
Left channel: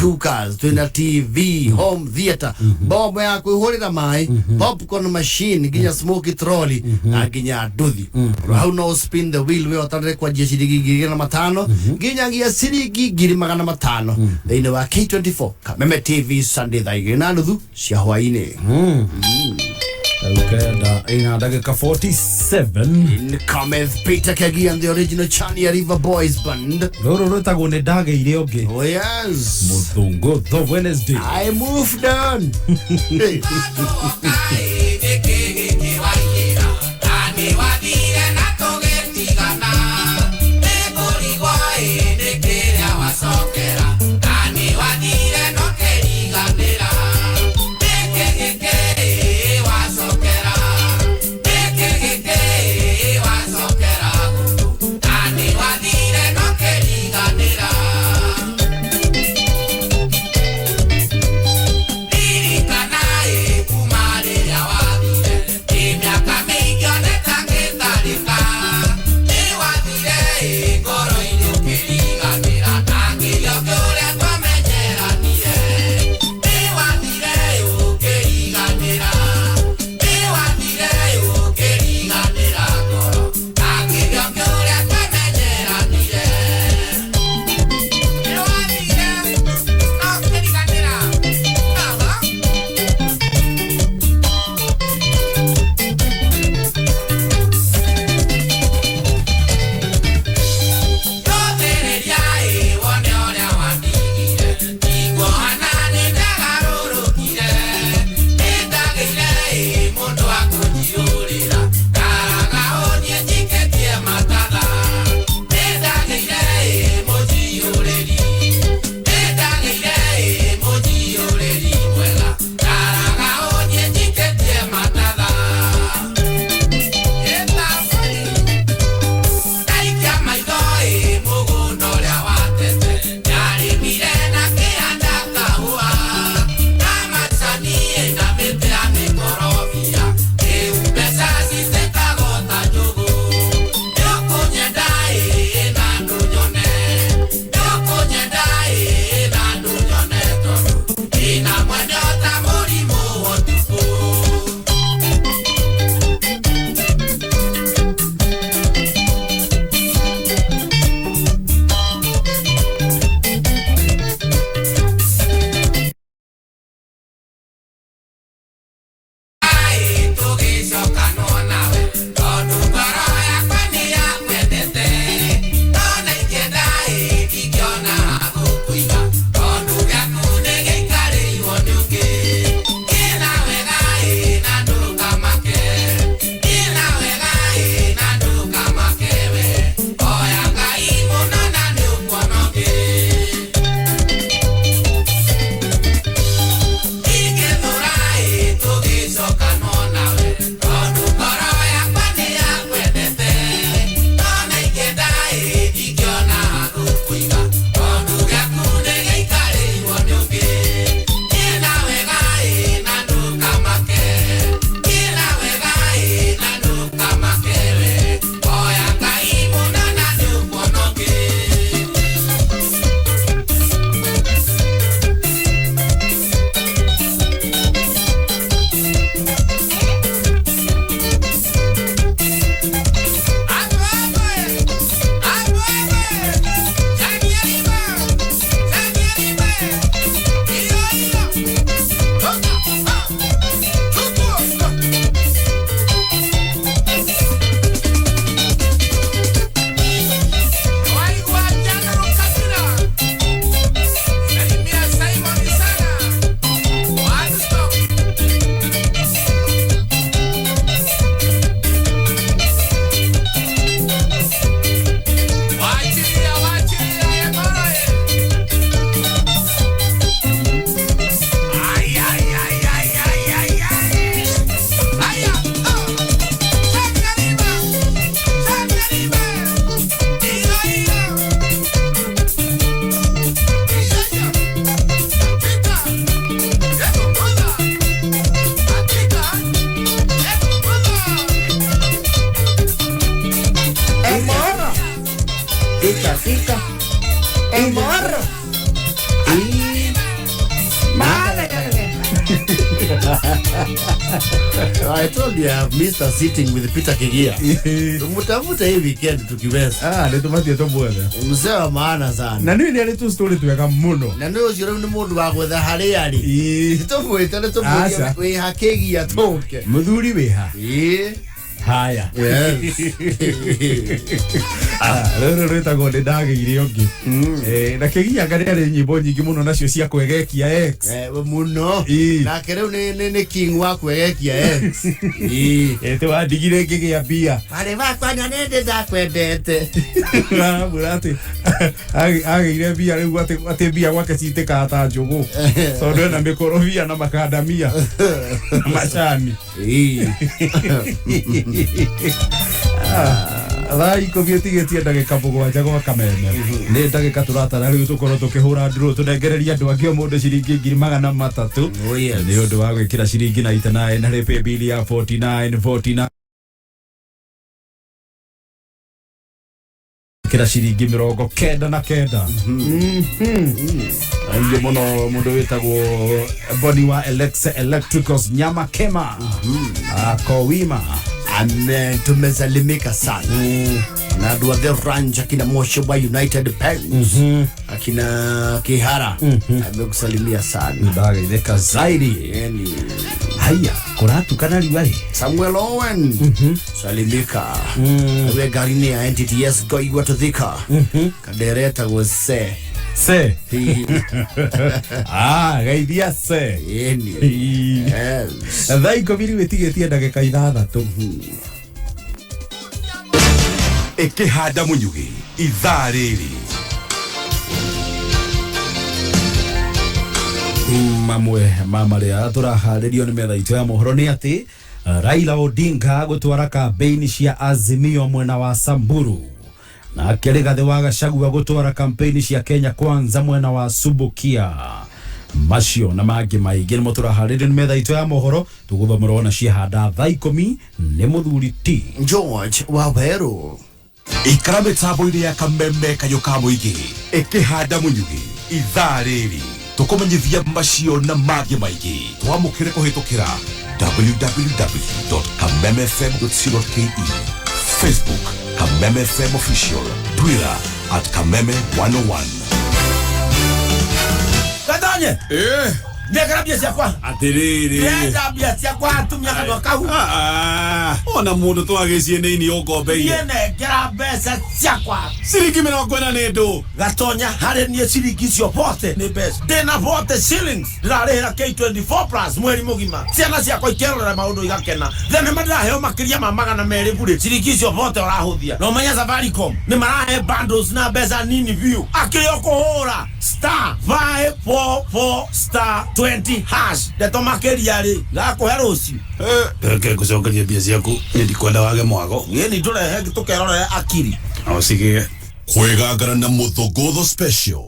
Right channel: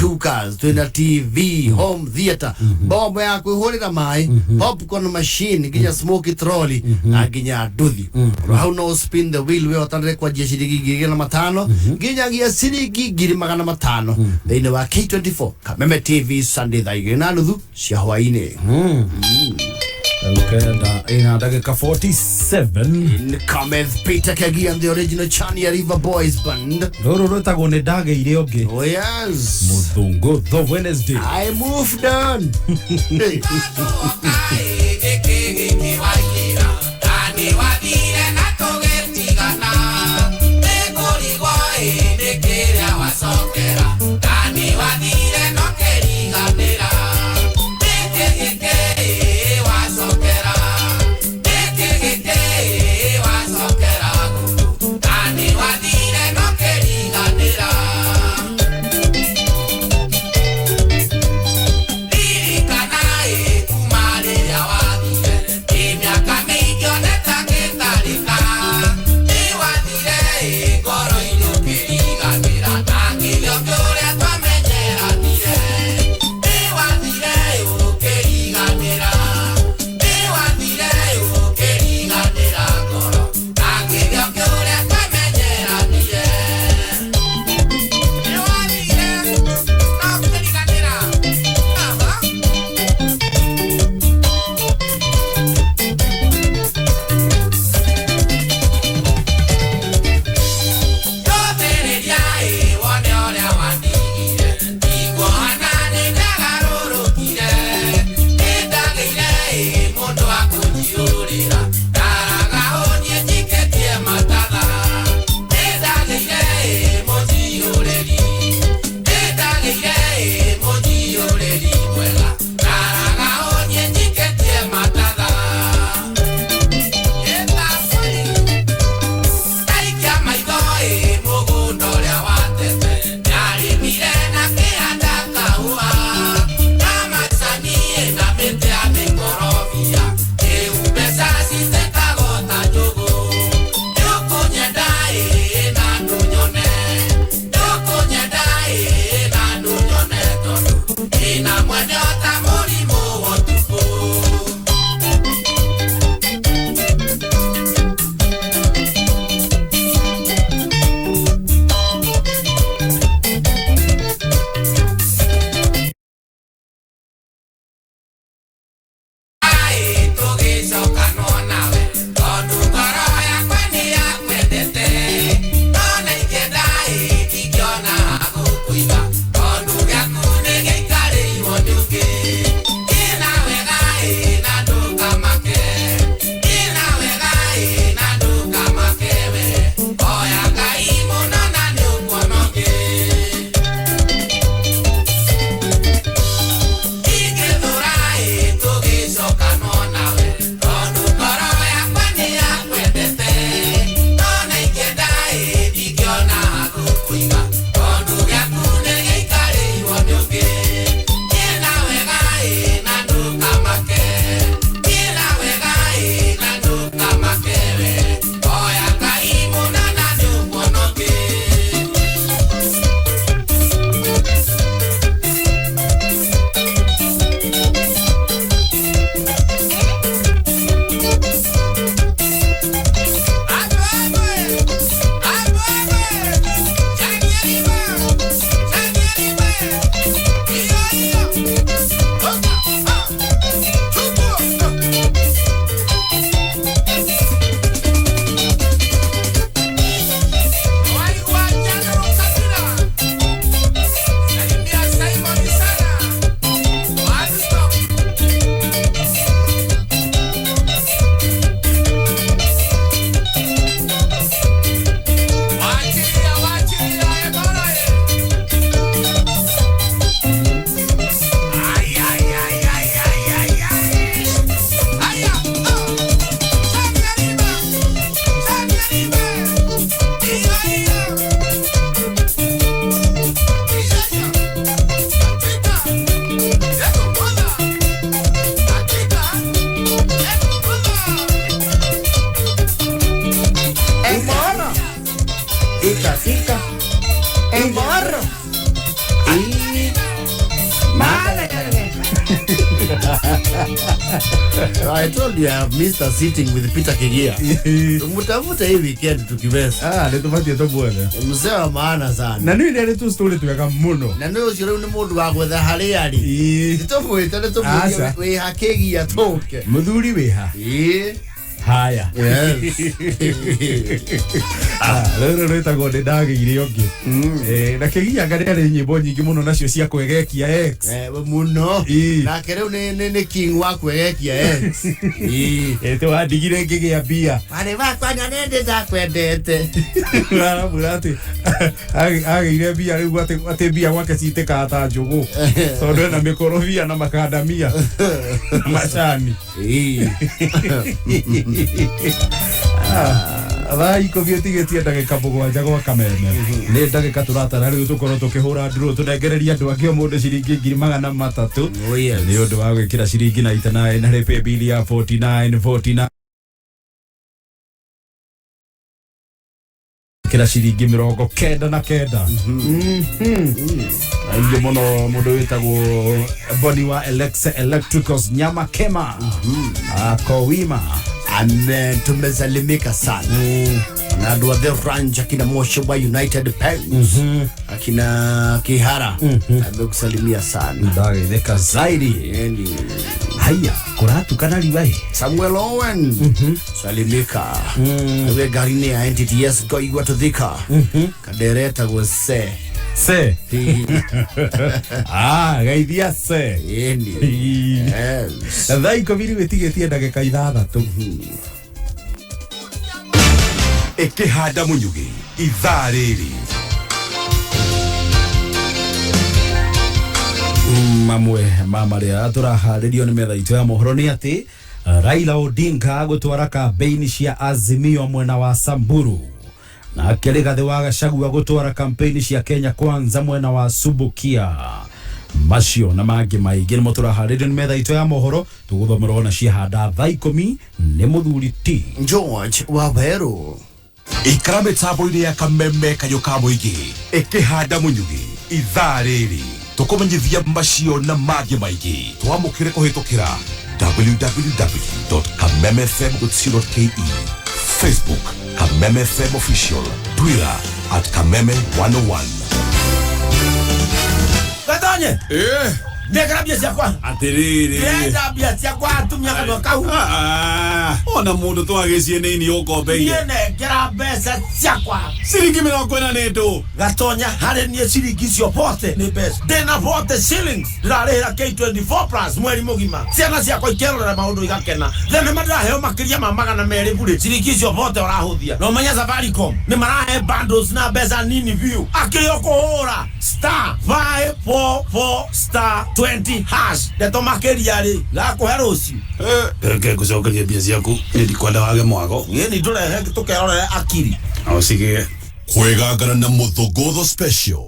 cookers, twina TV, home theater, bombo ya kwĩhũrĩra maĩ, popcorn machine, nginya smoky trolley, na nginya nduthi. Hau no spin the wheel we otanire kwa ciringi 2,500, nginyagia ciringi 2,500 thĩinĩ wa K24 Kameme TV Sunday 2:30 cia hwaĩ-inĩ. Ukenda ina ndagĩka 47 Cometh Peter Kegi and the original Chania River Boys Band. Rũrũ rwĩtagwo nĩ ndagĩire ũngĩ. Oh yes. Mũthũngũ the Wednesday. I moved on. Lirikana kuma rĩrĩa wa Morro. I told you I have Mr. Sitting with Peter Kigia. Mtafuta hii weekend tukiweza. Nitumatie to bwana. Mzee wa maana sana. Na nini ile tu story tuweka muno. Na ndio jiro ni mundu wa gwetha hari ari. Tofwete le tofwete we hakegia toke. Muthuri weha. Haya. Yes. Rero reta gode ndagire ongi. Na kigia ngari ari nyimbo nyingi muno nacio cia kwegekia X. Muno. Na kereu ni king wa kwegekia X. Ete wa digire ngigia bia. Pare bakwa na nende ndakwendete. Na burati. Agire bia riu ate bia gwake citeka ata njugu. So ndo na mikorofia na makadamia. Machani. Thai ko vietigeti ndagika mugwanja gwa kameme ni ndagika turatara riu tukorwo tukihura nduru tunengereria andu angi mundu ciringi 300 ni undu wa gwikira ciringi na itana na repe bili ya 49 kira ciringi 99 ndio muno mundu witagwo body wa Alexa Electricals nyama kema akowima tumesalimika sana na andu a the ranch akina Moshoba United Pens akina Kihara amekusalimia sana ndageitheka zaidi haya kuratu kana liwai Samuel Owen salimika we garini ya NTTS go igwa to thika kadereta go se gaithia se yes thai komiri wetigetie ndagika 6 ikihanda munyugi ithaa riri mamwe mamaria turaharirio ni metha itu ya mohoro ni ati Raila Odinga gutwara kampeni cia Azimio mwena wa Samburu na Rigathi wa Gachagua gutwara kampeni cia Kenya Kwanza mwena wa Subukia macio na mangi maingĩ nimo turaharirio ni metha itu ya mohoro tuguthomerwo na ciahanda thaa 10 ni muthuri T George Waweru ikara mitambo-inĩ ya kameme kayo ka mũingĩ ikihanda munyugi ithaa rĩrĩ tukumenyithia macio na mangi maingĩ twamũkĩre kũhĩtũkĩra www.kamemefm.co.ke Facebook Kameme FM Official, Twitter @Kameme101. Gathaiya. Ndekera bia ciakwa. Atiriri. Ndenda bia ciakwa atumia kana kau. Ona mundu twagĩcie nini ũkombeire. Ndekera mbeca ciakwa. Ciringi 40 nĩ ndũ. Gatonya harĩ niĩ ciringi cio bote nĩ mbeca. Ndĩna bote shillings. Ndĩrarĩhĩra K24 plus mweri mũgima. Ciana ciakwa ikerorera maũndũ igakena. Thenema ndĩraheo makĩria ma 200 bure. Ciringi cio bote ũrahũthia. No menya Safaricom nĩ marahe bundles na mbeca nini view. Akĩrĩo kũhũra *544*20# ndeto makeria ri gakuhe rucio reke gucokeria bia ciaku ndikwenda wage mwago ni turehe tukerorera akiri au sige kwegangana na muthogotho special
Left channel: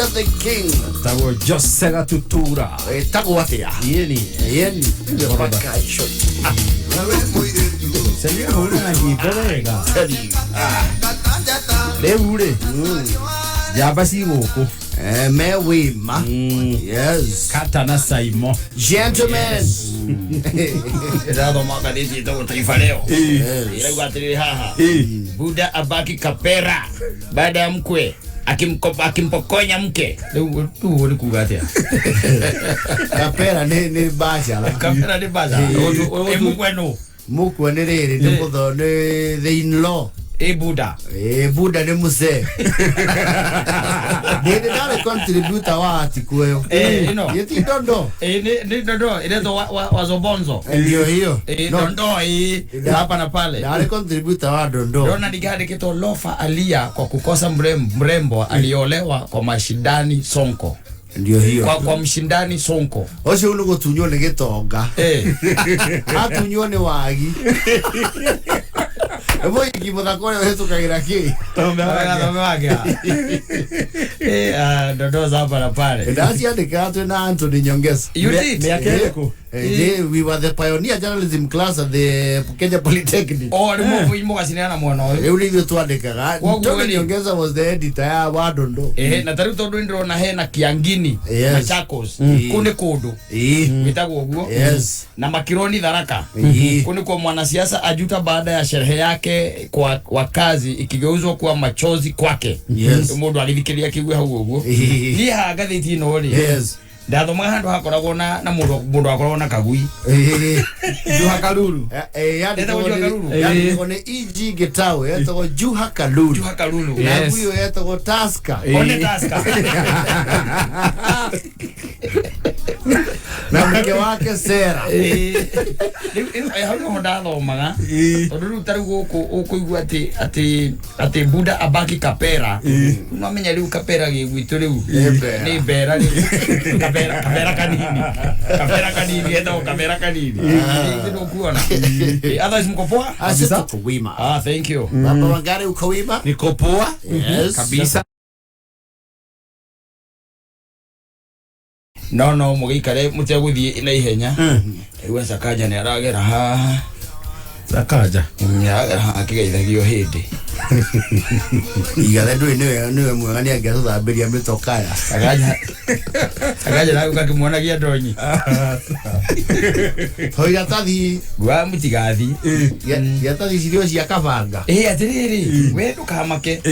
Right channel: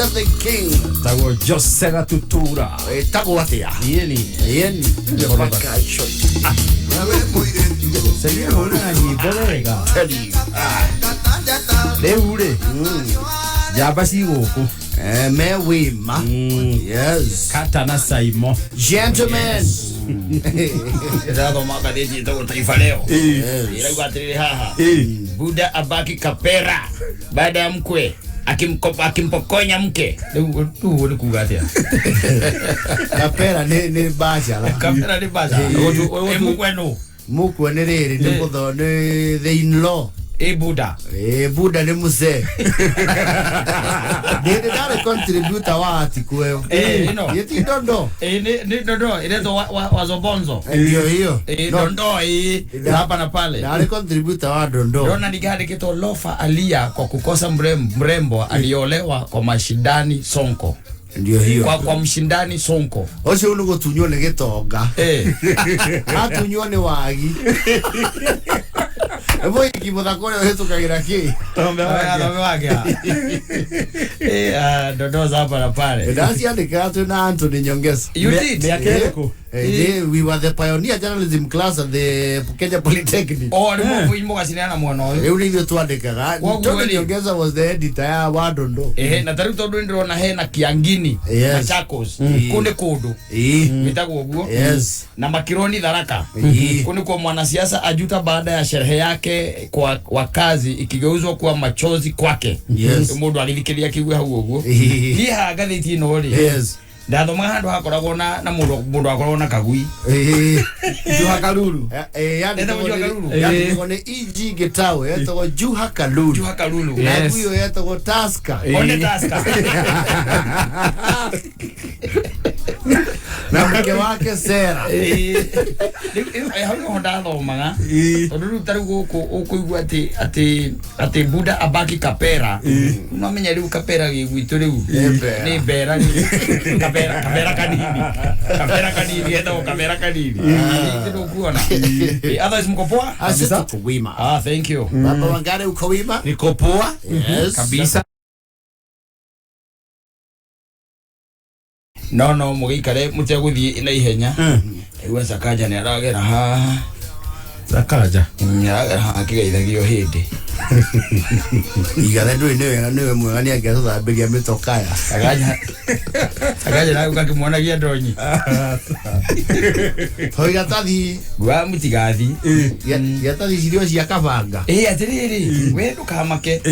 Peter the King. Tago Jose Gatutura. Tago atia. Yeni. Yeni. Vacation. Sería una jiborega. Leure. Ya basigo. Me wima. Yes. Katana Saimo. Gentlemen. Rado magadeti to taifa leo. Ila ugatiri haha. Buda abaki kapera baada ya mkwe akimpokonya mke. Tu ni kugatia. Kapera ni basha. Kapera ni basha. Mkwenu. Mukwe riri ni mutho ni the in-law. Buda. Buda ni muse. Dede dale contributor wa atikueo. No. Yeti dondo. Ni dondo. Ile to wazobonzo. Ndio hiyo. Dondo hapa na pale. Dale contributor wa dondo. Dona nigade kito lofa alia kwa kukosa mrembo aliolewa kwa mashindani Sonko. Ndio hiyo. Kwa mshindani Sonko. Ose ulugo tunyone getonga. Atunyone wagi. Ebo ikimudakone wetu kagira ki. Tombe wage. Dondo hapa na pale. Dasi andika tu na Anthony Nyongesa. You did. We were the pioneer journalism class at the Kenya Polytechnic. Oh, ni kasiniana mwana oyo. Euli ndio tuandikaga. Anthony Nyongesa was the editor ya Wadondo. Na tari todo ndiro na he na Kiangini na Chakos. Kunde kodo. Mitago guo. Yes. Na Makironi Dharaka. Kunde kwa mwanasiasa ajuta baada ya sherehe yake kwa wakazi ikigeuzwa kuwa machozi kwake. Yes. Mundu agithikiria kigwe hau uguo. Ni ha gatheti no ri. Yes. Ndathoma handu hakoragwo na mundu akoragwo na kagui. Juha Kalulu. Yani kone EG Getawe yetagwo Juha Kalulu. Juha Kalulu. Na huyo yetagwo Taska. Onde Taska. Na mke wake Sera. Hau ndathomaga. Tondu riu tari guku ukuigua ati Buda abaki kapera. No menya riu kapera gigwitu riu. Ni bera Kamera kanini eta kamera kanini ndio kuona others mko poa kabisa kuwima. Thank you baba wangare uko wima. Niko poa kabisa. No mugikare muteguthie na ihenya iwa Sakaja ni aragera ha Sakaja akigeithagio hindi igare ndui niwe mwegani angetuthambiria mitokaya Sakaja na ukakimwonagia ndonyi hoiga tathi gwa mutigathi ya tathi cirio cia kabanga atiriri we ndukamake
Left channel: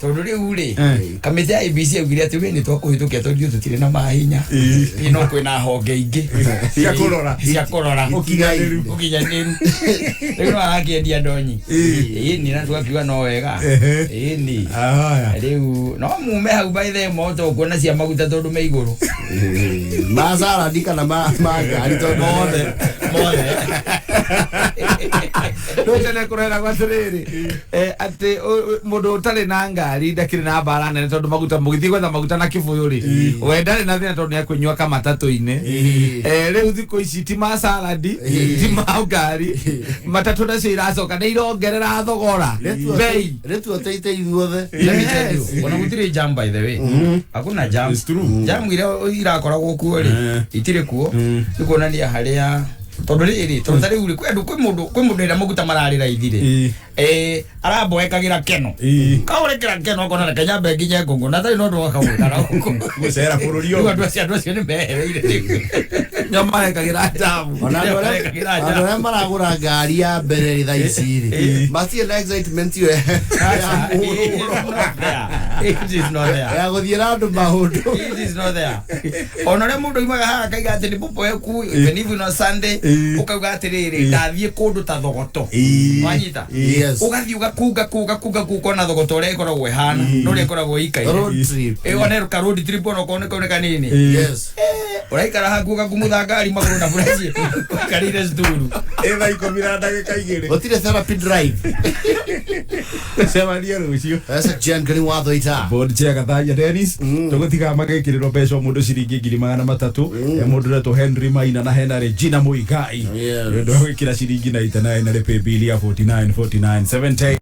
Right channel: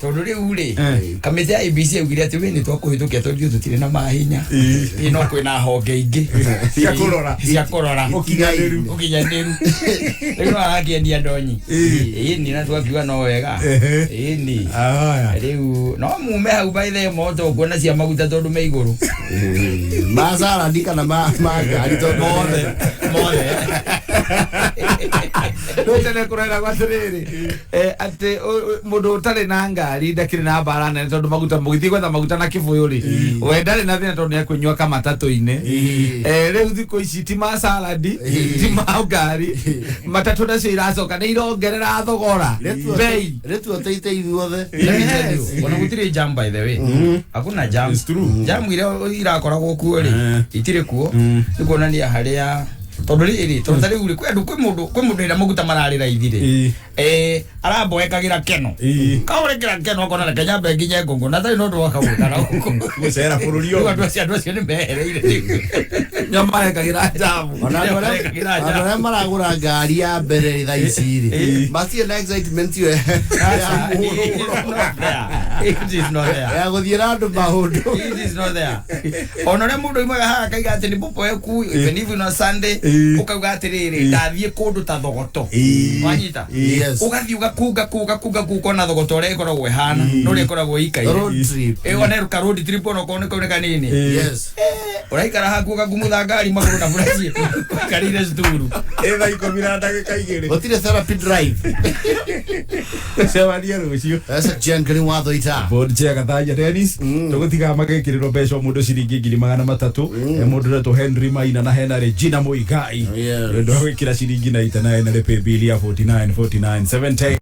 tondu riu ri kamite ya ABC augire ati we ni twakuhitukia tondu tutire na mahinya no kwina honge ingi cia kurora ukinyaniru riu no arakiendia ndonyi ni na twakiuga no wega ni riu no mume hau by the moto kuona cia maguta tondu me iguru masara ndika na magari tondu mothe Tene kurera kwa tiriri ati mundu utari na ngari ndakiri na bara nene tondu maguta mugithii gwetha maguta na kibuyu ri we ndari na thina tondu nikunywa kama matatu-ini riu thiku ici ti ma saladi ti ma ngari matatu nacio iracoka ni irongerera thogora bei retu oteite ithuothe ona gutire jam by the way hakuna jam jam ile irakoragwo kuo ri itire kuo nikuonania haria tondu riri tondu tari uri kwi mundu ira maguta mararira ithire araboekagira keno kaurekera keno akona Kenya bengi nye ngongo na tari no ndo akawikara gucera bururi yo andu acio ni mehereire nyama ekagira jamu ona ndore maragura ngari ya mbere tha ici ri macie na excitement yo it is not there ya guthiira andu maundu it is not there onore mundu imaga ha kaiga ati ni popo eku even if no Sunday ukauga atiriri ndathie kundu ta thogoto wanyita ugathi ugakunga kukona thogoto ore ikoragwo ihana no ri ikoragwo ikaire road trip oneruka road trip ono kone kanini yes uraikara haku ugakumutha ngari maguru na buraci karire sturu etha ikomira ndagika igiri gutire therapy drive sevaria rucio asa Ngoni watho ita board chair Gathaiya Dennis tugutiga magekiriro mbeca mundu ciringi 300 mundu reto Henry Maina na hena Regina Muigai ndio gwikira ciringi na itana na pay bill ya 49 49 70